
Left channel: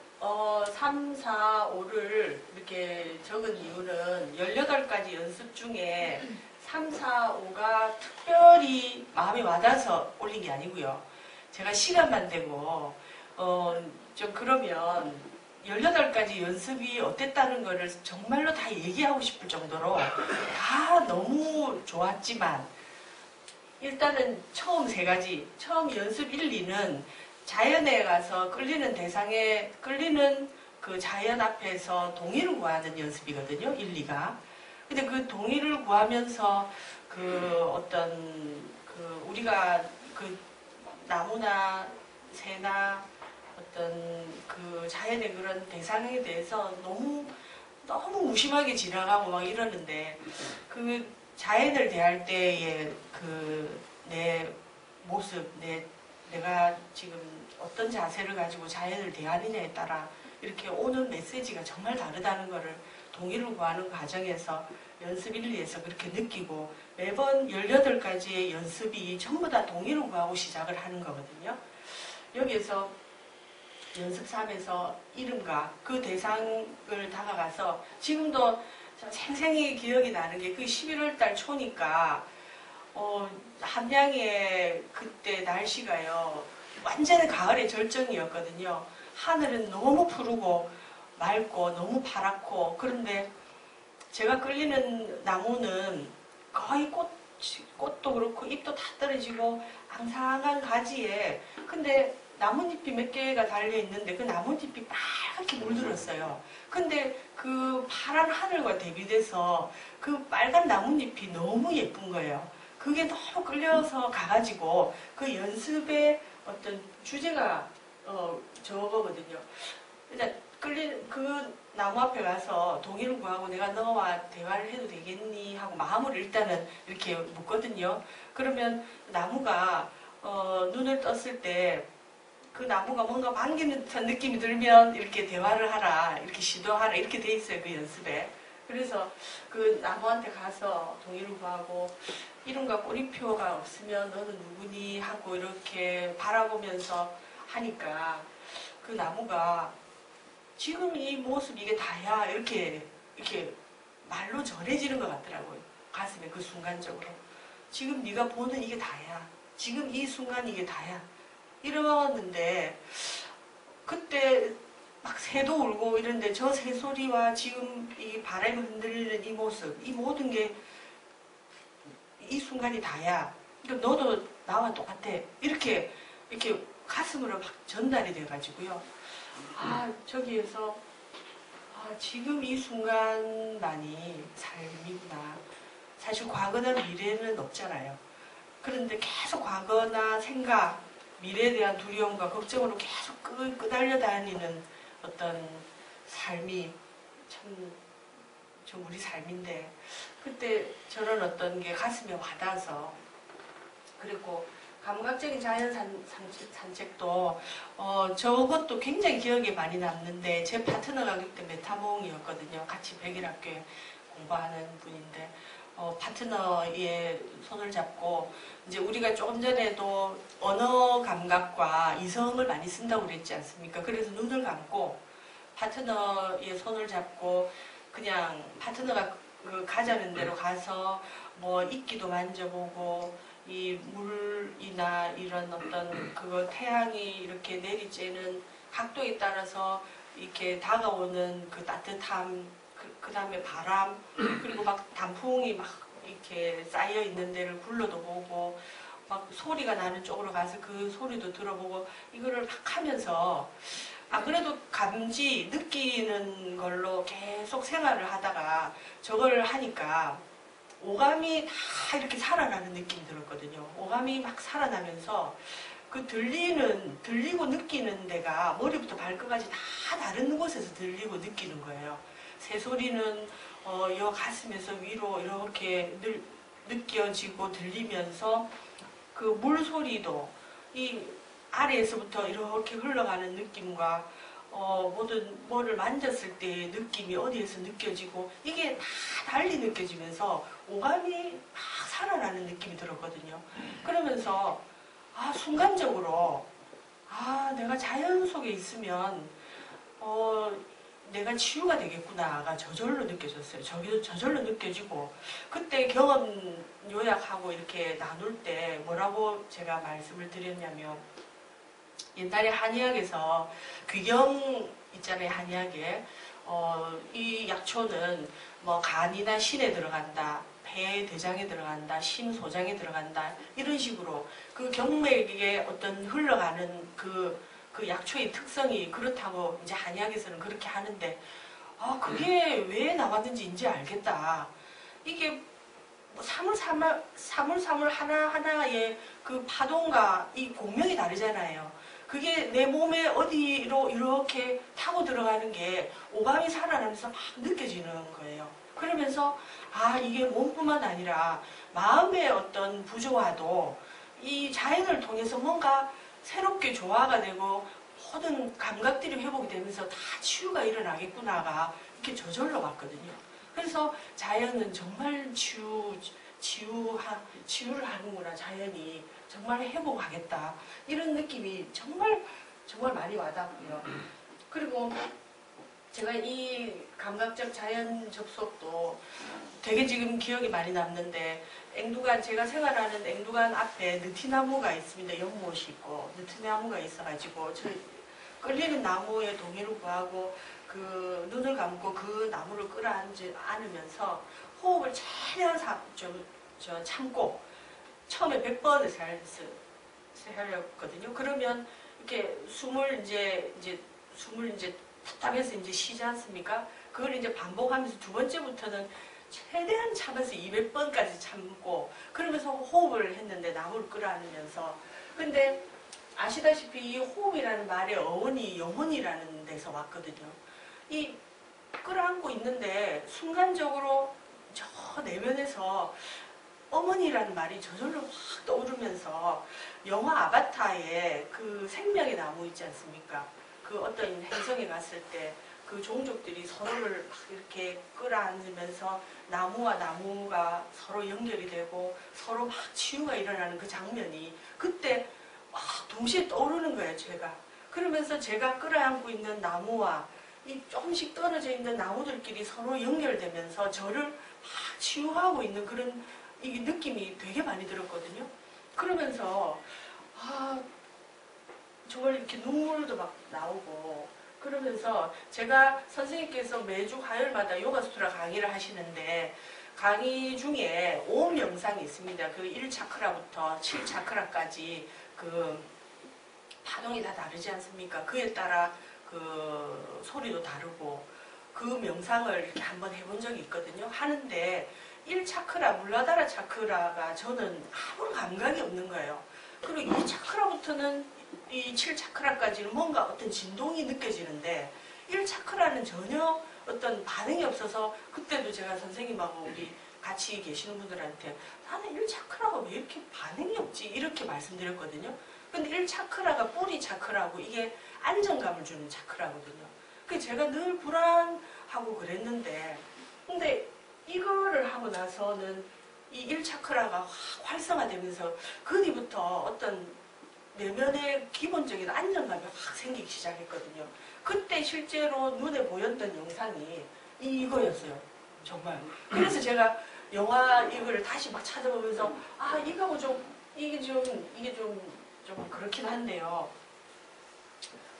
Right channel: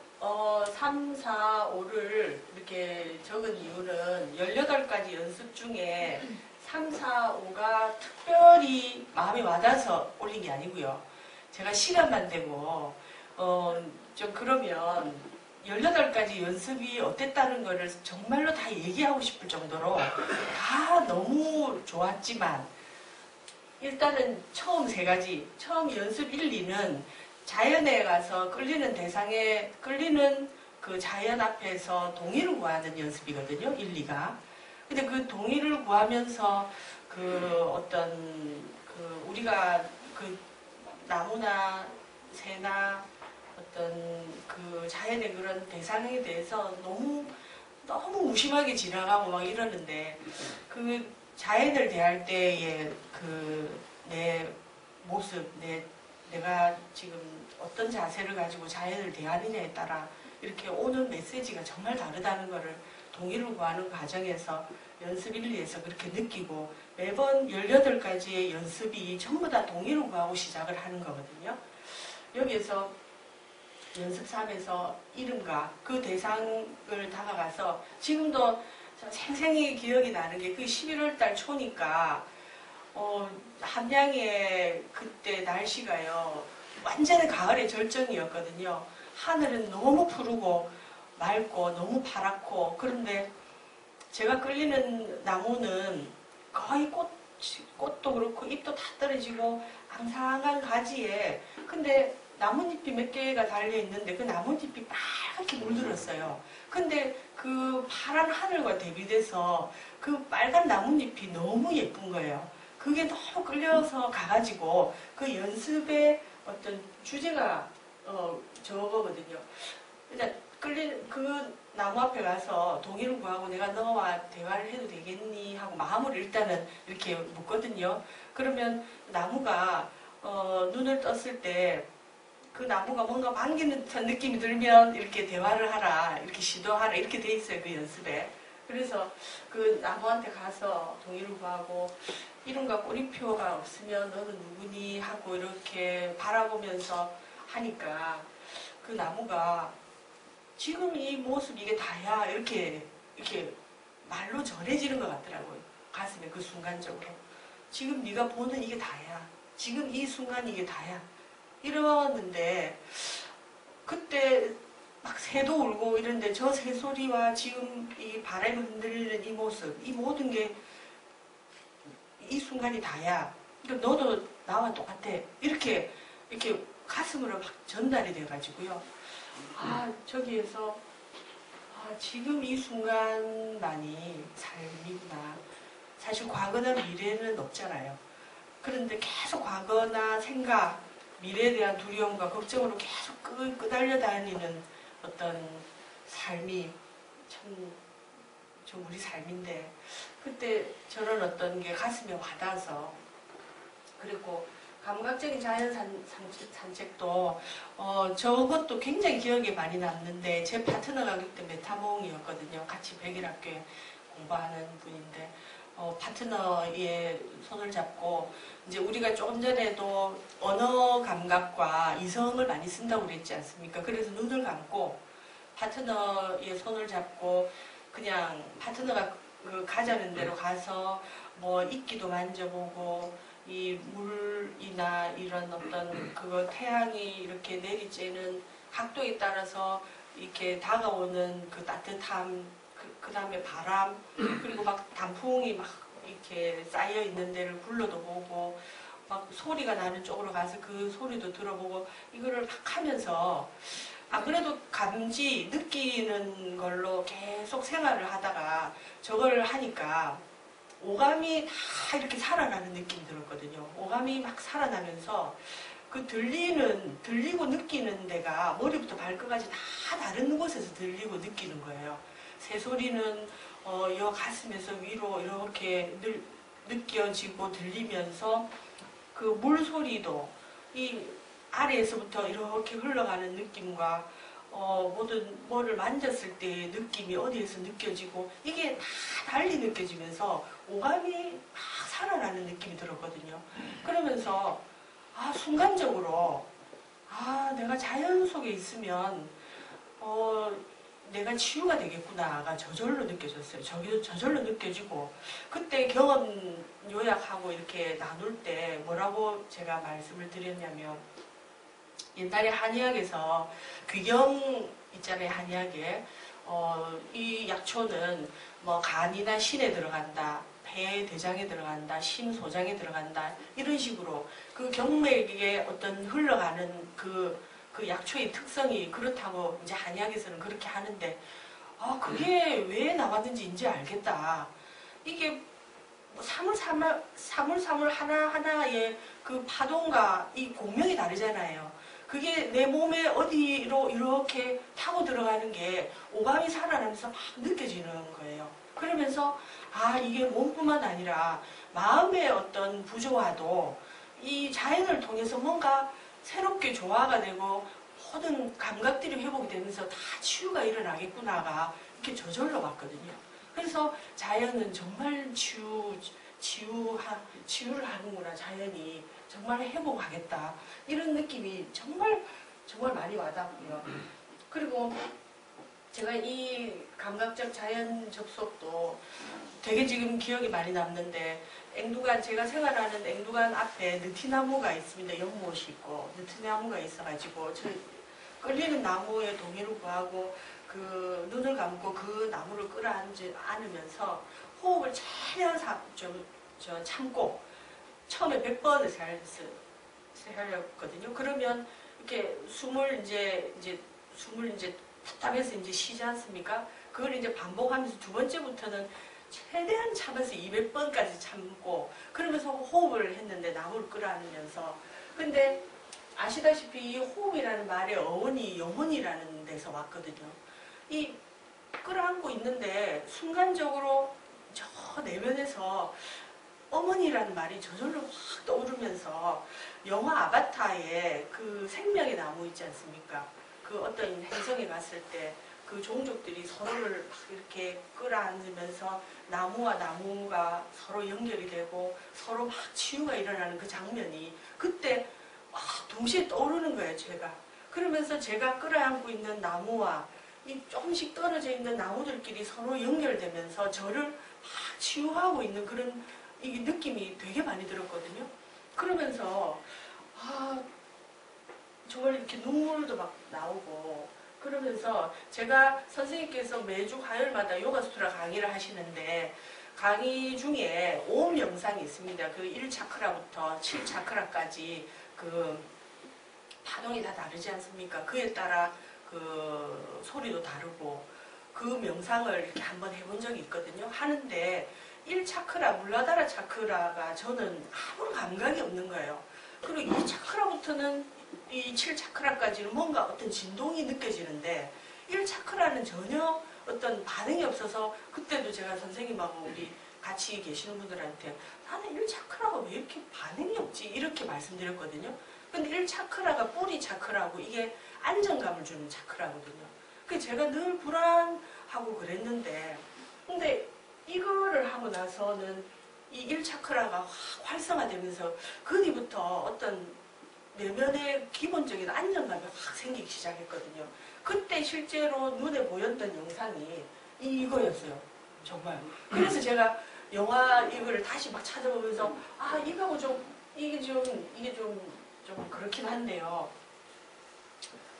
3, 4, 5를 이렇게 적은 이유는 18가지 연습 중에 3, 4, 5가 특별히 마음에 와닿아서 올린 게 아니고요. 제가 시간만 되고 좀 그러면 18가지 연습이 어땠다는 거를 정말로 다 얘기하고 싶을 정도로 다 너무 좋았지만 일단은 처음 3가지, 처음 연습 1, 2는 자연에 가서 끌리는 대상에 끌리는 그 자연 앞에서 동의를 구하는 연습이거든요. 1, 2가. 근데 그 동의를 구하면서 그 어떤 그 우리가 그 나무나 새나 어떤 그 자연의 그런 대상에 대해서 너무 무심하게 지나가고 막 이러는데 그 자연을 대할 때의 그 내 모습, 내가 지금 어떤 자세를 가지고 자연을 대하느냐에 따라 이렇게 오는 메시지가 정말 다르다는 것을 동의를 구하는 과정에서 연습 1, 2에서 그렇게 느끼고 매번 18가지의 연습이 전부 다 동의를 구하고 시작을 하는 거거든요. 여기에서 연습 3에서 이름과 그 대상을 다가가서 지금도 생생히 기억이 나는 게 그 11월달 초니까 함양의 그때 날씨가요 완전히 가을의 절정이었거든요. 하늘은 너무 푸르고 맑고 너무 파랗고 그런데 제가 끌리는 나무는 거의 꽃도 그렇고 잎도 다 떨어지고 앙상한 가지에 근데 나뭇잎이 몇 개가 달려있는데 그 나뭇잎이 빨갛게 물들었어요. 근데 그 파란 하늘과 대비돼서 그 빨간 나뭇잎이 너무 예쁜 거예요. 그게 너무 끌려서 가가지고 그 연습의 어떤 주제가 저거거든요. 일단 그 나무 앞에 가서 동의를 구하고 내가 너와 대화를 해도 되겠니 하고 마음을 일단은 이렇게 묻거든요. 그러면 나무가 눈을 떴을 때 그 나무가 뭔가 반기는 듯한 느낌이 들면 이렇게 대화를 하라, 이렇게 시도하라 이렇게 돼 있어요. 그 연습에. 그래서 그 나무한테 가서 동의를 구하고 이름과 꼬리표가 없으면 너는 누구니 하고 이렇게 바라보면서 하니까 그 나무가 지금 이 모습 이게 다야 이렇게 말로 전해지는 것 같더라고요. 가슴에 그 순간적으로 지금 네가 보는 이게 다야. 지금 이 순간 이게 다야. 이러는데 그때 막 새도 울고 이런데 저 새소리와 지금 이 바람이 흔들리는 이 모습, 이 모든 게 이 순간이 다야. 그러니까 너도 나와 똑같아. 이렇게 가슴으로 막 전달이 돼가지고요. 아, 저기에서 지금 이 순간만이 삶이구나. 사실 과거나 미래는 없잖아요. 그런데 계속 과거나 생각, 미래에 대한 두려움과 걱정으로 계속 끄달려 다니는 어떤 삶이 좀 우리 삶인데, 그때 저런 어떤 게 가슴에 와닿아서, 그리고 감각적인 자연 산책도 저것도 굉장히 기억에 많이 남는데, 제 파트너가 그때 메타몽이었거든요. 같이 백일학교에 공부하는 분인데, 파트너의 손을 잡고, 이제 우리가 조금 전에도 언어 감각과 이성을 많이 쓴다고 그랬지 않습니까? 그래서 눈을 감고 파트너의 손을 잡고 그냥 파트너가 가자는 대로 가서 뭐 이끼도 만져보고, 이 물이나 이런 어떤 태양이 이렇게 내리쬐는 각도에 따라서 이렇게 다가오는 그 따뜻함, 그 다음에 바람, 그리고 막 단풍이 막 이렇게 쌓여 있는 데를 굴러도 보고, 막 소리가 나는 쪽으로 가서 그 소리도 들어보고, 이거를 막 하면서, 그래도 감지, 느끼는 걸로 계속 생활을 하다가 저걸 하니까 오감이 다 이렇게 살아나는 느낌이 들었거든요. 오감이 막 살아나면서 그 들리고 느끼는 데가 머리부터 발끝까지 다 다른 곳에서 들리고 느끼는 거예요. 새소리는 여 가슴에서 위로 이렇게 느껴지고 들리면서, 그 물소리도 이 아래에서부터 이렇게 흘러가는 느낌과 뭐를 만졌을 때의 느낌이 어디에서 느껴지고, 이게 다 달리 느껴지면서 오감이 막 살아나는 느낌이 들었거든요. 그러면서 순간적으로 내가 자연 속에 있으면 내가 치유가 되겠구나가 저절로 느껴졌어요. 저절로 느껴지고, 그때 경험 요약하고 이렇게 나눌 때 뭐라고 제가 말씀을 드렸냐면, 옛날에 한의학에서 귀경 있잖아요. 한의학에 이 약초는 뭐 간이나 신에 들어간다, 폐, 대장에 들어간다, 심, 소장에 들어간다, 이런 식으로 그 경맥에 어떤 흘러가는 그 약초의 특성이 그렇다고 이제 한의학에서는 그렇게 하는데, 그게 왜 나왔는지 이제 알겠다. 이게 사물사물 하나하나의 그 파동과 이 공명이 다르잖아요. 그게 내 몸에 어디로 이렇게 타고 들어가는 게 오감이 살아나면서 막 느껴지는 거예요. 그러면서 이게 몸뿐만 아니라 마음의 어떤 부조화도 이 자연을 통해서 뭔가 새롭게 조화가 되고 모든 감각들이 회복이 되면서 다 치유가 일어나겠구나가 이렇게 저절로 왔거든요. 그래서 자연은 정말 치유를 하는구나. 자연이 정말 회복하겠다. 이런 느낌이 정말 많이 와닿고요. 그리고 제가 이 감각적 자연 접속도 되게 지금 기억이 많이 남는데, 제가 생활하는 앵두간 앞에 느티나무가 있습니다. 연못이 있고 느티나무가 있어가지고 끌리는 나무에 동의를 구하고 그 눈을 감고 그 나무를 끌어안으면서 호흡을 최대한 참고 처음에 100번을 세하였거든요. 그러면 이렇게 숨을 답답해서 이제 쉬지 않습니까? 그걸 이제 반복하면서 두 번째부터는 최대한 참아서 200번까지 참고, 그러면서 호흡을 했는데 나무를 끌어안으면서. 근데 아시다시피 이 호흡이라는 말의 어원이 영혼이라는 데서 왔거든요. 이 끌어안고 있는데 순간적으로 저 내면에서 어머니라는 말이 저절로 확 떠오르면서, 영화 아바타의 그 생명의 나무 있지 않습니까? 그 어떤 행성에 갔을 때 그 종족들이 서로를 막 이렇게 끌어안으면서 나무와 나무가 서로 연결이 되고 서로 막 치유가 일어나는 그 장면이 그때 동시에 떠오르는 거예요, 제가. 그러면서 제가 끌어안고 있는 나무와 이 조금씩 떨어져 있는 나무들끼리 서로 연결되면서 저를 막 치유하고 있는 그런 이게 느낌이 되게 많이 들었거든요. 그러면서 정말 이렇게 눈물도 막 나오고 그러면서 제가 선생님께서 매주 화요일마다 요가 수트라 강의를 하시는데 강의 중에 5명상이 있습니다. 그 1차크라부터 7차크라까지 그 파동이 다 다르지 않습니까? 그에 따라 그 소리도 다르고 그 명상을 이렇게 한번 해본 적이 있거든요. 하는데 1차크라, 물라다라 차크라가 저는 아무런 감각이 없는 거예요. 그리고 2차크라부터는 이 7차크라까지는 뭔가 어떤 진동이 느껴지는데 1차크라는 전혀 어떤 반응이 없어서 그때도 제가 선생님하고 우리 같이 계시는 분들한테 나는 1차크라가 왜 이렇게 반응이 없지? 이렇게 말씀드렸거든요. 근데 1차크라가 뿌리 차크라고 이게 안정감을 주는 차크라거든요. 그래서 제가 늘 불안하고 그랬는데 근데 이거를 하고 나서는 이 1차크라가 활성화되면서 그 뒤부터 어떤 내면의 기본적인 안정감이 확 생기기 시작했거든요. 그때 실제로 눈에 보였던 영상이 이거였어요. 정말. 그래서 제가 영화 이거를 다시 막 찾아보면서 이거하고 이게 좀 그렇긴 한데요.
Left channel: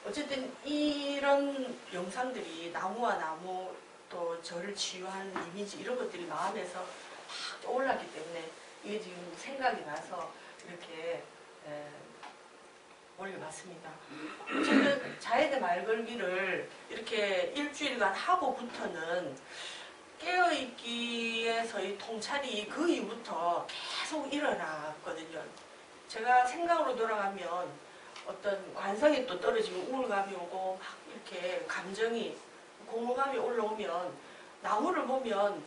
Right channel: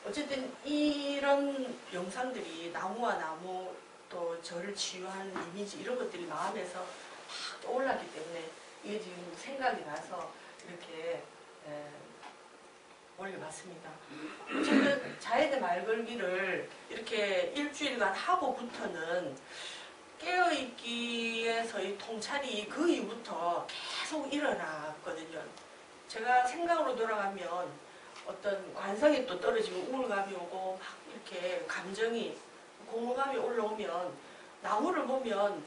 어쨌든 이런 영상들이 나무와 나무 또 저를 치유하는 이미지 이런 것들이 마음에서 막 떠올랐기 때문에 이게 지금 생각이 나서 이렇게 올려봤습니다. 어쨌든 자연의 말걸기를 이렇게 일주일간 하고부터는 깨어있기에서의 통찰이 그 이후부터 계속 일어났거든요. 제가 생각으로 돌아가면 어떤 관성이 또 떨어지면 우울감이 오고 막 이렇게 감정이 공허감이 올라오면 나무를 보면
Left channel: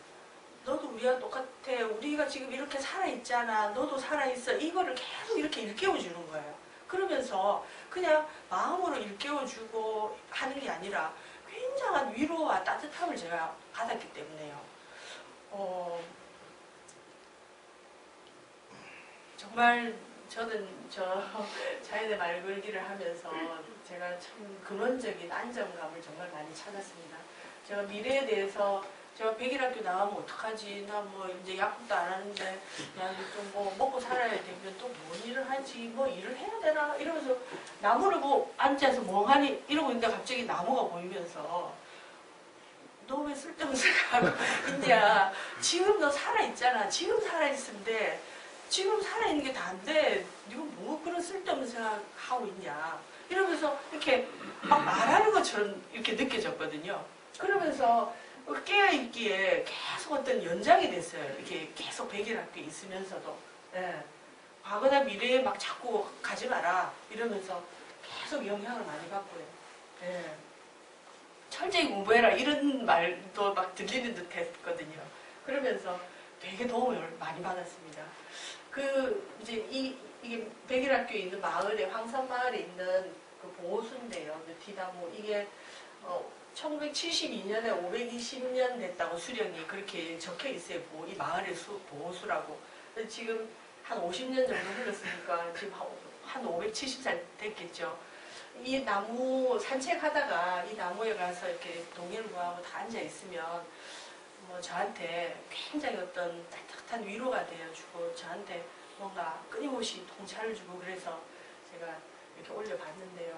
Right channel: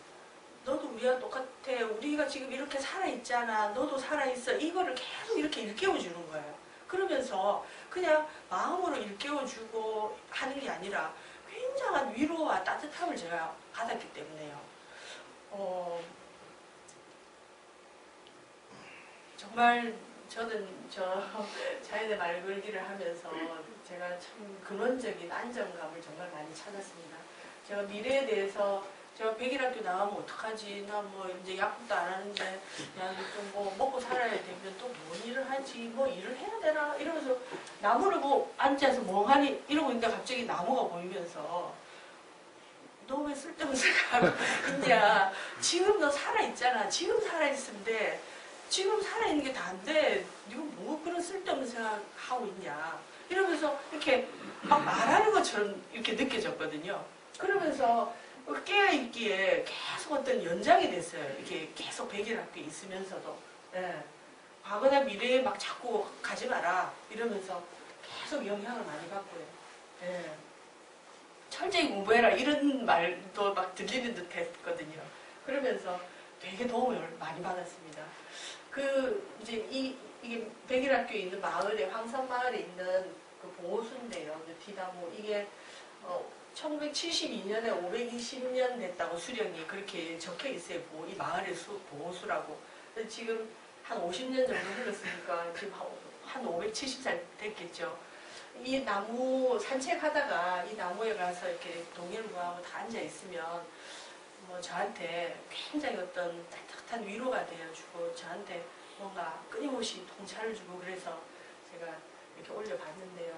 너도 우리와 똑같아. 우리가 지금 이렇게 살아있잖아. 너도 살아있어. 이거를 계속 이렇게 일깨워주는 거예요. 그러면서 그냥 마음으로 일깨워주고 하는 게 아니라 굉장한 위로와 따뜻함을 제가 받았기 때문에요. 정말 저는 자연의 말걸기를 하면서 제가 참 근원적인 안정감을 정말 많이 찾았습니다. 제가 미래에 대해서 제가 100일 학교 나가면 어떡하지? 나 뭐 이제 약국도 안 하는데 야, 좀 뭐 먹고 살아야 되면 또 뭔 일을 하지? 뭐 일을 해야 되나? 이러면서 나무를 뭐 앉아서 멍하니 이러고 있는데 갑자기 나무가 보이면서 너 왜 쓸데없는 생각하고 있냐? 지금 너 살아있잖아. 지금 살아있는데 지금 살아있는 게 다 안 돼. 네가 뭐 그런 쓸데없는 생각하고 있냐? 이러면서 이렇게 막 말하는 것처럼 이렇게 느껴졌거든요. 그러면서 깨어있기에 계속 어떤 연장이 됐어요. 이렇게 계속 100일 학교에 있으면서도. 예. 과거나 미래에 막 자꾸 가지 마라. 이러면서 계속 영향을 많이 받고요. 예. 철저히 공부해라. 이런 말도 막 들리는 듯 했거든요. 그러면서 되게 도움을 많이 받았습니다. 이제 이게 100일 학교에 있는 마을에, 황산마을에 있는 그 보호수인데요. 느티나무. 이게, 1972년에 520년 됐다고 수령이 그렇게 적혀 있어요. 이 마을의 보호수라고. 지금 한 50년 정도 흘렀으니까 지금 한 570살 됐겠죠. 이 나무 산책하다가 이 나무에 가서 이렇게 동해를 구하고 다 앉아 있으면 뭐 저한테 굉장히 어떤 따뜻한 위로가 되어주고 저한테 뭔가 끊임없이 통찰을 주고 그래서 제가 이렇게 올려봤는데요.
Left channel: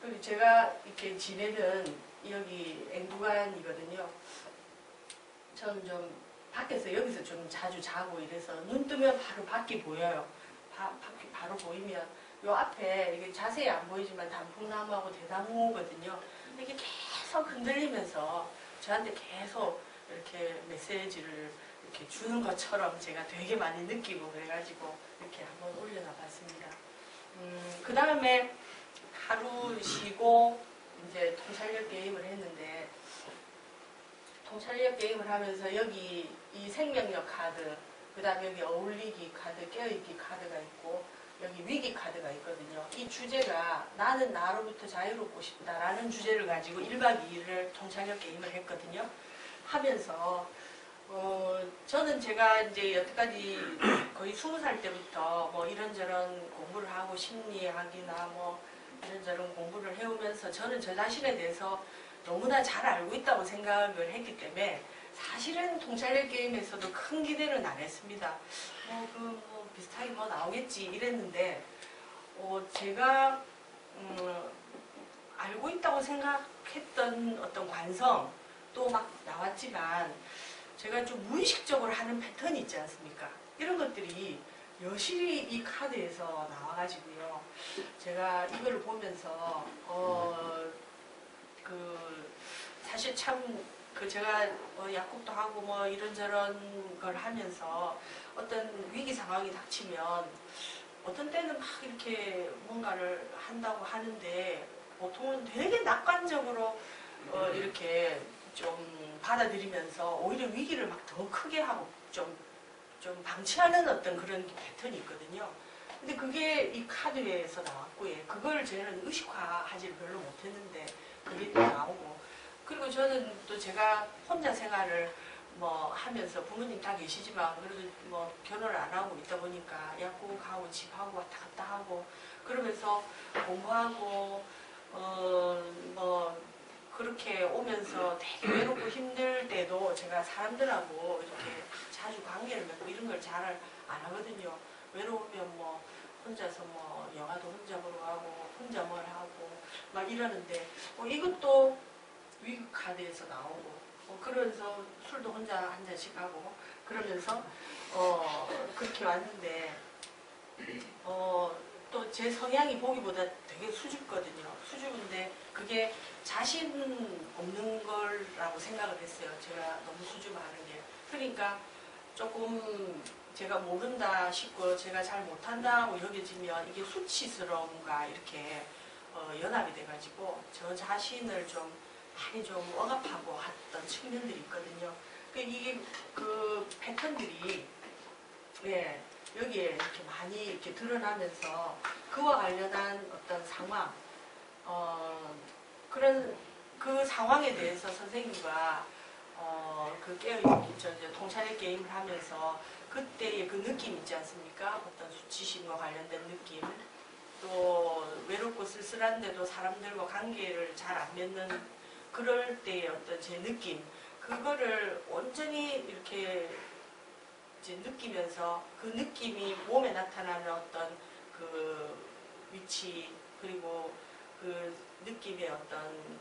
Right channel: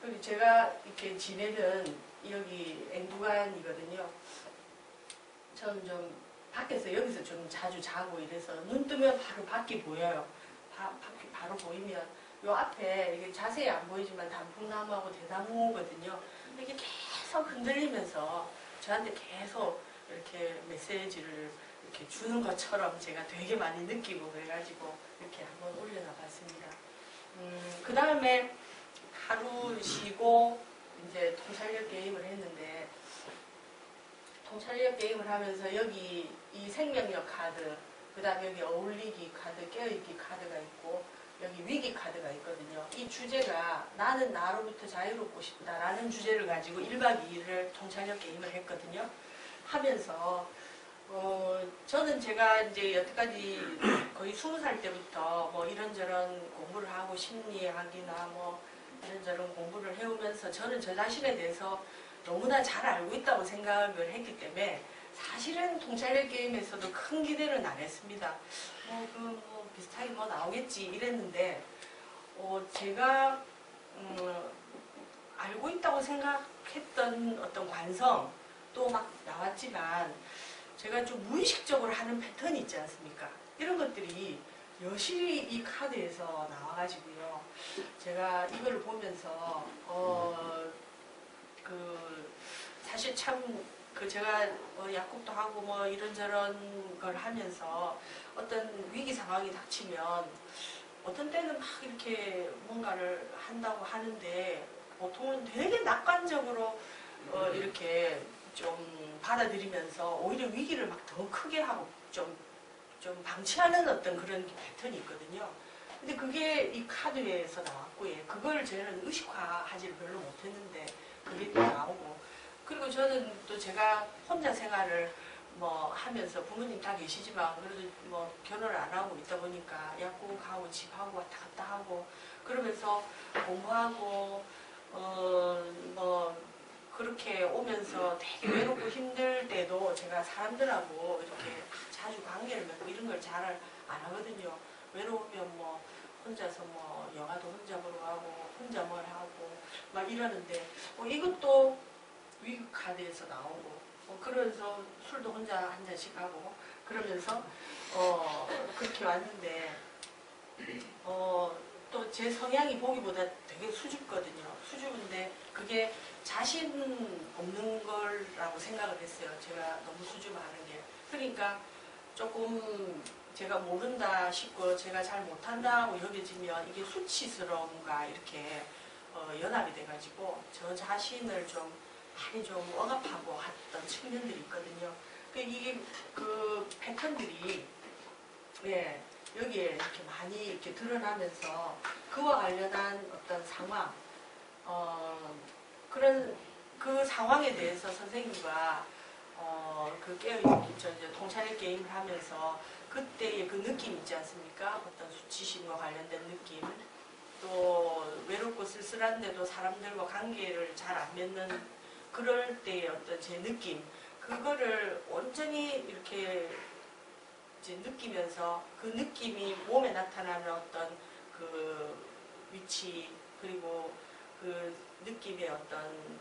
그리고 제가 이렇게 지내는 여기 앵두간이거든요. 저는 좀 밖에서 여기서 좀 자주 자고 이래서 눈 뜨면 바로 밖이 보여요. 밖이 바로 보이면 요 앞에 이게 자세히 안 보이지만 단풍나무하고 대나무거든요. 이게 계속 흔들리면서 저한테 계속 이렇게 메시지를 이렇게 주는 것처럼 제가 되게 많이 느끼고 그래가지고 이렇게 한번 올려놔 봤습니다. 그 다음에 하루 쉬고 이제 통찰력 게임을 했는데 통찰력 게임을 하면서 여기 이 생명력 카드, 그 다음에 여기 어울리기 카드, 깨어있기 카드가 있고 여기 위기 카드가 있거든요. 이 주제가 나는 나로부터 자유롭고 싶다라는 주제를 가지고 1박 2일을 통찰력 게임을 했거든요. 하면서 저는 제가 이제 여태까지 거의 20살 때부터 뭐 이런저런 공부를 하고 심리학이나 뭐 이런저런 공부를 해오면서 저는 저 자신에 대해서 너무나 잘 알고 있다고 생각을 했기 때문에 사실은 통찰력 게임에서도 큰 기대는 안 했습니다. 뭐 비슷하게 뭐 나오겠지 이랬는데 제가 알고 있다고 생각했던 어떤 관성 또 막 나왔지만 제가 좀 무의식적으로 하는 패턴이 있지 않습니까? 이런 것들이 여실히 이 카드에서 나와가지고요. 제가 이걸 보면서 사실 참 제가 약국도 하고 뭐 이런저런 걸 하면서 어떤 위기 상황이 닥치면 어떤 때는 막 이렇게 뭔가를 한다고 하는데 보통은 되게 낙관적으로 이렇게 좀 받아들이면서 오히려 위기를 막 더 크게 하고 좀 방치하는 어떤 그런 패턴이 있거든요. 근데 그게 이 카드에서 나왔고, 그걸 저는 의식화하지를 별로 못했는데 그게 또 나오고, 그리고 저는 또 제가 혼자 생활을 뭐 하면서 부모님 다 계시지만 그래도 뭐 결혼을 안 하고 있다 보니까 약국하고 집하고 왔다 갔다 하고 그러면서 공부하고 뭐 그렇게 오면서 되게 외롭고 힘들 때도 제가 사람들하고 이렇게 자주 관계를 맺고 이런 걸 잘 안 하거든요. 외로우면 뭐 혼자서 뭐 영화도 혼자 보러 가고 혼자 뭘 하고 막 이러는데 이것도 위기 카드에서 나오고 그러면서 술도 혼자 한 잔씩 하고 그러면서 그렇게 왔는데 또 제 성향이 보기보다 되게 수줍거든요. 수줍은데 그게 자신 없는 거라고 생각을 했어요. 제가 너무 수줍어하는 게. 그러니까 조금 제가 모른다 싶고 제가 잘 못한다고 여겨지면 이게 수치스러움과 이렇게 연합이 돼가지고 저 자신을 좀 많이 좀 억압하고 했던 측면들이 있거든요. 이게 그 패턴들이 여기에 이렇게 많이 이렇게 드러나면서 그와 관련한 어떤 상황, 그런 그 상황에 대해서 선생님과 그 깨어있는 이제 통찰의 게임을 하면서 그때의 그 느낌 있지 않습니까? 어떤 수치심과 관련된 느낌, 또 외롭고 쓸쓸한데도 사람들과 관계를 잘 안 맺는 그럴 때의 어떤 제 느낌, 그거를 온전히 이렇게 이제 느끼면서 그 느낌이 몸에 나타나는 어떤 그 위치 그리고 그 느낌의 어떤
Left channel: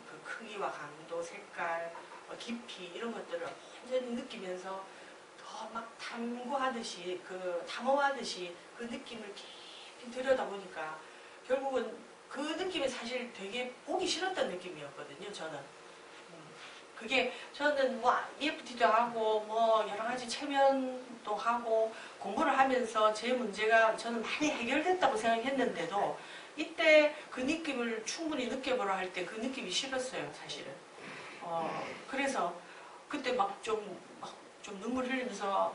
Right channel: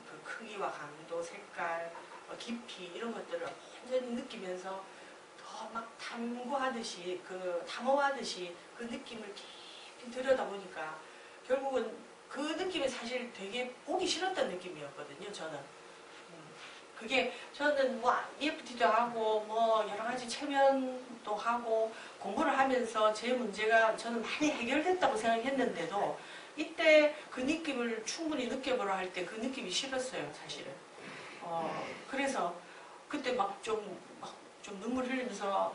그 크기와 강도, 색깔, 깊이 이런 것들을 온전히 느끼면서 더 막 탐구하듯이 탐험하듯이 그 느낌을 깊이 들여다보니까 결국은 그 느낌이 사실 되게 보기 싫었던 느낌이었거든요. 저는. 그게 저는 뭐 EFT도 하고 뭐 여러 가지 체면도 하고 공부를 하면서 제 문제가 저는 많이 해결됐다고 생각했는데도 이때 그 느낌을 충분히 느껴보라 할 때 그 느낌이 싫었어요, 사실은. 그래서 그때 막 좀 눈물 흘리면서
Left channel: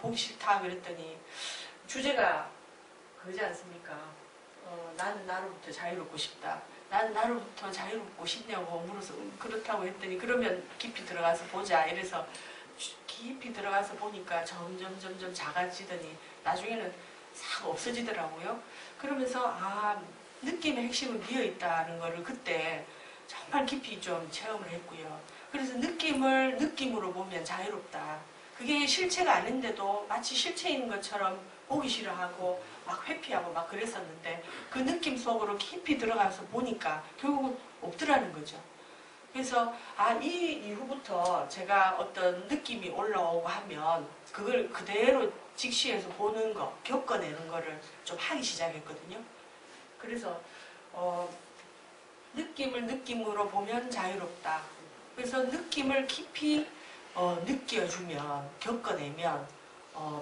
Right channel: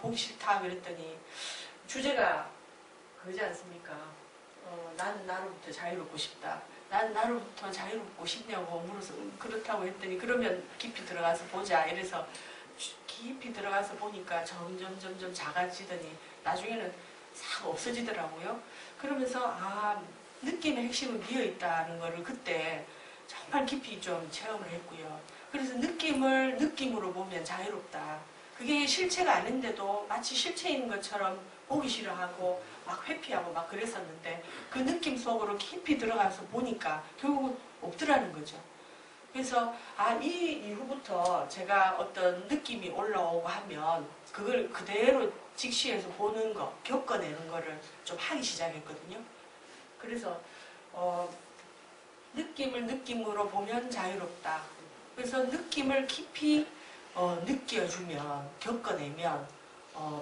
보기 싫다 그랬더니 주제가 그러지 않습니까? 나는 나로부터 자유롭고 싶다. 난 나로부터 자유롭고 싶냐고 물어서 그렇다고 했더니 그러면 깊이 들어가서 보자 이래서 깊이 들어가서 보니까 점점 작아지더니 나중에는 싹 없어지더라고요. 그러면서 느낌의 핵심은 비어있다는 거를 그때 정말 깊이 좀 체험을 했고요. 그래서 느낌을 느낌으로 보면 자유롭다. 그게 실체가 아닌데도 마치 실체인 것처럼 보기 싫어하고 막 회피하고 막 그랬었는데 그 느낌 속으로 깊이 들어가서 보니까 결국은 없더라는 거죠. 그래서 이 이후부터 제가 어떤 느낌이 올라오고 하면 그걸 그대로 직시해서 보는 거, 겪어내는 거를 좀 하기 시작했거든요. 그래서 느낌을 느낌으로 보면 자유롭다. 그래서 느낌을 깊이 느껴주면, 겪어내면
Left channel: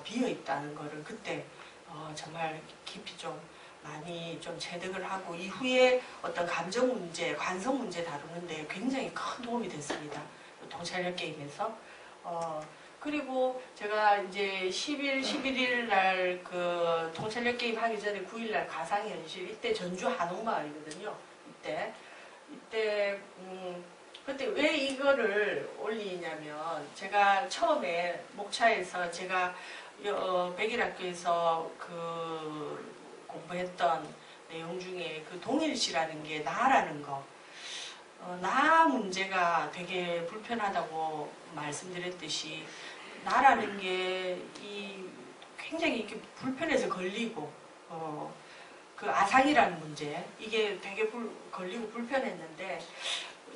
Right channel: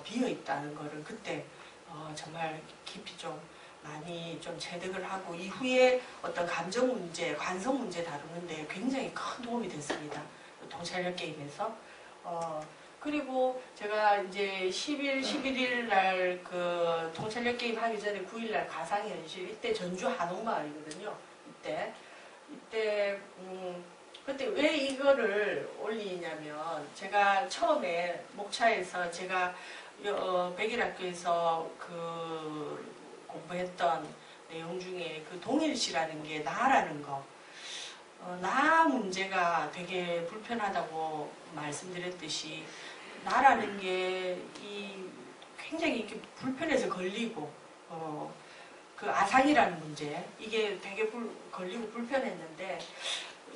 비어있다는 거를 그때 정말 깊이 좀 많이 좀 체득을 하고 이후에 어떤 감정 문제, 관성 문제 다루는데 굉장히 큰 도움이 됐습니다. 통찰력 게임에서. 그리고 제가 이제 10일, 11일 날 그 통찰력 게임 하기 전에 9일 날 가상현실, 이때 전주 한옥마을이거든요. 이때 그때 왜 이거를 올리냐면 제가 처음에 목차에서 제가 백일학교에서 그 공부했던 내용 중에 그 동일시라는 게 나라는 거, 나 문제가 되게 불편하다고 말씀드렸듯이 나라는 게 굉장히 이렇게 불편해서 걸리고 그 아상이라는 문제 이게 되게 걸리고 불편했는데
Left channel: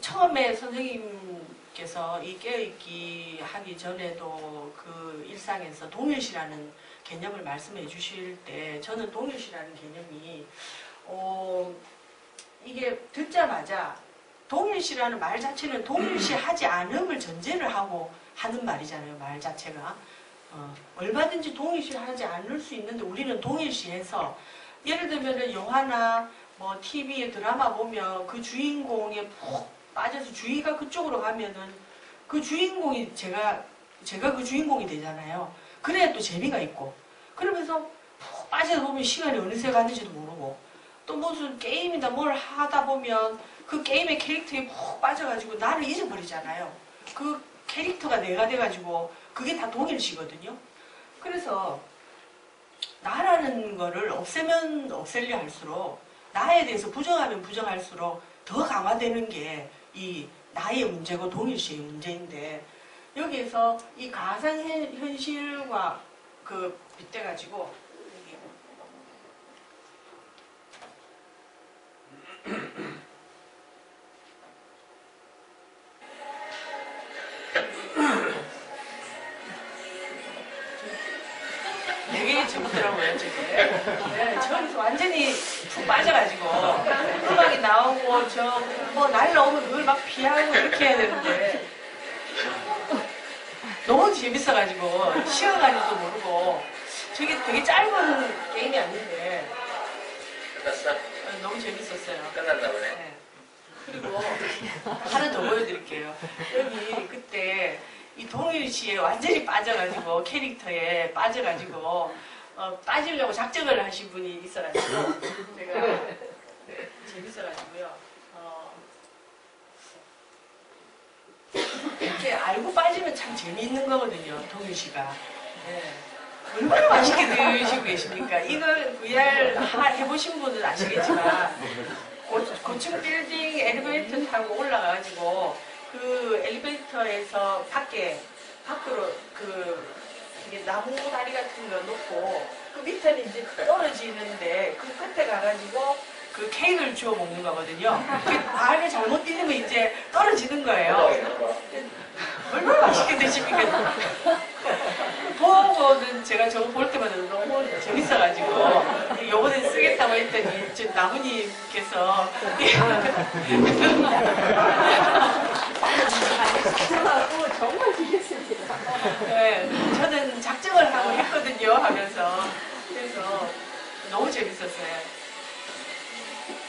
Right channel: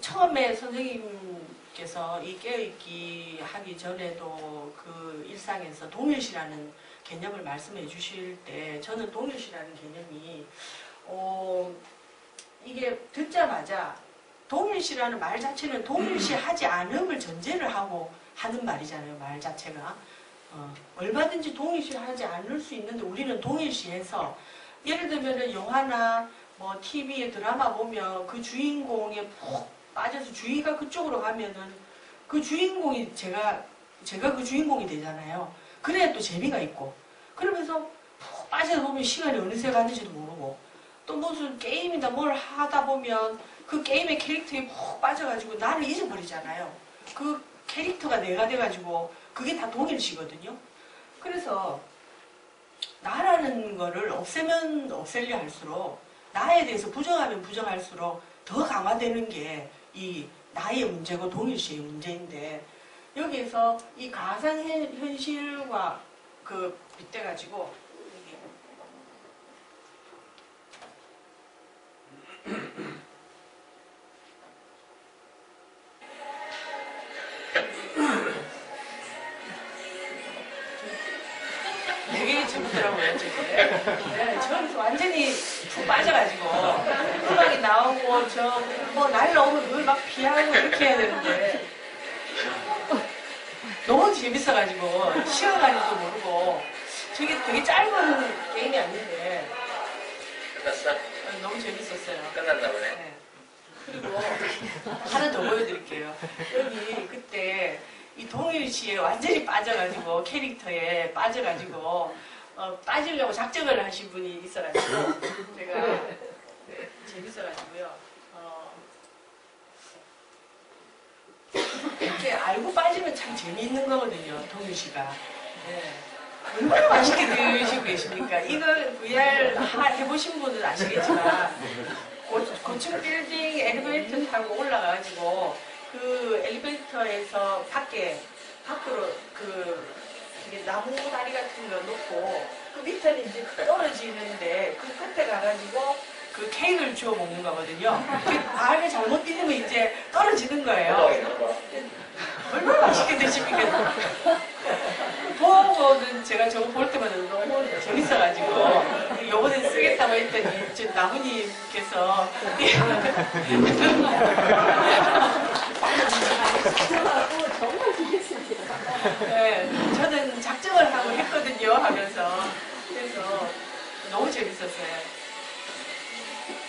처음에 선생님께서 이 깨어있기 하기 전에도 그 일상에서 동일시라는 개념을 말씀해 주실 때 저는 동일시라는 개념이 이게 듣자마자 동일시라는 말 자체는 동일시 하지 않음을 전제를 하고 하는 말이잖아요. 말 자체가 얼마든지 동일시 하지 않을 수 있는데 우리는 동일시해서 예를 들면은 영화나 뭐 TV에 드라마 보면 그 주인공에 푹 빠져서 주의가 그쪽으로 가면은 그 주인공이 제가 그 주인공이 되잖아요. 그래야 또 재미가 있고 그러면서 푹 빠져서 보면 시간이 어느새 갔는지도 모르고 또 무슨 게임이나 뭘 하다 보면 그 게임의 캐릭터에 푹 빠져가지고 나를 잊어버리잖아요. 그 캐릭터가 내가 돼가지고 그게 다 동일시거든요. 그래서 나라는 거를 없애면 없애려 할수록 나에 대해서 부정하면 부정할수록 더 강화되는 게 이 나의 문제고 동일시의 문제인데 여기에서 이 가상현실과 그 빗대가지고 되게 재밌더라고요, 저게. 네, 저기서 완전히 푹 빠져가지고, 음악이 나오고, 뭐, 날라오면 그걸 막 피하고 이렇게 해야 되는데, 너무 재밌어가지고, 시간 가는지도 모르고, 저게 되게 짧은 게임이 아닌데, 끝났어? 너무 재밌었어요. 끝났나 보네. 네. 그리고 하나 더 보여드릴게요. 여기 그때 이 동일시에 완전히 빠져가지고 캐릭터에 빠져가지고 빠지려고 작정을 하신 분이 있어가지고 제가 재밌어가지고요. 이렇게 알고 빠지면 참 재미있는 거거든요. 동일시가. 네. 얼마나 맛있게 드시고 계십니까? 이거 VR 해보신 분은 아시겠지만 고층 빌딩 엘리베이터 타고 올라가가지고 그 엘리베이터에서 밖으로 이게 나무 다리 같은 거 놓고 그 밑에는 이제 떨어지는데 그 끝에 가가지고 그 케이크를 주워 먹는 거거든요. 알게 잘못 뛰면 이제 떨어지는 거예요. 얼마나 맛있게 드십니까? 보고는 제가 저거 볼 때마다 너무 재밌어가지고 요번에 쓰겠다고 했더니 저 나무님께서 정말 재밌습니다. 네, 저는 작정을 하고 했거든요 하면서 그래서 너무 재밌었어요.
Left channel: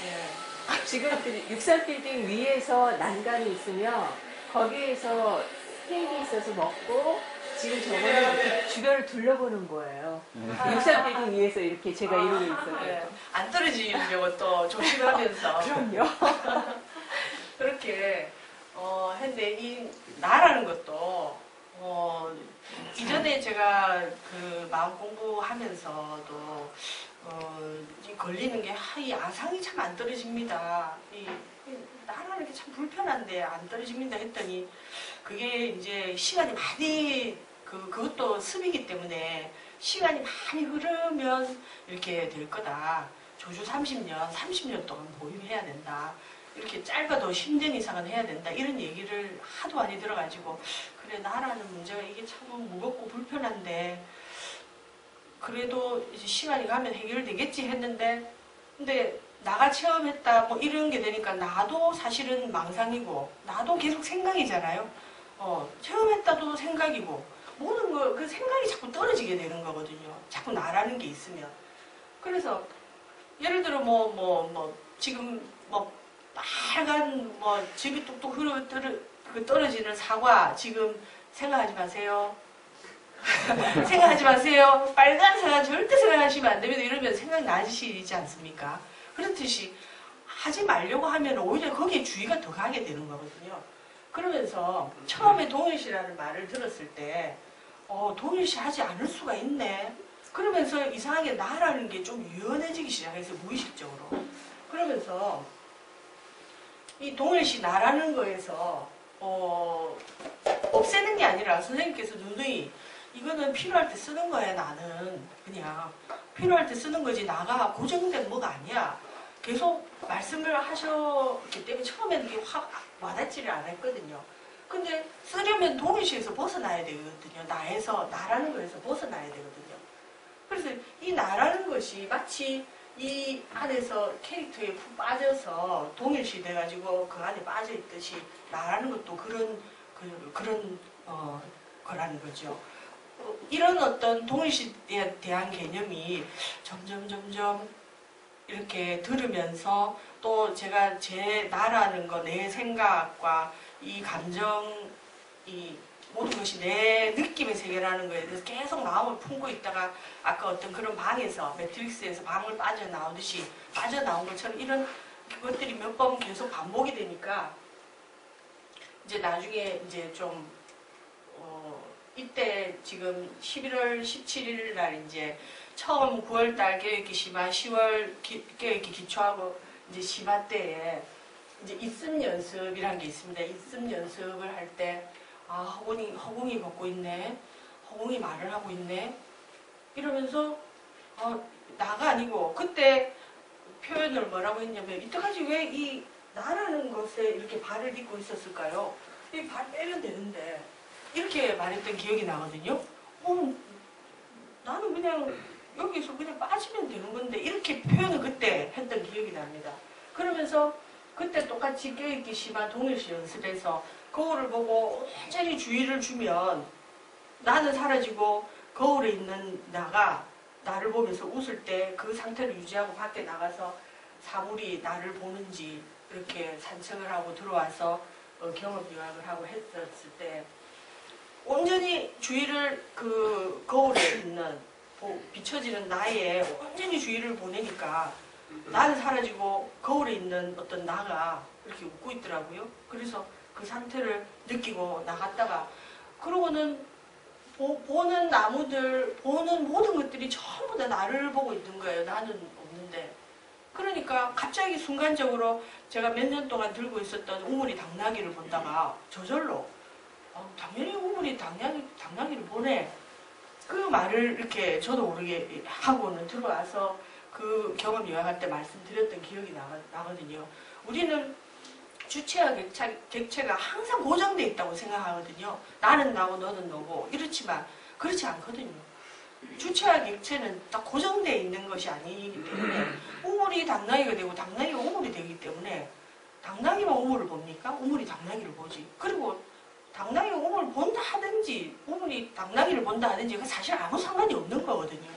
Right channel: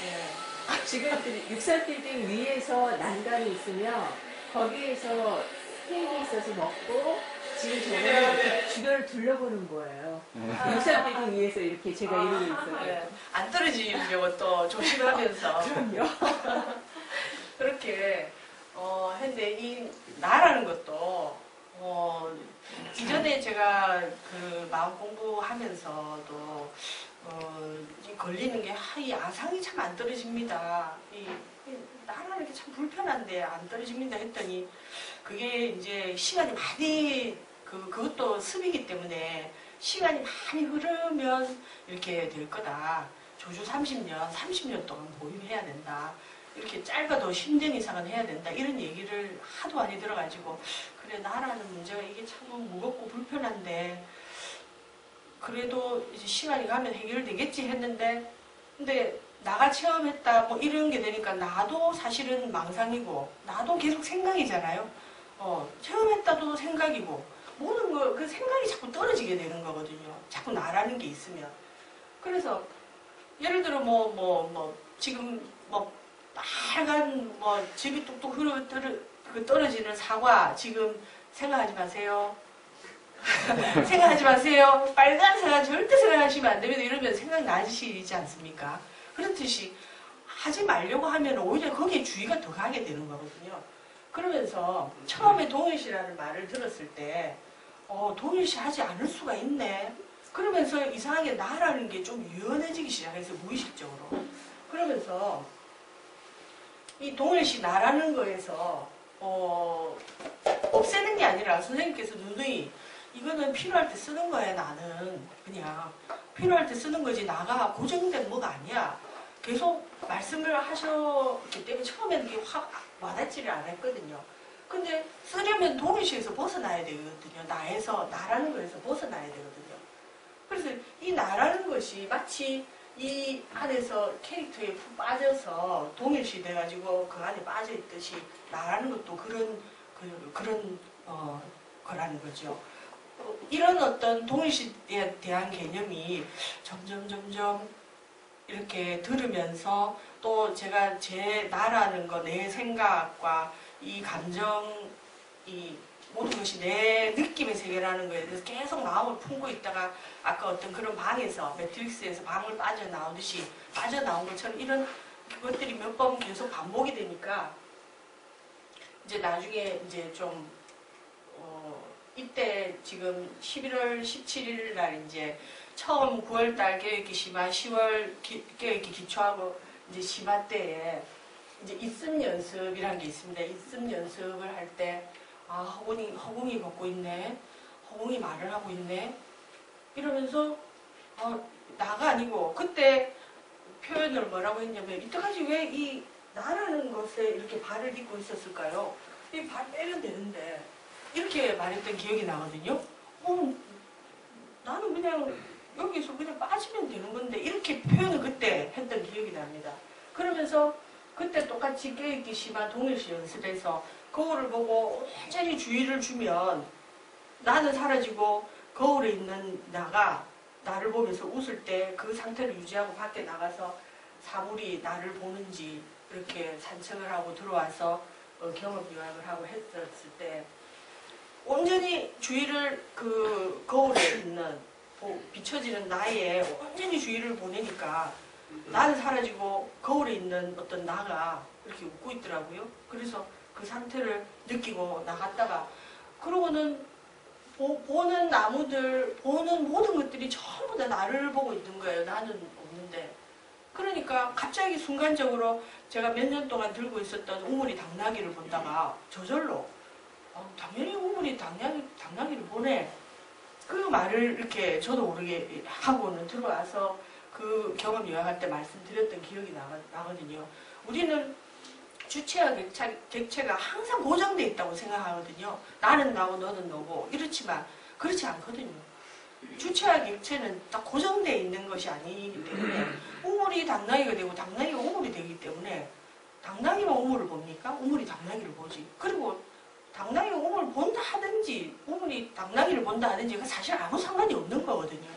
네. 지금 63빌딩 위에서 난간이 있으면 거기에서 케이크 있어서 먹고 지금 저거는 주변을 둘러보는 거예요. 63빌딩 위에서 이렇게 제가 이러고 있어요. 네, 안 떨어지려고 또 조심하면서 그럼요. 그렇게 했는데 이 나라는 것도 이전에 제가 그 마음 공부하면서도 이 걸리는 게 이 아상이 참 안 떨어집니다. 이 나라는 게 참 불편한데 안 떨어집니다 했더니 그게 이제 시간이 많이 그것도 습이기 때문에 시간이 많이 흐르면 이렇게 될 거다. 조주 30년 동안 보유해야 된다. 이렇게 짧아도 10년 이상은 해야 된다. 이런 얘기를 하도 많이 들어가지고 그래 나라는 문제가 이게 참 무겁고 불편한데 그래도 이제 시간이 가면 해결되겠지 했는데 근데 나가 체험했다 뭐 이런 게 되니까 나도 사실은 망상이고 나도 계속 생각이잖아요. 체험했다도 생각이고 모든 거 그 생각이 자꾸 떨어지게 되는 거거든요. 자꾸 나라는 게 있으면. 그래서 예를 들어 지금 빨간 즙이 뚝뚝 떨어지는 사과 지금 생각하지 마세요. 생각하지 마세요. 빨간 사과 절대 생각하시면 안 됩니다. 이러면 생각 나시지 않습니까? 그렇듯이 하지 말려고 하면 오히려 거기에 주의가 더 가게 되는 거거든요. 그러면서 처음에 동일시라는 말을 들었을 때 동일시 하지 않을 수가 있네. 그러면서 이상하게 나라는 게 좀 유연해지기 시작해서 무의식적으로. 그러면서 이 동일시 나라는 거에서 없애는 게 아니라 선생님께서 누누이 이거는 필요할 때 쓰는 거야. 나는 그냥 필요할 때 쓰는 거지 나가 고정된 뭐가 아니야. 계속 말씀을 하셨기 때문에 처음에는 이게 확 와닿지를 않았거든요. 근데 쓰려면 동일시에서 벗어나야 되거든요. 나라는 거에서 벗어나야 되거든요. 그래서 이 나라는 것이 마치 이 안에서 캐릭터에 푹 빠져서 동일시 돼가지고 그 안에 빠져 있듯이 나라는 것도 그런 거라는 거죠. 이런 어떤 동일시에 대한 개념이 점점 이렇게 들으면서 또 제가 제 나라는 거, 내 생각과 이 감정, 이 모든 것이 내 느낌의 세계라는 거에 대해서 계속 마음을 품고 있다가 아까 어떤 그런 방에서 매트릭스에서 방을 빠져나오듯이 빠져나온 것처럼 이런 것들이 몇 번 계속 반복이 되니까 이제 나중에 이제 좀 이때 지금 11월 17일 날 이제 처음 9월달 계획기 심화 10월 계획기 기초하고 이제 심화 때에 이제 입습 연습이라는 게 있습니다. 입습 연습을 할 때 허공이 걷고 있네. 허공이 말을 하고 있네. 이러면서 나가 아니고 그때 표현을 뭐라고 했냐면 이때까지 왜 이 나라는 것에 이렇게 발을 딛고 있었을까요? 이 발 빼면 되는데 이렇게 말했던 기억이 나거든요. 나는 그냥 여기서 그냥 빠지면 되는 건데 이렇게 표현을 그때 했던 기억이 납니다. 그러면서 그때 똑같이 깨있기 심한 동일시 연습에서 거울을 보고 완전히 주의를 주면 나는 사라지고 거울에 있는 나가 나를 보면서 웃을 때 그 상태를 유지하고 밖에 나가서 사물이 나를 보는지 이렇게 산책을 하고 들어와서 경험 요약을 하고 했었을 때 온전히 주의를 그 거울에 있는 비춰지는 나에 온전히 주의를 보내니까 나는 사라지고 거울에 있는 어떤 나가 이렇게 웃고 있더라고요. 그래서 그 상태를 느끼고 나갔다가 그러고는 보는 나무들, 보는 모든 것들이 전부 다 나를 보고 있는 거예요. 나는 없는데. 그러니까 갑자기 순간적으로 제가 몇 년 동안 들고 있었던 우물이 당나귀를 본다가 저절로 당연히 우물이 당나귀를 보네. 그 말을 이렇게 저도 모르게 하고는 들어와서 그 경험 요약할 때 말씀드렸던 기억이 나거든요. 우리는 주체와 객체가 항상 고정되어 있다고 생각하거든요. 나는 나고 너는 너고 이렇지만 그렇지 않거든요. 주체와 객체는 딱 고정되어 있는 것이 아니기 때문에 우물이 당나귀가 되고 당나귀가 우물이 되기 때문에 당나귀만 우물을 봅니까? 우물이 당나귀를 보지. 그리고 당나귀가 우물을 본다 하든지 우물이 당나귀를 본다 하든지 그 사실 아무 상관이 없는 거거든요.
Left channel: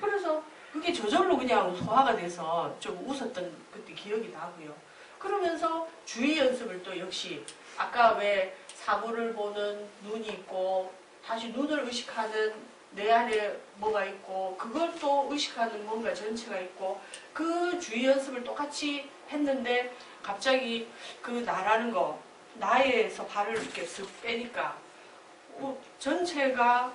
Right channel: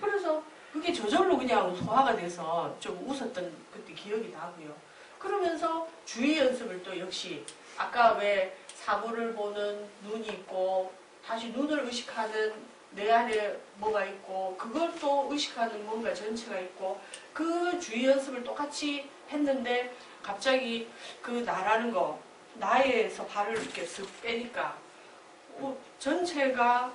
그래서 그게 저절로 그냥 소화가 돼서 좀 웃었던 그때 기억이 나고요. 그러면서 주의 연습을 또 역시 아까 왜 사물을 보는 눈이 있고 다시 눈을 의식하는 내 안에 뭐가 있고 그걸 또 의식하는 뭔가 전체가 있고 그 주의 연습을 똑같이 했는데 갑자기 그 나라는 거 나에서 발을 이렇게 쓱 빼니까 전체가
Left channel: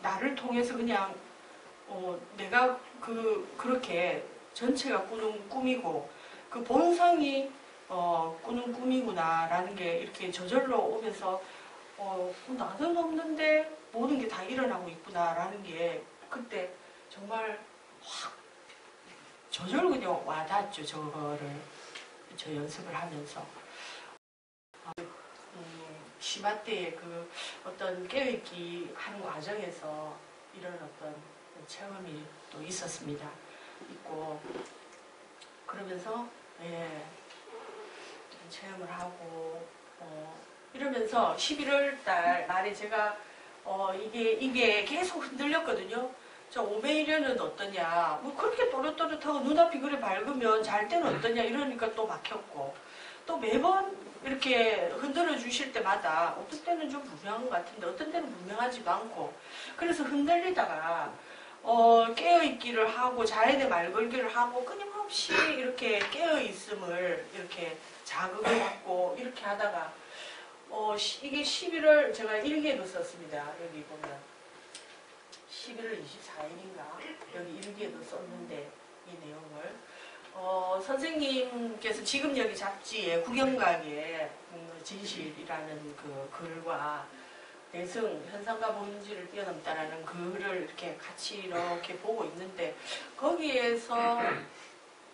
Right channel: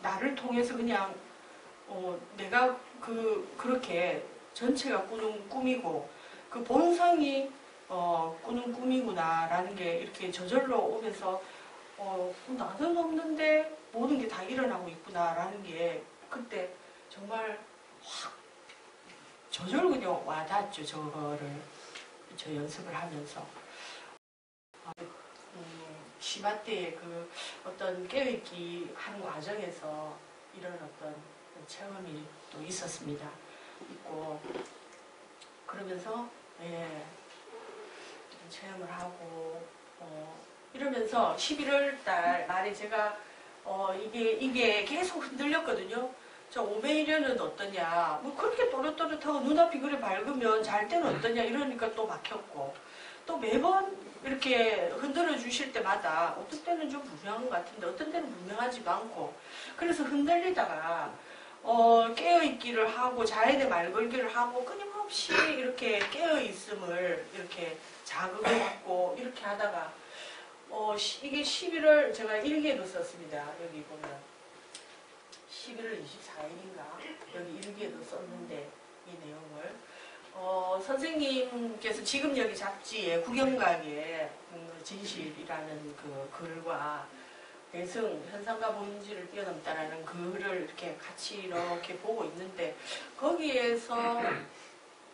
나를 통해서 그냥 내가 그렇게 전체가 꾸는 꿈이고 그 본성이 꾸는 꿈이구나라는 게 이렇게 저절로 오면서 나는 없는데 모든 게 다 일어나고 있구나라는 게 그때 정말 확 저절로 그냥 와닿았죠. 저 연습을 하면서 심화 때의 그 어떤 깨어있기 하는 과정에서 이런 어떤 체험이 또 있고 그러면서 체험을 하고 이러면서 11월 달 말에 제가 이게 계속 흔들렸거든요. 저 오메이려는 어떠냐, 뭐 그렇게 또렷또렷하고 눈앞이 그래 밝으면 잘 때는 어떠냐 이러니까 또 막혔고 또 매번 이렇게 흔들어 주실 때마다 어떤 때는 좀 분명한 것 같은데 어떤 때는 분명하지도 않고 그래서 흔들리다가 깨어있기를 하고 자연의 말걸기를 하고 끊임없이 이렇게 깨어있음을 이렇게 자극을 받고 이렇게 하다가 이게 11월 제가 일기에도 썼습니다. 여기 보면 11월 24일인가 여기 일기에도 썼는데 이 내용을. 선생님께서 지금 여기 잡지에 구경각의 진실이라는 그 글과 내승, 현상과 본질을 뛰어넘다라는 글을 이렇게 같이 이렇게 보고 있는데 거기에서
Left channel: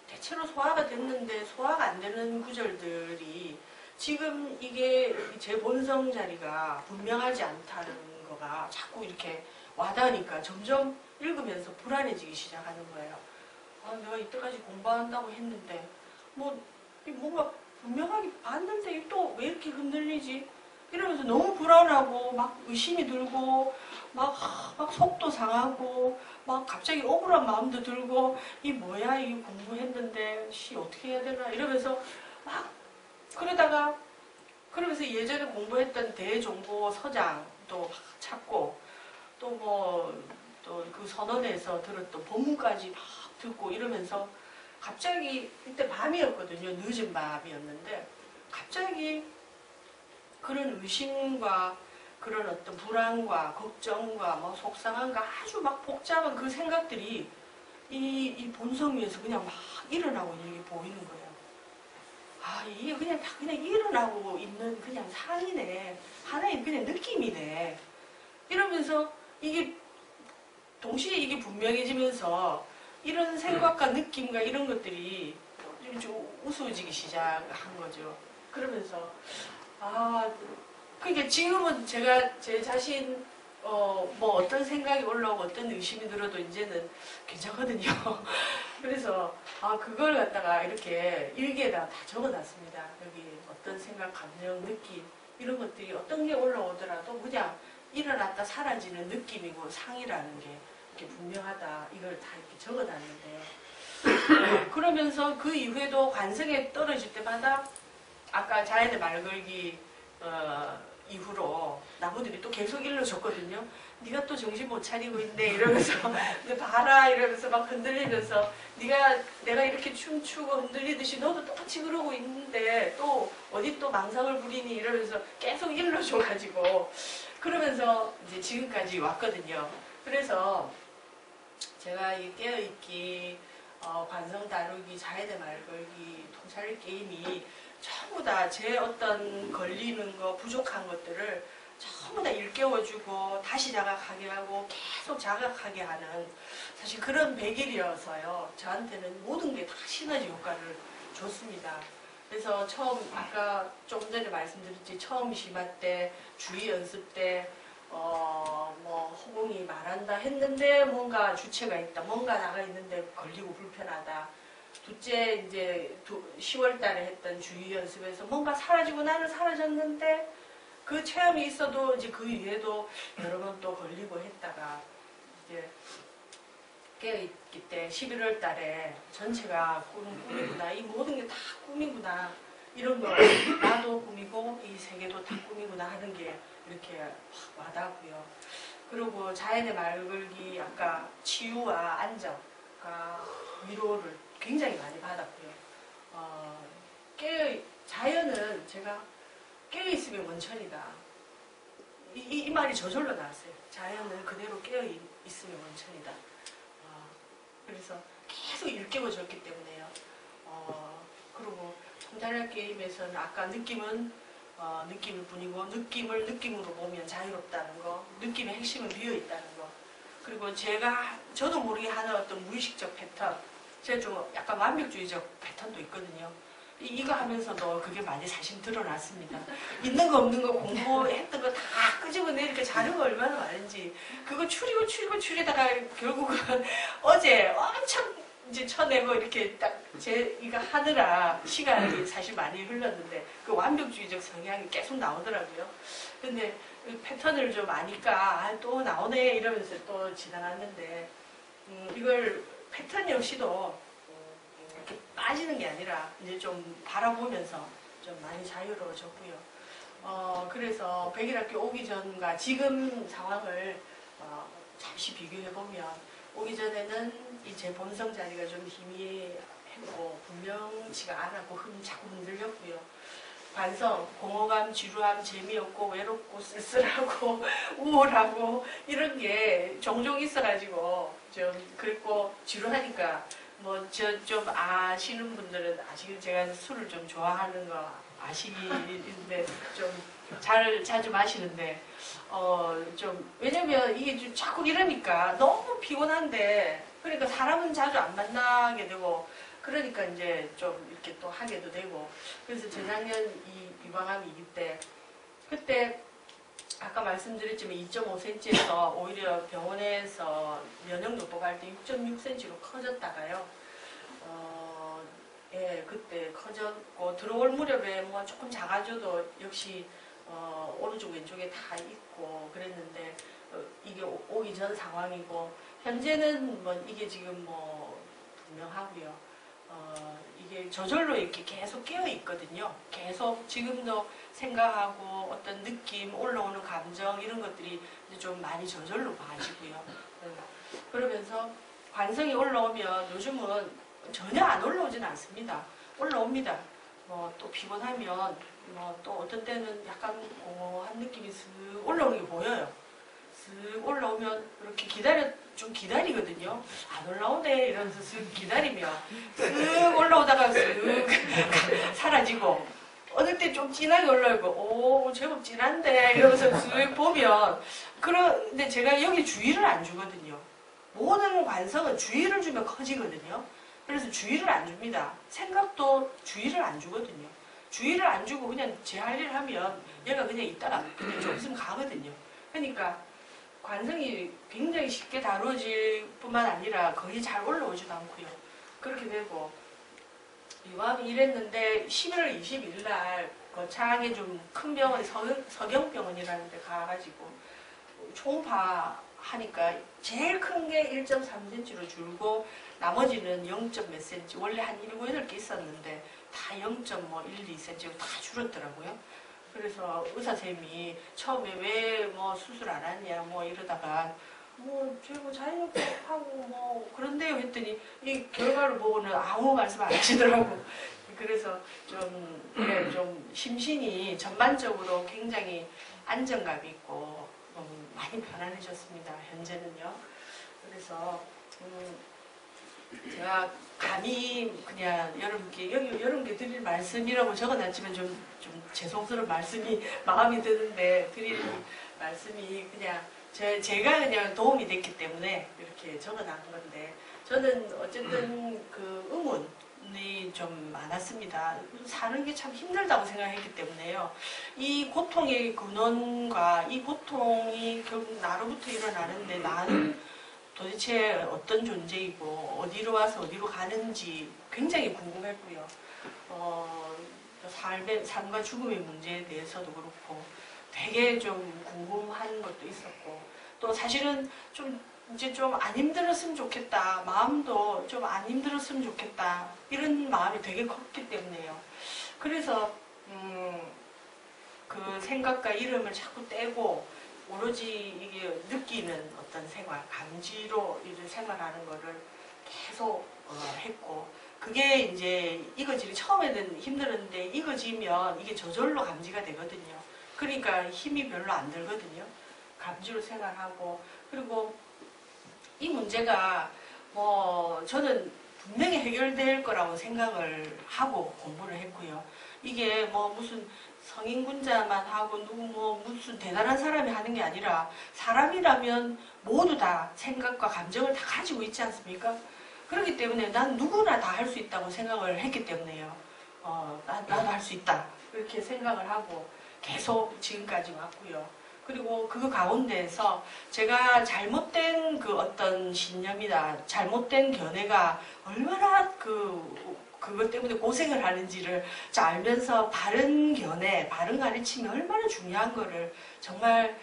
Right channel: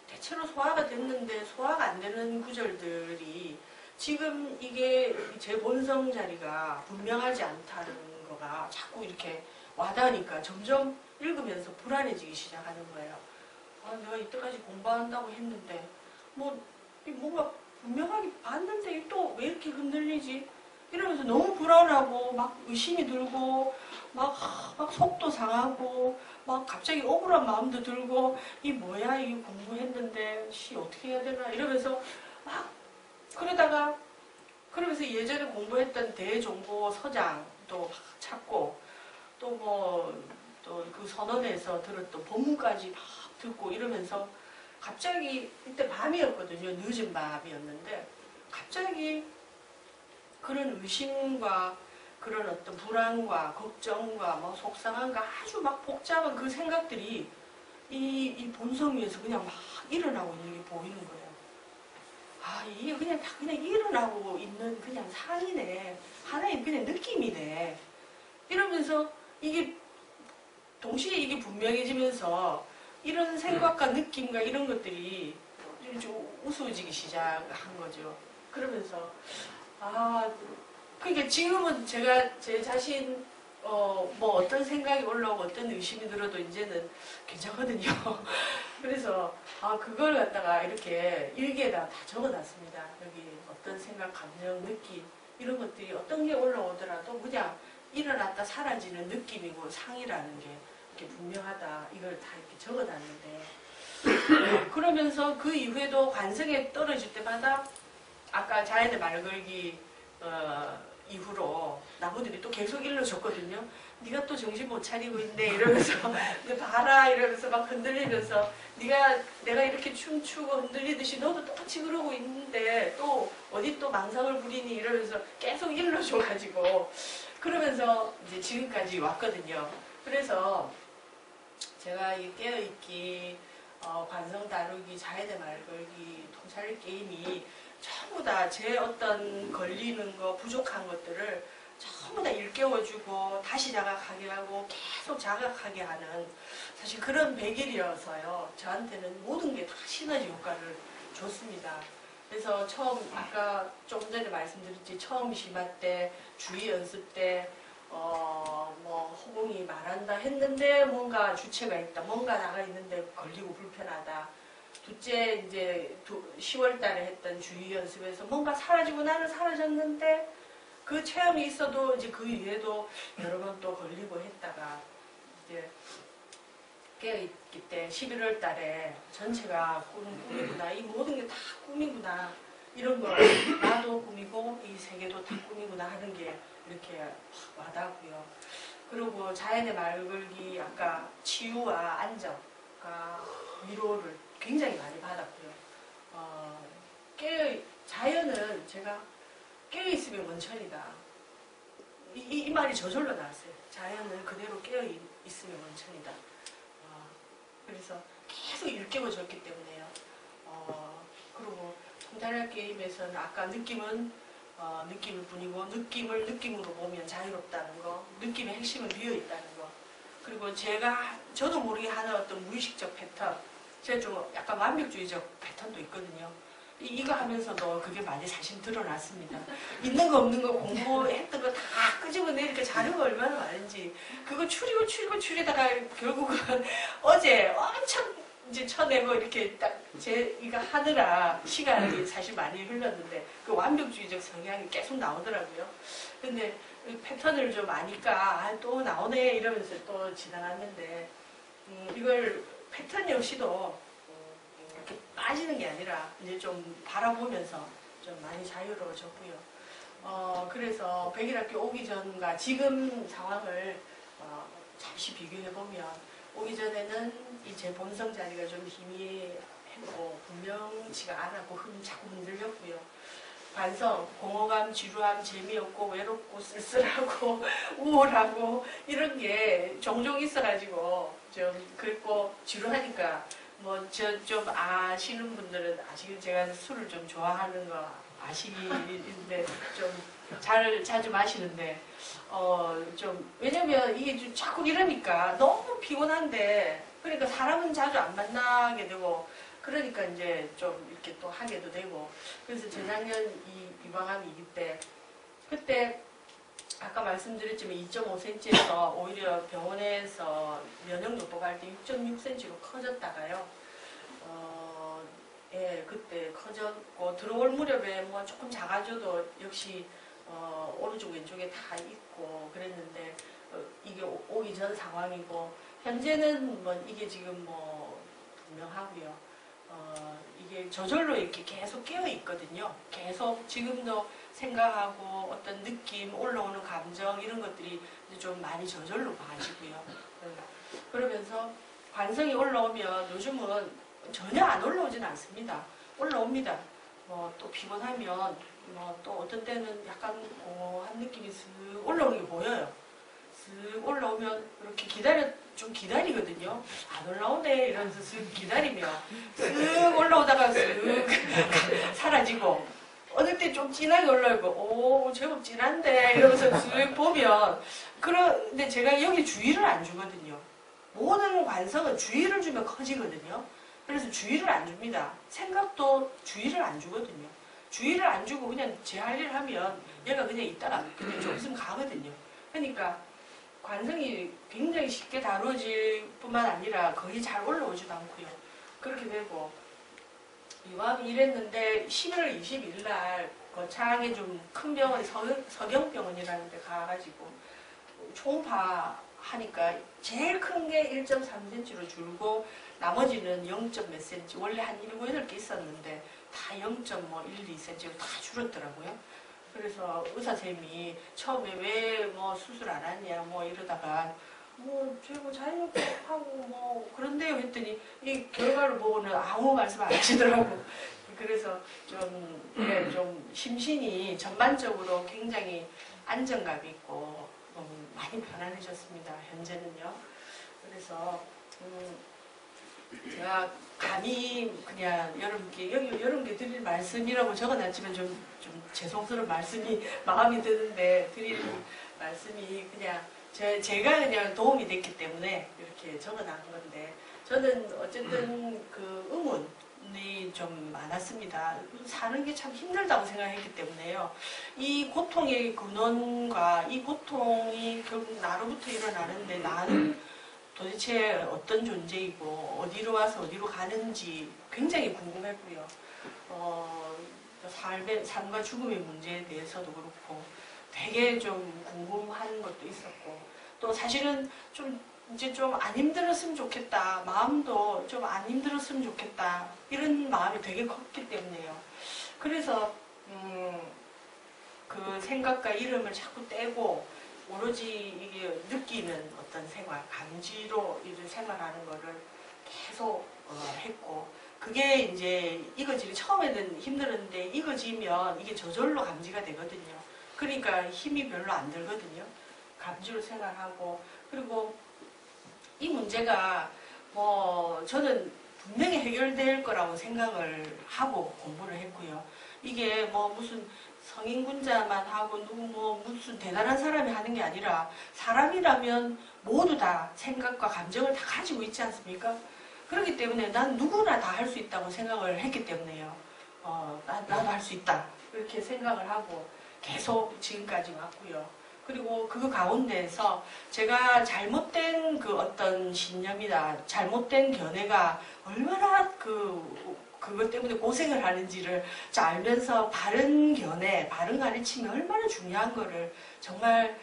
대체로 소화가 됐는데 소화가 안 되는 구절들이 지금 이게 제 본성 자리가 분명하지 않다는 거가 자꾸 이렇게 와닿으니까 점점 읽으면서 불안해지기 시작하는 거예요. 내가 이때까지 공부한다고 했는데 뭔가 분명하게 봤는데 또 왜 이렇게 흔들리지? 이러면서 너무 불안하고 막 의심이 들고 막 속도 상하고 막 갑자기 억울한 마음도 들고 이 뭐야 이게 공부했는데 어떻게 해야 되나 이러면서 막 그러면서 예전에 공부했던 대정보 서장도 막 찾고 또 그 선언에서 들었던 본문까지 막 듣고 이러면서 갑자기 이때 밤이었거든요. 늦은 밤이었는데 갑자기 그런 의심과 그런 어떤 불안과 걱정과 뭐 속상함과 아주 막 복잡한 그 생각들이 이 본성 위에서 그냥 막 일어나고 있는 게 보이는 거예요. 이게 그냥 다 그냥 일어나고 있는 그냥 상이네. 하나의 그냥 느낌이네. 이러면서 동시에 이게 분명해지면서 이런 생각과 느낌과 이런 것들이 좀 우스워지기 시작한 거죠. 그러면서 그러니까 지금은 제가 제 자신 어떤 생각이 올라오고 어떤 의심이 들어도 이제는 괜찮거든요. 그래서 그걸 갖다가 이렇게 일기에다 다 적어놨습니다. 여기 어떤 생각, 감정, 느낌 이런 것들이 어떤 게 올라오더라도 그냥 일어났다 사라지는 느낌이고 상이라는 게 이렇게 분명하다. 이걸 다 이렇게 적어놨는데 그러면서 그 이후에도 관성에 떨어질 때마다 아까 자연의 말 걸기 이후로 나무들이 또 계속 일러줬거든요. 네가 또 정신 못 차리고 있네 이러면서 봐라 이러면서 막 흔들리면서 내가 이렇게 춤추고 흔들리듯이 너도 똑같이 그러고 있는데 또 어디 또 망상을 부리니 이러면서 계속 일러줘가지고 그러면서 이제 지금까지 왔거든요. 그래서 제가 이 깨어있기, 관성 다루기, 자연의 말 걸기, 통찰 게임이 전부 다 제 어떤 걸리는 거, 부족한 것들을 전부 다 일깨워주고 다시 자각하게 하고 계속 자각하게 하는 사실 그런 100일이어서요. 저한테는 모든 게 다 시너지 효과를 줬습니다. 그래서 처음 아까 조금 전에 말씀드렸지 처음 심화 때 주의 연습 때 허공이 말한다 했는데 뭔가 주체가 있다. 뭔가 나가 있는데 걸리고 불편하다. 둘째 이제 10월 달에 했던 주의 연습에서 뭔가 사라지고 나는 사라졌는데 그 체험이 있어도 이제 그 이후에도 여러 번 또 걸리고 했다가 이제 깨어있기 때 11월 달에 전체가 꿈이구나. 이 모든 게 다 꿈이구나. 이런 거 나도 꿈이고 이 세계도 다 꿈이구나 하는 게 이렇게 확 와닿고요. 그리고 자연의 말 걸기 아까 치유와 안정과 위로를 굉장히 많이 받았고요. 자연은 제가 깨어있으면 원천이다. 이 말이 저절로 나왔어요. 자연은 그대로 깨어있으면 원천이다. 그래서 계속 일깨워줬기 때문에요. 그리고 통달할 게임에서는 아까 느낌은 느낌일 뿐이고 느낌을 느낌으로 보면 자유롭다는 거, 느낌의 핵심은 비어있다는 거. 그리고 저도 모르게 하는 어떤 무의식적 패턴, 제가 좀 약간 완벽주의적 패턴도 있거든요. 이거 하면서도 그게 많이 사실 드러났습니다. 있는 거 없는 거 공부했던 거 다 끄집어내니까 자료가 얼마나 많은지 그거 추리다가 결국은 어제 엄청 이제 쳐내고 이렇게 딱 이거 하느라 시간이 사실 많이 흘렀는데 그 완벽주의적 성향이 계속 나오더라고요. 근데 패턴을 좀 아니까 또 나오네 이러면서 또 지나갔는데 이걸 패턴 역시도 이렇게 빠지는 게 아니라 이제 좀 바라보면서 좀 많이 자유로워졌고요. 그래서 100일학교 오기 전과 지금 상황을 잠시 비교해보면 오기 전에는 이 제 본성 자리가 좀 희미했고 분명치가 않았고 자꾸 흔들렸고요. 관성, 공허감, 지루함, 재미없고 외롭고 쓸쓸하고 우울하고 이런 게 종종 있어가지고 좀 그랬고 지루하니까 뭐 저 좀 아시는 분들은 아시는 제가 술을 좀 좋아하는 거 아시는데 좀 자주 마시는데 좀 왜냐면 이게 좀 자꾸 이러니까 너무 피곤한데 그러니까 사람은 자주 안 만나게 되고 그러니까 이제 좀 이렇게 또 하게도 되고 그래서 재작년 이 비방암 위기 때 그때 아까 말씀드렸지만 2.5cm에서 오히려 병원에서 면역 요법할 때 6.6cm로 커졌다가요. 예, 그때 커졌고 들어올 무렵에 뭐 조금 작아져도 역시 오른쪽 왼쪽에 다 있고 그랬는데 이게 오기 전 상황이고 현재는 뭐 이게 지금 뭐 분명하고요. 이게 저절로 이렇게 계속 깨어 있거든요. 계속 지금도 생각하고 어떤 느낌, 올라오는 감정 이런 것들이 이제 좀 많이 저절로 봐지고요. 그러면서 관성이 올라오면 요즘은 전혀 안 올라오진 않습니다. 올라옵니다. 뭐 또 피곤하면 뭐 또 어떤 때는 약간 공허한 느낌이 쓱 올라오는 게 보여요. 쓱 올라오면 이렇게 좀 기다리거든요. 안 올라오네 이러면서 쓱 기다리면 쓱 올라오다가 쓱 사라지고 어느 때 좀 진하게 올라오고 오 제법 진한데 이러면서 쓱 보면 그런데 제가 여기 주의를 안 주거든요. 모든 관성은 주의를 주면 커지거든요. 그래서 주의를 안 줍니다. 생각도 주의를 안 주거든요. 주의를 안 주고 그냥 제 할 일을 하면 얘가 그냥 있다가 그냥 좀 있으면 가거든요. 그러니까 관성이 굉장히 쉽게 다루어질 뿐만 아니라 거의 잘 올라오지도 않고요. 그렇게 되고 유암이 이랬는데 11월 22일 날 거창하게 좀 큰 병원 서경병원이라는 데 가가지고 초음파 하니까 제일 큰 게 1.3cm로 줄고 나머지는 0. 몇 cm 원래 한 7, 8개 있었는데 다 0.1, 2cm로 다 줄었더라고요. 그래서 의사쌤이 처음에 왜 뭐 수술 안 하냐 뭐 이러다가 뭐 저희 뭐 자연요법하고 뭐 그런데요 했더니 이 결과를 보고는 아무 말씀 안 하시더라고. 그래서 좀 심신이 전반적으로 굉장히 안정감 있고 많이 편안해졌습니다. 현재는요. 그래서 제가 감히 그냥 여러분께 드릴 말씀이라고 적어놨지만 좀 죄송스러운 말씀이 마음이 드는데 드릴 말씀이 그냥 제가 그냥 도움이 됐기 때문에 이렇게 적어놓은 건데 저는 어쨌든 그 의문이 좀 많았습니다. 사는 게 참 힘들다고 생각했기 때문에요. 이 고통의 근원과 이 고통이 결국 나로부터 일어나는데 나는 도대체 어떤 존재이고 어디로 와서 어디로 가는지 굉장히 궁금했고요. 삶과 죽음의 문제에 대해서도 그렇고 되게 좀 궁금한 것도 있었고 또 사실은 좀 이제 좀 안 힘들었으면 좋겠다. 마음도 좀 안 힘들었으면 좋겠다. 이런 마음이 되게 컸기 때문에요. 그래서 그 생각과 이름을 자꾸 떼고 오로지 이게 느끼는 어떤 생활, 감지로 이제 생활하는 거를 계속 했고 그게 이제 이거지 처음에는 힘들었는데 이거지면 이게 저절로 감지가 되거든요. 그러니까 힘이 별로 안 들거든요. 감지로 생활하고 그리고 이 문제가 뭐 저는 분명히 해결될 거라고 생각을 하고 공부를 했고요. 이게 뭐 무슨 성인군자만 하고 누구 뭐 무슨 대단한 사람이 하는 게 아니라 사람이라면 모두 다 생각과 감정을 다 가지고 있지 않습니까? 그렇기 때문에 난 누구나 다 할 수 있다고 생각을 했기 때문에요. 나도 할 수 있다 이렇게 생각을 하고 계속 지금까지 왔고요. 그리고 그 가운데에서 제가 잘못된 그 어떤 신념이나 잘못된 견해가 얼마나 그것 때문에 고생을 하는지를 알면서 바른 견해, 바른 가르침이 얼마나 중요한 거를 정말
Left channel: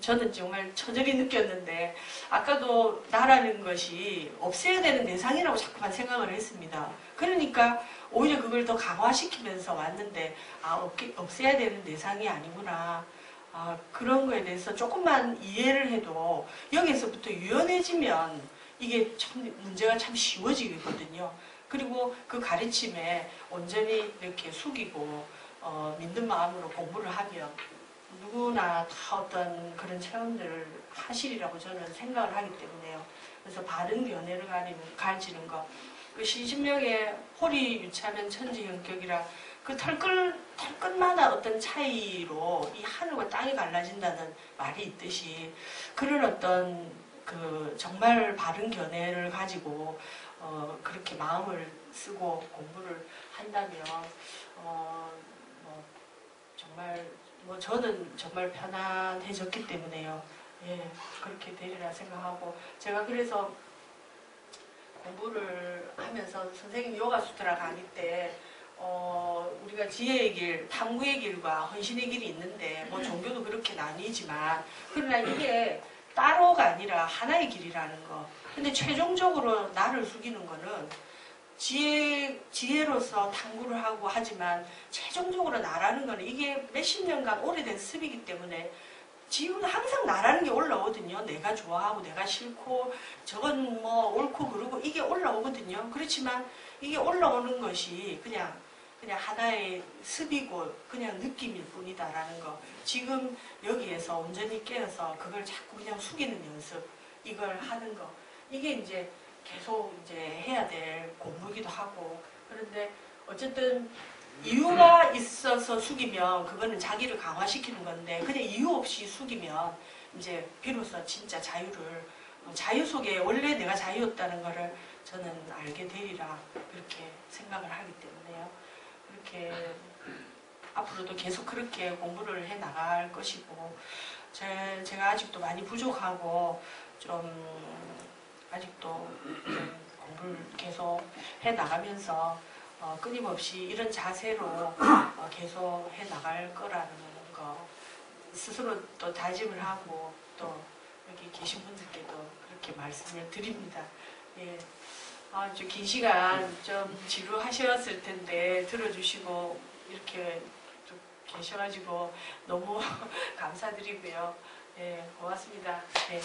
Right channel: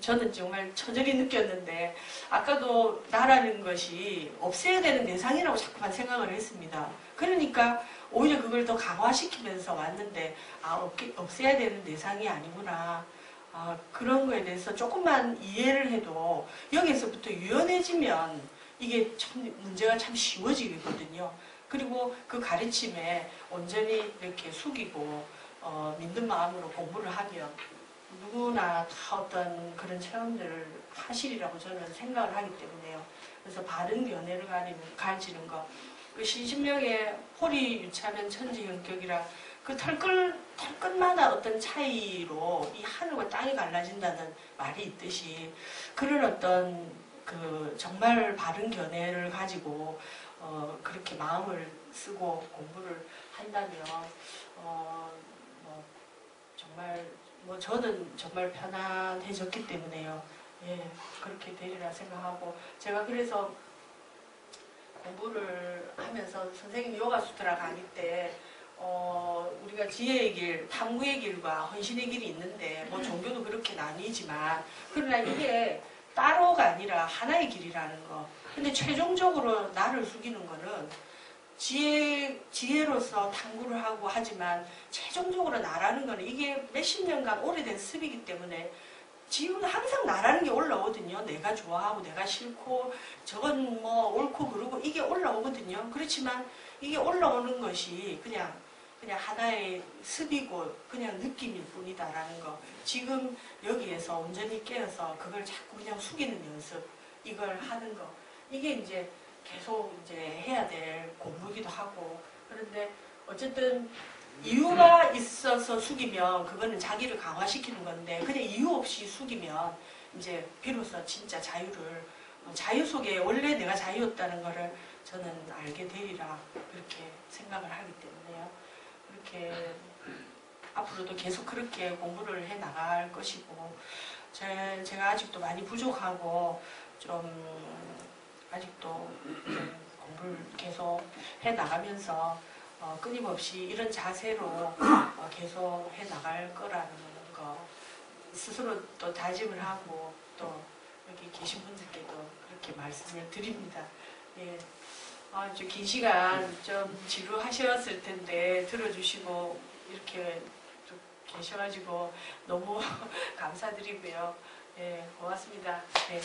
저는 정말 처절히 느꼈는데 아까도 나라는 것이 없애야 되는 대상이라고 자꾸만 생각을 했습니다. 그러니까 오히려 그걸 더 강화시키면서 왔는데 없애야 되는 대상이 아니구나. 그런 거에 대해서 조금만 이해를 해도 여기서부터 유연해지면 이게 참 문제가 참 쉬워지거든요. 그리고 그 가르침에 온전히 이렇게 숙이고 믿는 마음으로 공부를 하면 누구나 다 어떤 그런 체험들을 하시리라고 저는 생각을 하기 때문에요. 그래서 바른 견해를 가지는 것. 그 신신명의 호리 유차는 천지형격이라 그 털끝마다 어떤 차이로 이 하늘과 땅이 갈라진다는 말이 있듯이 그런 어떤 그 정말 바른 견해를 가지고 그렇게 마음을 쓰고 공부를 한다면 정말 저는 정말 편안해졌기 때문에요. 예, 그렇게 되리라 생각하고 제가 그래서 공부를 하면서 선생님 요가수트라 강의 때 우리가 지혜의 길, 탐구의 길과 헌신의 길이 있는데 뭐 종교도 그렇게 나뉘지만 그러나 이게 따로가 아니라 하나의 길이라는 거. 근데 최종적으로 나를 숙이는 거는 지혜로서 탐구를 하고 하지만 최종적으로 나라는 거는 이게 몇십 년간 오래된 습이기 때문에 지금은 항상 나라는 게 올라오거든요. 내가 좋아하고 내가 싫고 저건 뭐 옳고 그르고 이게 올라오거든요. 그렇지만 이게 올라오는 것이 그냥 하나의 습이고 그냥 느낌일 뿐이다라는 거. 지금 여기에서 온전히 깨어서 그걸 자꾸 그냥 숙이는 연습, 이걸 하는 거. 이게 이제 계속 이제 해야 될 공부이기도 하고. 그런데 어쨌든 이유가 있어서 숙이면 그거는 자기를 강화시키는 건데 그냥 이유 없이 숙이면 이제 비로소 진짜 자유를 자유 속에 원래 내가 자유였다는 거를 저는 알게 되리라 그렇게 생각을 하기 때문에요. 그렇게 앞으로도 계속 그렇게 공부를 해 나갈 것이고 제가 아직도 많이 부족하고 좀 아직도 공부를 계속 해 나가면서 끊임없이 이런 자세로 계속 해 나갈 거라는 거 스스로 또 다짐을 하고 또 여기 계신 분들께도 그렇게 말씀을 드립니다. 예. 좀 긴 시간 좀 지루하셨을 텐데 들어주시고 이렇게 좀 계셔가지고 너무 감사드리고요. 예, 고맙습니다. 네.